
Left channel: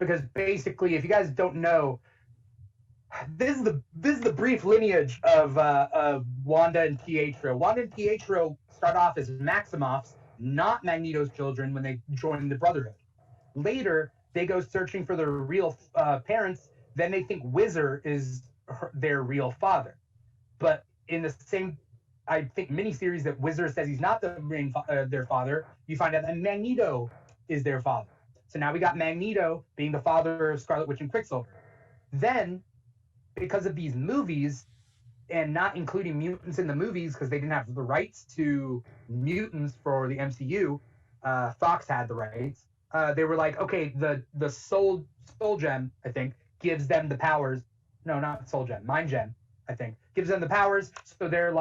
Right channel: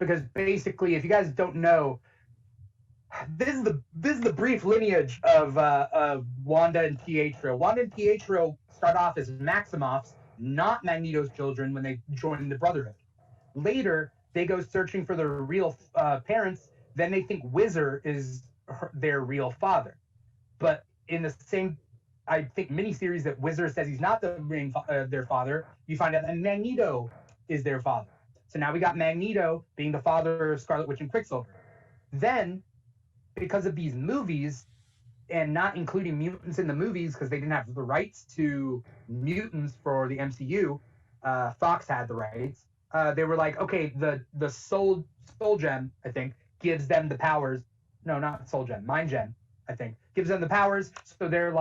because basically, if you guys don't know, this is the brief lineage of Wanda and Pietro. Wanda and Pietro start off as Maximoffs, not Magneto's children, when they join the Brotherhood. Later, they go searching for their real parents. Then they think Whizzer is their real father. But in the same, I think, miniseries that Whizzer says he's not their father, you find out that Magneto is their father. So now we got Magneto being the father of Scarlet Witch and Quicksilver. Then, because of these movies, and not including mutants in the movies because they didn't have the rights to mutants for the MCU, Fox had the rights. They were like, okay, the soul gem, I think, gives them the powers. No, not soul gem, mind gem, I think, gives them the powers. So they're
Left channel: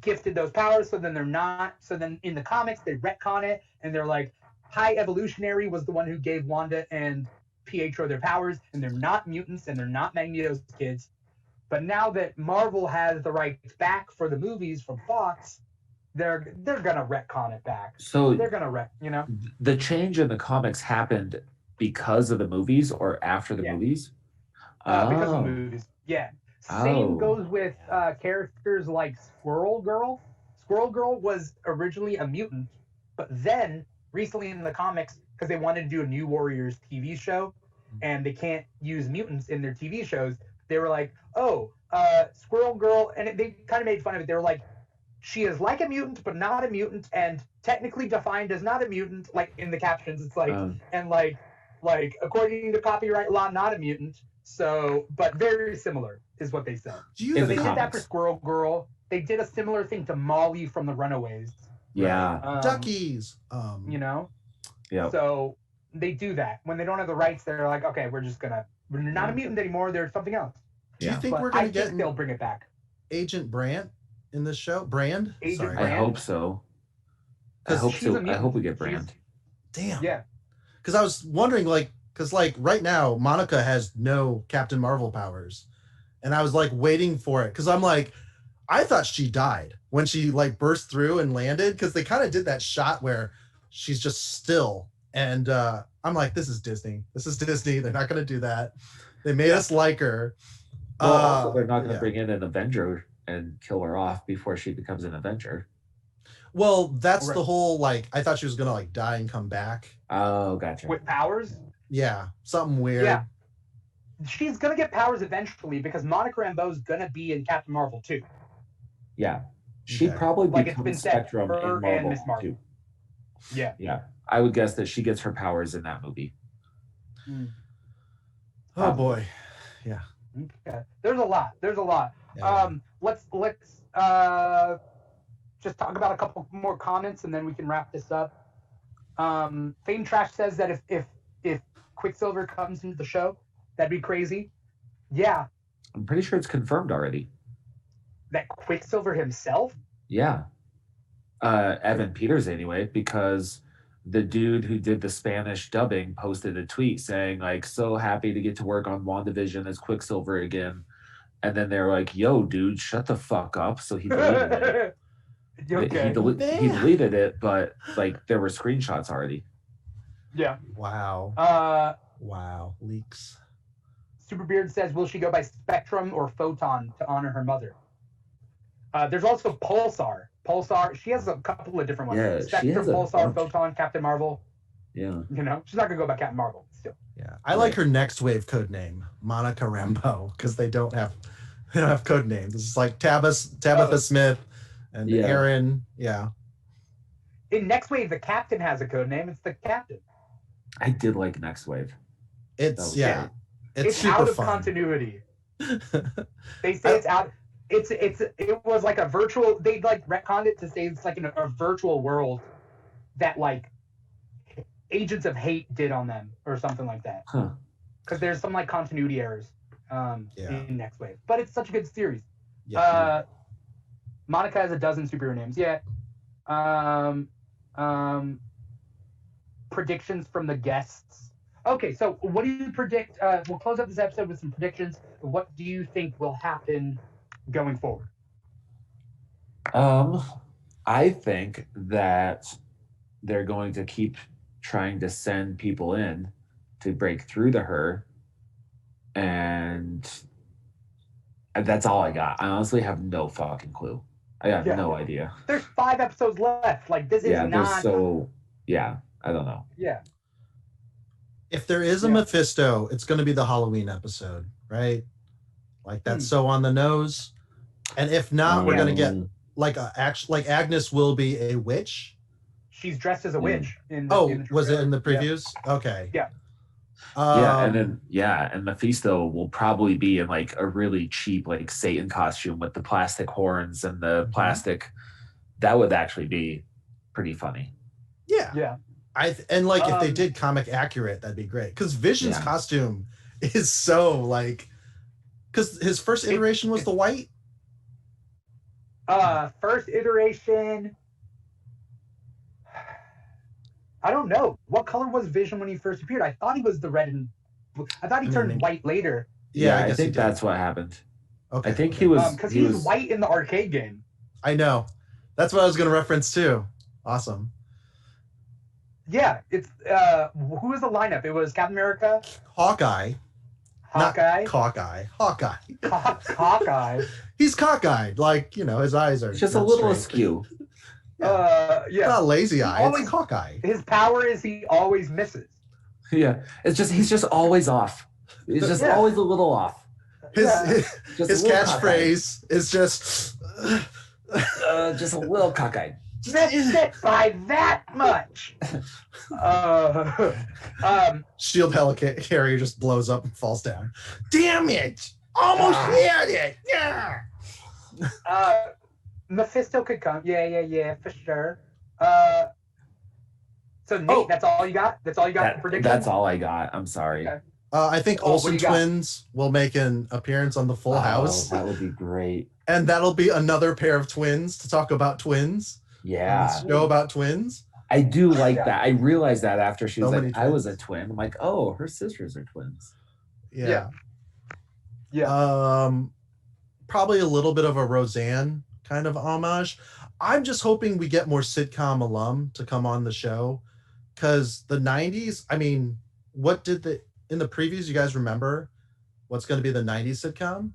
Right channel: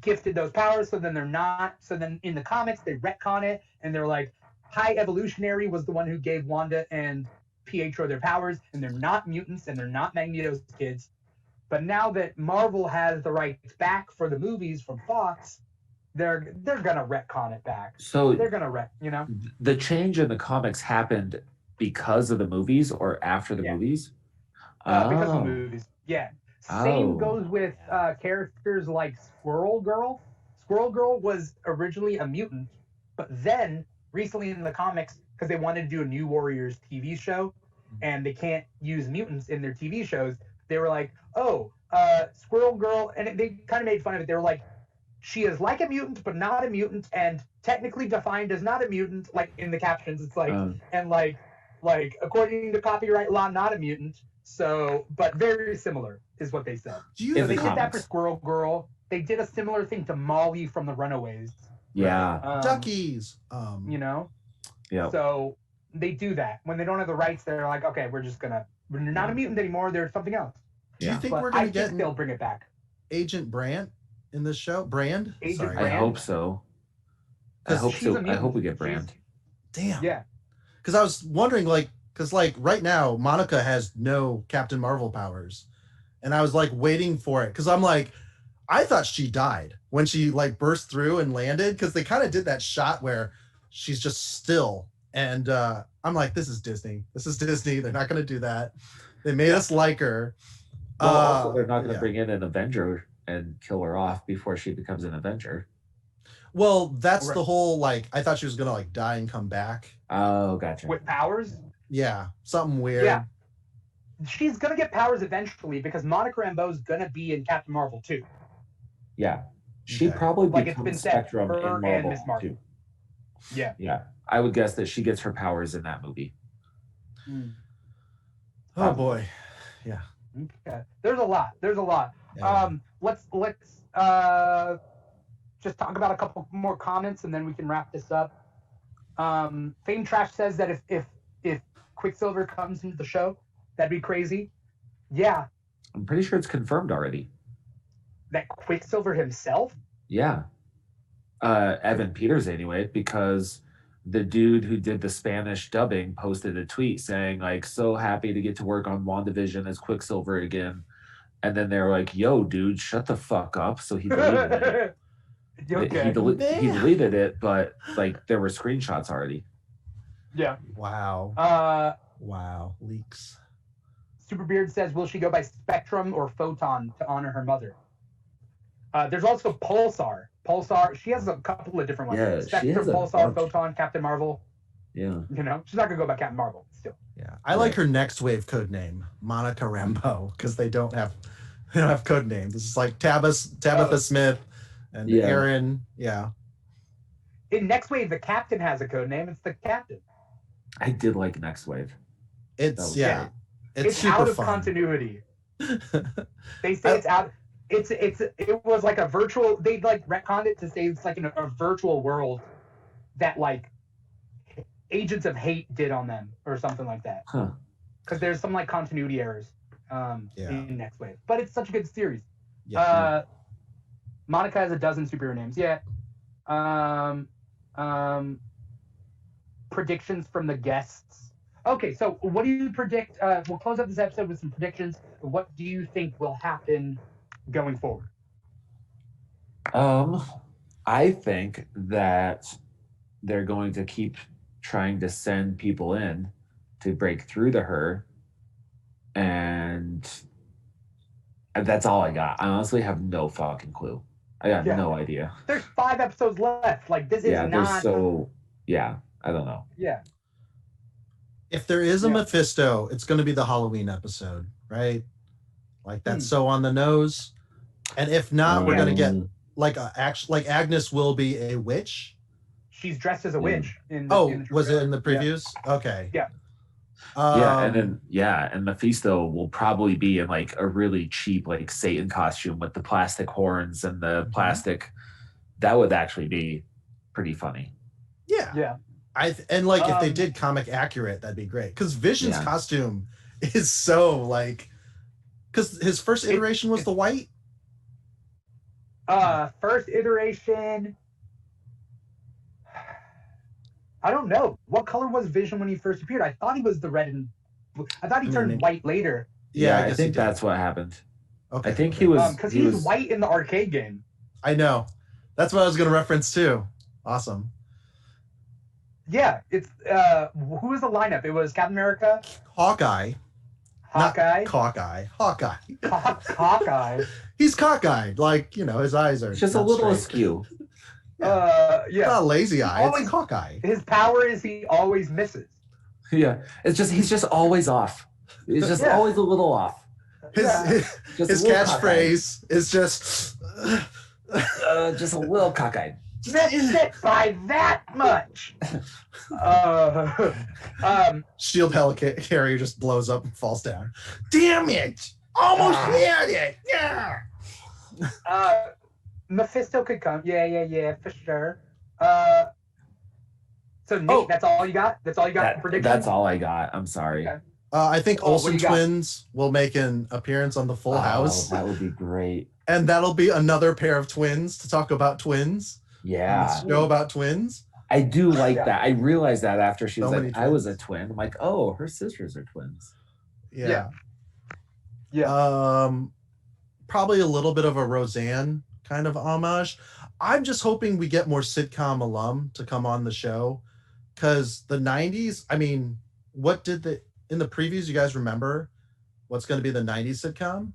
gifted those powers. So then they're not. So then in the comics they retcon it and they're like, High Evolutionary was the one who gave Wanda and Pietro their powers, and they're not mutants and they're not Magneto's kids. But now that Marvel has the rights back for the movies from Fox, they're gonna retcon it back. So they're gonna the change in the comics happened because of the movies or after the movies? Because of the movies. Yeah. Same goes with characters like Squirrel Girl. Squirrel Girl was originally a mutant, but then recently in the comics, because they wanted to do a New Warriors TV show, and they can't use mutants in their TV shows, they were like, Squirrel Girl, and they kind of made fun of it. They were like, she is like a mutant, but not a mutant, and technically defined as not a mutant, in the captions, it's according to copyright law, not a mutant, so, but very similar, is what they said. They did that for Squirrel Girl. They did a similar thing to Molly from the Runaways. Yeah. Duckies. Yeah. So they do that. When they don't have the rights, they're like, okay, we're not a mutant anymore. They're something else. Do you think we're going to get they'll bring it back? Agent Brand in this show? Brand? Agent Brand? I hope so. I hope we get Brand. Damn. Yeah. Because I was wondering, right now, Monica has no Captain Marvel powers. And I was waiting for it. Because I'm I thought she died when she burst through and landed. Because they kind of did that shot where she's just still. And I'm this is Disney. This is Disney. They're not going to do that. They made us like her. Well, also, they're not going to bring in an Avenger and kill her off before she becomes an Avenger. Well, that's the whole, I thought she was going to, die and come back. Oh, gotcha. With powers? Yeah, something weird. Yeah. She's going to get powers eventually because Monica Rambeau's going to be in Captain Marvel too. Yeah. She probably becomes Spectrum in Marvel too. Yeah. Yeah. I would guess that she gets her powers in that movie. Oh, boy. Yeah. Okay. There's a lot. Yeah. Let's just talk about a couple more comments and then we can wrap this up. Fame Trash says that if Quicksilver comes into the show, that'd be crazy. Yeah. I'm pretty sure it's confirmed already. That Quicksilver himself? Yeah. Evan Peters anyway, because the dude who did the Spanish dubbing posted a tweet saying like, so happy to get to work on WandaVision as Quicksilver again. And then they're like, yo, dude, shut the fuck up. So he deleted it. Okay. He deleted it, but like there were screenshots already. Yeah. Wow. Wow. Leaks. Superbeard says, will she go by Spectrum or Photon to honor her mother? There's also Pulsar. She has a couple of different ones. Yeah, Spectrum, Pulsar, Photon, Captain Marvel. Yeah. You know, she's not going to go by Captain Marvel still. Yeah. I like her next wave code name, Monica Rambeau, because they don't have code names. It's like Tabitha Smith and Aaron. Yeah. In Next Wave, the Captain has a code name. It's the Captain. I did like Next Wave. It's super out of fun. Continuity. They say it's out. It was like a virtual. They like retconned it to say it's like in a virtual world that like Agents of Hate did on them or something like that. Because there's some like continuity errors in Next Wave, but it's such a good series. Yeah. Monica has a dozen superhero names. Yeah. Predictions from the guests. Okay, so what do you predict? We'll close up this episode with some predictions. What do you think will happen going forward? I think that they're going to keep trying to send people in to break through to her, and that's all I got. I honestly have no fucking clue. I got no idea. There's 5 episodes left. Like this is not. I don't know. Yeah. If there is a Mephisto, it's going to be the Halloween episode, right? Like that's so on the nose. And if not, we're going to get like Agnes will be a witch. She's dressed as a witch. Was it in the previews? Yeah. Okay. Yeah. And Mephisto will probably be in like a really cheap like Satan costume with the plastic horns and the plastic. That would actually be pretty funny. Yeah. Yeah. If they did comic accurate, that'd be great. Because Vision's costume is so like, because his first iteration was the white. First iteration. I don't know. What color was Vision when he first appeared? I thought he was the red and I thought he turned white later. Yeah, I think that's what happened. Okay. I think he was because he was white in the arcade game. I know. That's what I was going to reference too. Awesome. Yeah, it's who was the lineup? It was Captain America, Hawkeye. Hawkeye. He's cockeyed, like his eyes are just a little askew. Not lazy eye. It's Hawkeye. His power is he always misses. Yeah, he's just always off. He's just always a little off. His catchphrase is just a little cockeyed. Sit by that much. Shield helicarrier just blows up and falls down. Damn it! Almost had it. Yeah. Mephisto could come. Yeah, for sure. So Nate, that's all you got? That's all you got for predictions? That's all I got. I'm sorry. Okay. I think Olsen twins will make an appearance on the Full House. That would be great. And that'll be another pair of twins to talk about twins. Yeah. Show about twins. I do like that. I realized that after she was like, I was a twin. I'm like, oh, her sisters are twins. Yeah. Probably a little bit of a Roseanne kind of homage. I'm just hoping we get more sitcom alum to come on the show. Because the 90s, I mean, in the previews, you guys remember what's going to be the 90s sitcom?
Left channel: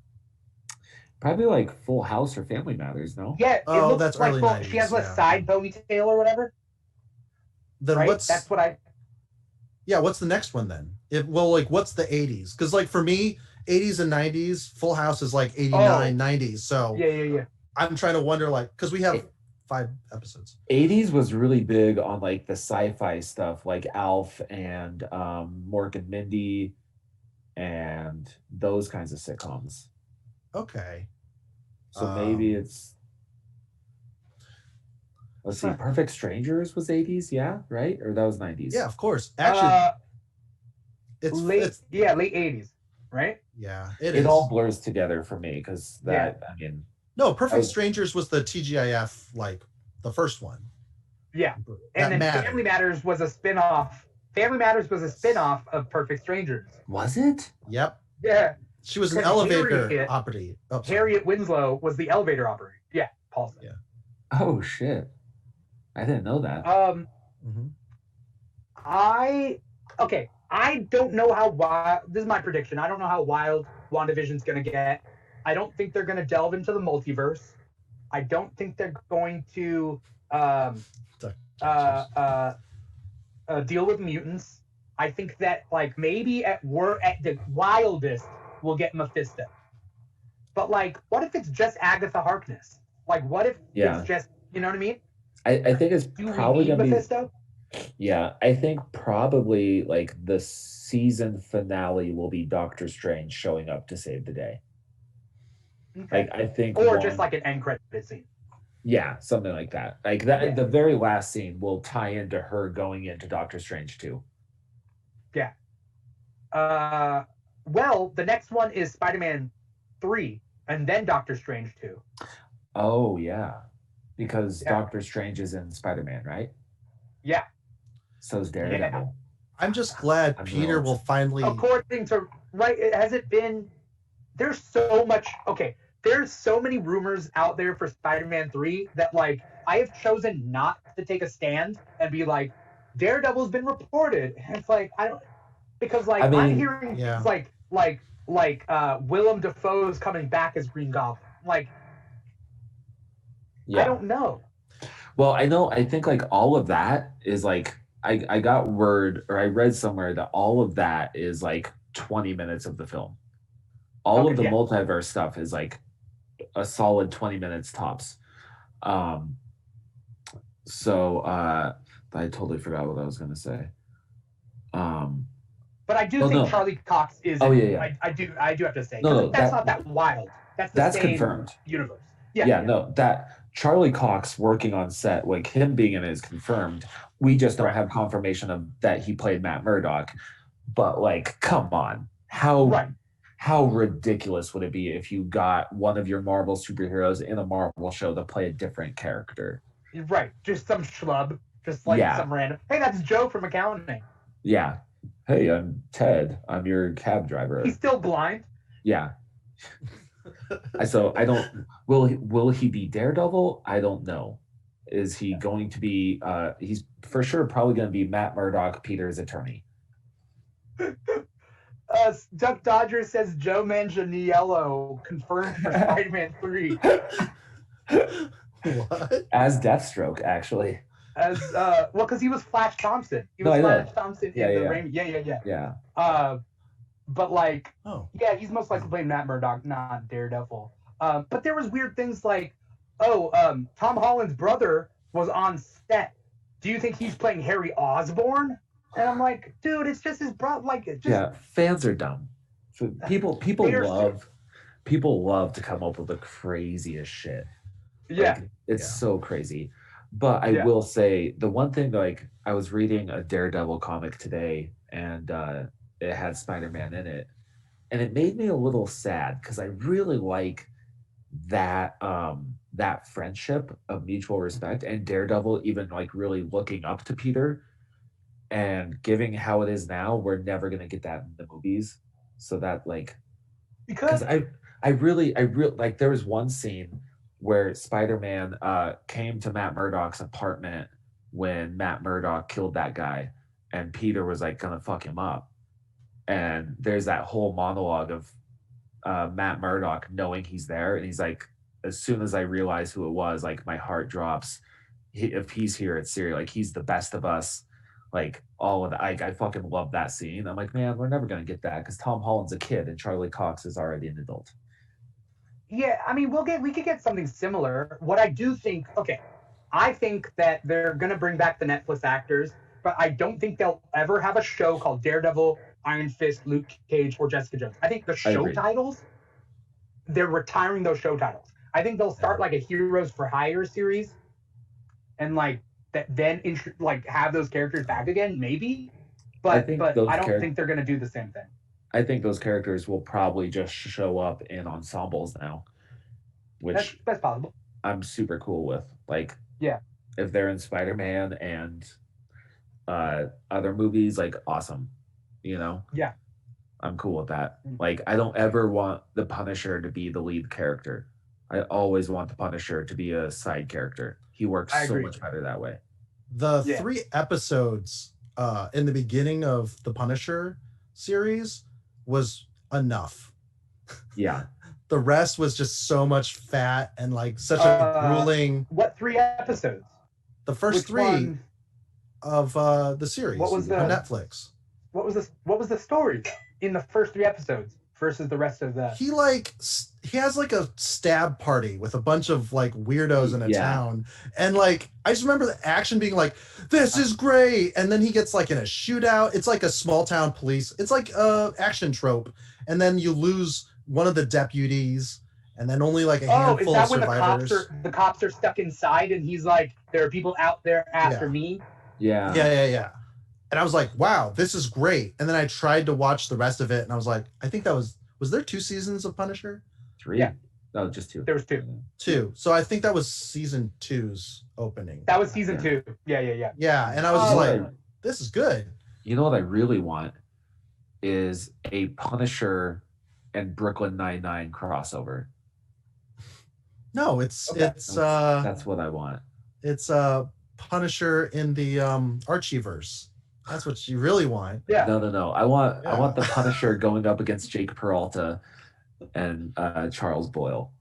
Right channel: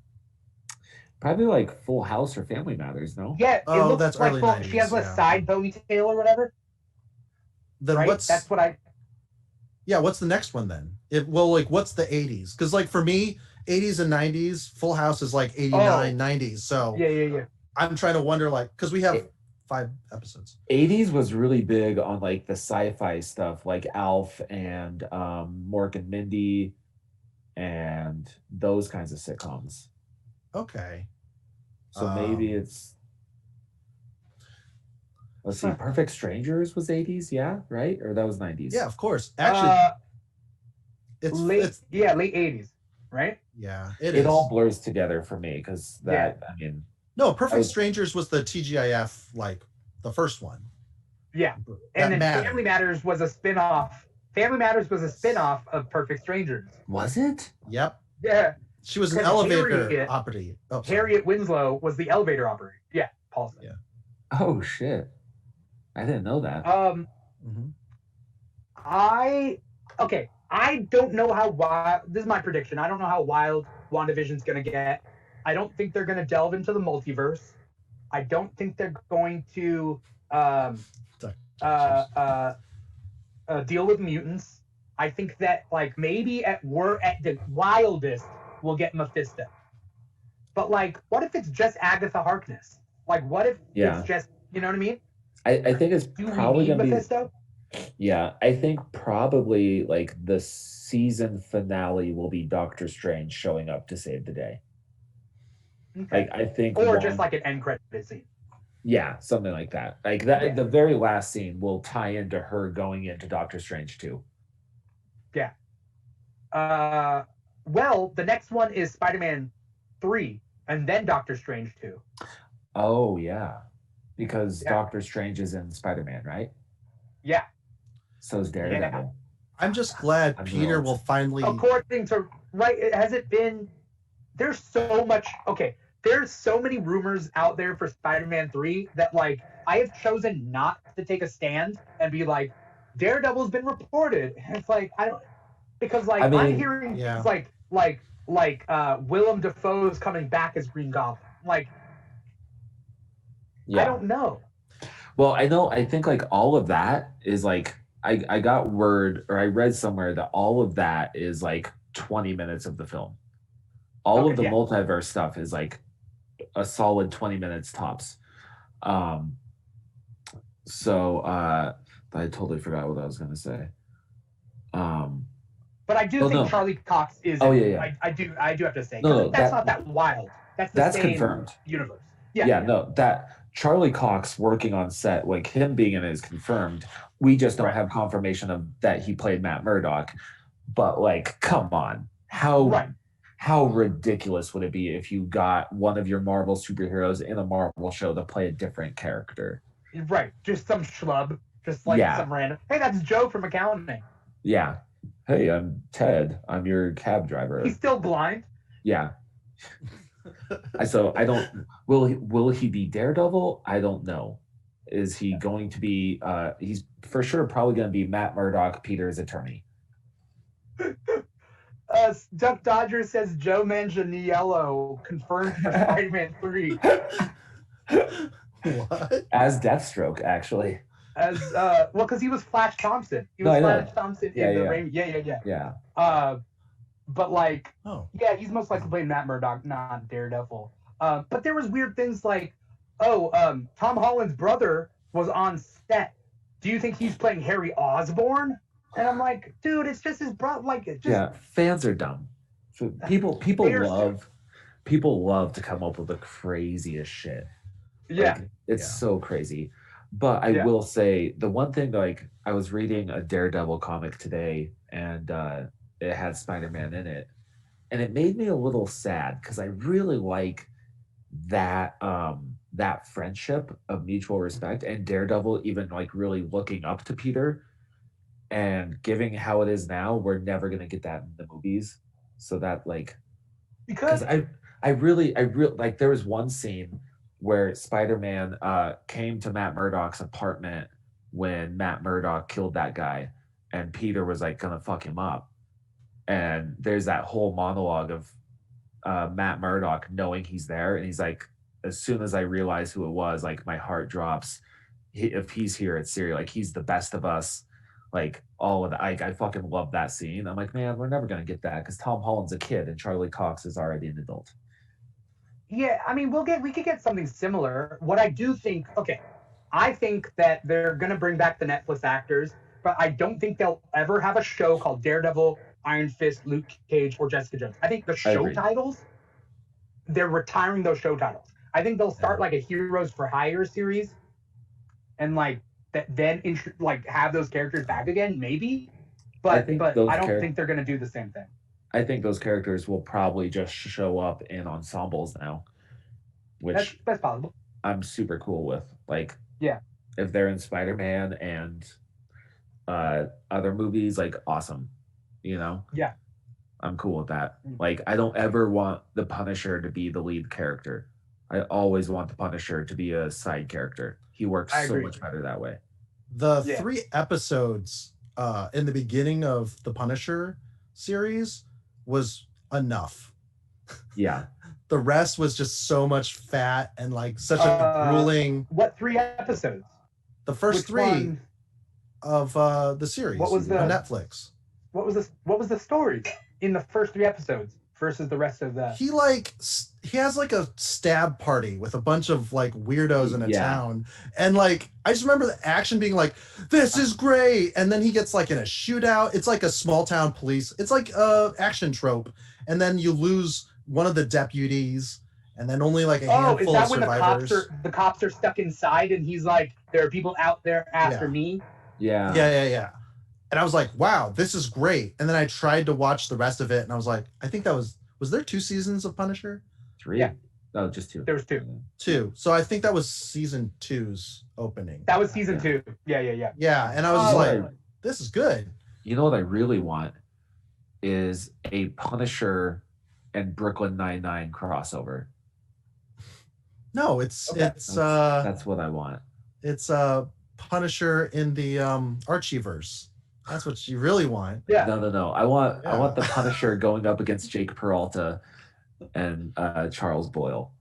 Probably like Full House or Family Matters, no? Yeah. That's like early 90s. She has a side ponytail or whatever. Then right? What's the next one then? What's the 80s? Because like for me, 80s and 90s, Full House is like 89, 90s. So yeah. I'm trying to wonder because we have 5 episodes. 80s was really big on like the sci-fi stuff like Alf and Mork and Mindy and those kinds of sitcoms. Okay. So maybe it's let's see, Perfect Strangers was 80s, yeah, right? Or that was 90s? Yeah, of course. Actually, it's late 80s, right? Yeah, it all blurs together for me because I mean. No, Perfect Strangers was the TGIF, like the first one. Yeah, and then mattered. Family Matters was a spinoff. Family Matters was a spinoff of Perfect Strangers. Was it? Yep. Yeah. She was an elevator operative. Oh, Harriet Winslow was the elevator operator. Yeah, Paul. Yeah. Oh shit! I didn't know that. I don't know how wild. This is my prediction. I don't know how wild WandaVision's gonna get. I don't think they're gonna delve into the multiverse. I don't think they're going to deal with mutants. I think that like maybe at the wildest we'll get Mephisto. But like, what if it's just Agatha Harkness? Like, what if it's just, you know what I mean? I think it's probably gonna Mephisto? Yeah, I think probably like the season finale will be Doctor Strange showing up to save the day. Okay. Like I think, just like an end credit scene. Yeah, something like that. Like that, the very last scene will tie into her going into Doctor Strange too. Yeah. Well, the next one is Spider-Man 3, and then Doctor Strange 2. Oh yeah, because Doctor Strange is in Spider-Man, right? Yeah. So is Daredevil. Yeah. I'm just glad Peter will finally. According to has it been? There's so much. Okay, there's so many rumors out there for Spider-Man 3 that like I have chosen not to take a stand and be like, Daredevil's been reported. And it's like I don't because like I'm hearing things like Willem Dafoe's coming back as Green Goblin. Like I don't know. Well, I think like all of that is like I got word or I read somewhere that all of that is like 20 minutes of the film. All of the multiverse stuff is like a solid 20 minutes tops. So I totally forgot what I was gonna say. But I do think Charlie Cox is. Oh yeah. I do have to say. No, that's not that wild. That's same confirmed. Universe. No, that Charlie Cox working on set, like him being in it is confirmed. We just don't have confirmation of that he played Matt Murdock. But like, come on, how ridiculous would it be if you got one of your Marvel superheroes in a Marvel show to play a different character? Right, just some schlub, just like some random. Hey, that's Joe from accounting. Yeah. Hey, I'm Ted. I'm your cab driver. He's still blind. Yeah. So I don't. Will he be Daredevil? I don't know. Is he going to be? He's for sure probably going to be Matt Murdock, Peter's attorney. Duck Dodger says Joe Manganiello confirmed for Spider-Man 3. What? As Deathstroke, actually. As because he was Flash Thompson. He was Flash Thompson in the Raimi. Yeah. But like, he's most likely playing Matt Murdock, not Daredevil. But there was weird things like, Tom Holland's brother was on set. Do you think he's playing Harry Osborn? And I'm like, dude, it's just his brother. Like, fans are dumb. So people love to come up with the craziest shit. Yeah, like, it's so crazy. But I will say the one thing, like, I was reading a Daredevil comic today, and it had Spider-Man in it, and it made me a little sad because I really like that that friendship of mutual respect, and Daredevil even like really looking up to Peter, and giving how it is now, we're never gonna get that in the movies. So that like, because I really like there was one scene where Spider-Man came to Matt Murdock's apartment when Matt Murdock killed that guy, and Peter was like gonna fuck him up. And there's that whole monologue of Matt Murdock knowing he's there, and he's like, as soon as I realize who it was, like my heart drops. If he's here, it's serious. Like he's the best of us. Like all of that. I fucking love that scene. I'm like, man, we're never gonna get that because Tom Holland's a kid and Charlie Cox is already an adult. Yeah, I mean, we could get something similar. What I do think, I think that they're gonna bring back the Netflix actors, but I don't think they'll ever have a show called Daredevil, Iron Fist, Luke Cage, or Jessica Jones. I think the show titles, they're retiring those show titles. I think they'll start like a Heroes for Hire series, and like that, then like have those characters back again, maybe. But I don't think they're gonna do the same thing. I think those characters will probably just show up in ensembles now, which that's possible. I'm super cool with. Like, if they're in Spider-Man and other movies, like awesome, Yeah. I'm cool with that. Like, I don't ever want the Punisher to be the lead character. I always want the Punisher to be a side character. He works so much better that way. The 3 episodes in the beginning of the Punisher series was enough. Yeah. The rest was just so much fat and like such a grueling. What 3 episodes? The first 3 of the series. What was on Netflix? What was the story in the first 3 episodes versus the rest of the? He has like a stab party with a bunch of like weirdos in a town, and like I just remember the action being like, "This is great," and then he gets like in a shootout. It's like a small town police. It's like a action trope, and then you lose one of the deputies, and then only like a handful of survivors. When the cops are stuck inside, and he's like, "There are people out there after me." Yeah. And I was like, "Wow, this is great." And then I tried to watch the rest of it, and I was like, "I think that was there 2 seasons of Punisher?" 3? Yeah. No, just 2. There was 2. 2. So I think that was season 2's opening. That was season 2. Yeah. Yeah, and I was like, "This is good." You know what I really want is a Punisher and Brooklyn Nine-Nine crossover. No, it's that's what I want. It's Punisher in the Archieverse. That's what you really want. Yeah. No. I want the Punisher going up against Jake Peralta and Charles Boyle.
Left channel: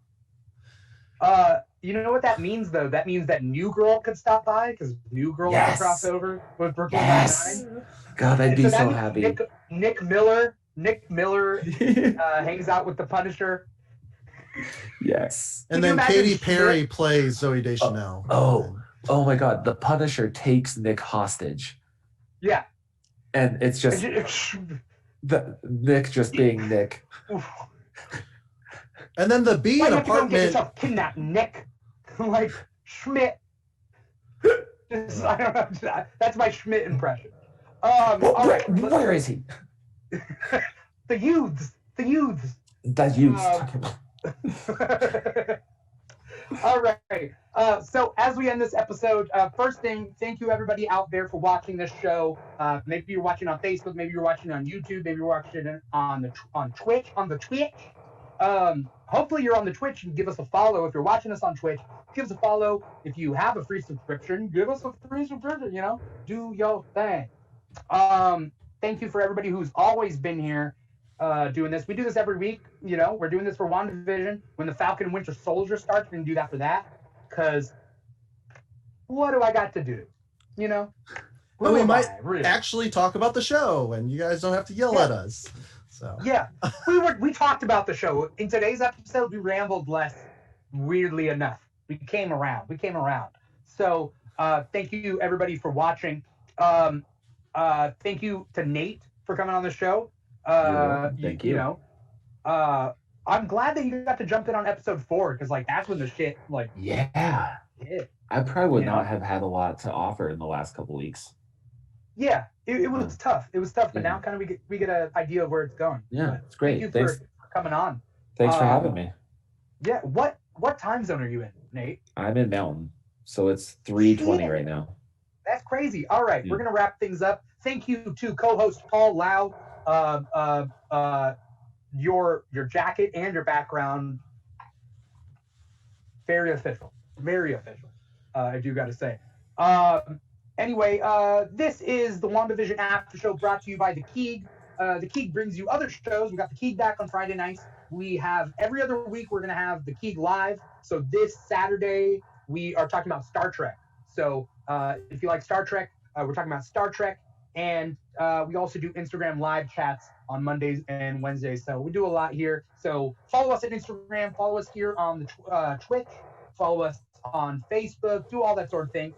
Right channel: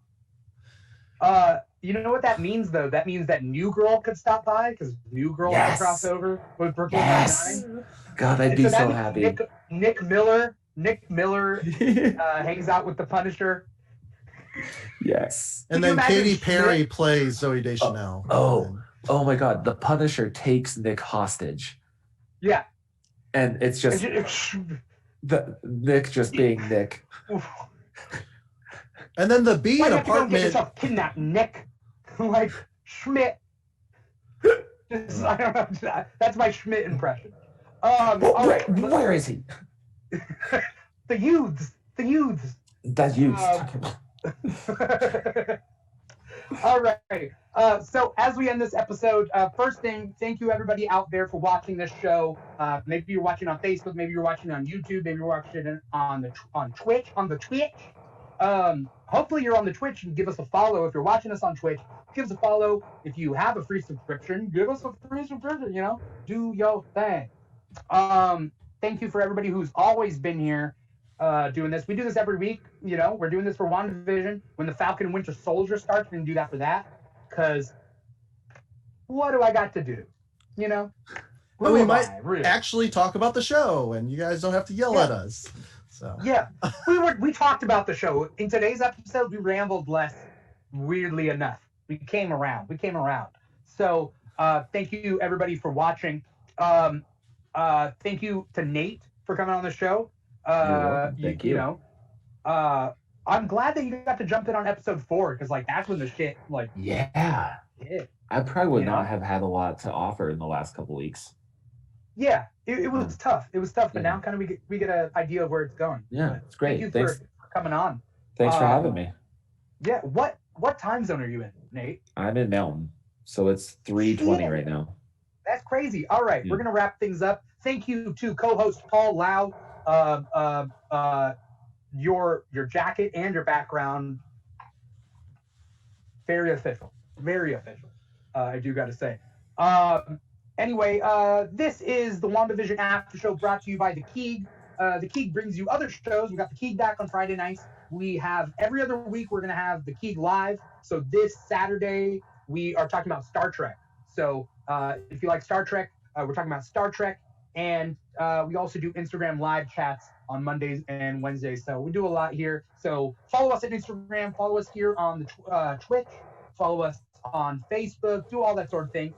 You know what that means though? That means that New Girl could stop by because New Girl could cross over with Brooklyn Nine-Nine. God, I'd be so happy. Nick Miller hangs out with the Punisher. Yes. And then Katy Perry plays Zoe Deschanel. Oh my God. The Punisher takes Nick hostage. Yeah. And it's just Nick just being Nick. And then the B in apartment. Get yourself kidnapped, Nick. Like Schmidt. I don't know. That's my Schmidt impression. All right. Where is he? The youths. All right. So as we end this episode, first thing, thank you everybody out there for watching this show. Maybe you're watching on Facebook, maybe you're watching on YouTube, maybe you're watching on Twitch. Hopefully you're on the Twitch and give us a follow. If you're watching us on Twitch, give us a follow. If you have a free subscription, give us a free subscription, do your thing. Thank you for everybody who's always been here doing this. We do this every week. We're doing this for WandaVision. When the Falcon and Winter Soldier starts, we're going to do that for that. Because what do I got to do? Well, we might actually talk about the show, and you guys don't have to yell at us. So yeah, we talked about the show. In today's episode, we rambled less, weirdly enough. We came around. So thank you, everybody, for watching. Thank you to Nate for coming on the show. Thank you. I'm glad that you got to jump in on episode 4 because that's when the shit I probably would not have had a lot to offer in the last couple weeks. Yeah, it was tough. It was tough, but now kind of we get an idea of where it's going. Yeah, it's great. Thank you for coming on. Thanks for having me. Yeah, what time zone are you in, Nate? I'm in Mountain, so it's 3:20 right now. That's crazy. All right, we're gonna wrap things up. Thank you to co-host Paul Lao. Your jacket and your background, very official. I do got to say. Anyway, this is the WandaVision After Show brought to you by the Keeg. The Keeg brings you other shows. We got the Keeg back on Friday nights. We have every other week we're gonna have the Keeg live. So this Saturday we are talking about Star Trek. So if you like Star Trek, we're talking about Star Trek, and we also do Instagram live chats on Mondays and Wednesdays. So we do a lot here. So follow us at Instagram, follow us here on the Twitch, follow us on Facebook, do all that sort of thing.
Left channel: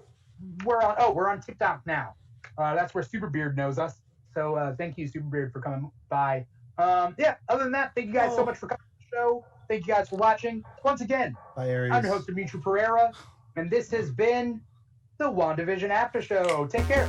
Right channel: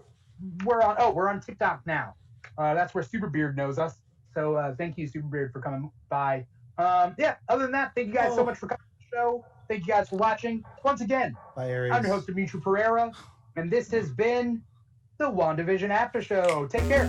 We're on TikTok now. That's where Superbeard knows us. So thank you, Superbeard, for coming by. Other than that, thank you guys so much for coming to the show. Thank you guys for watching. Once again, bye, Aries. I'm your host, Dimithri Perera, and this has been the WandaVision After Show. Take care.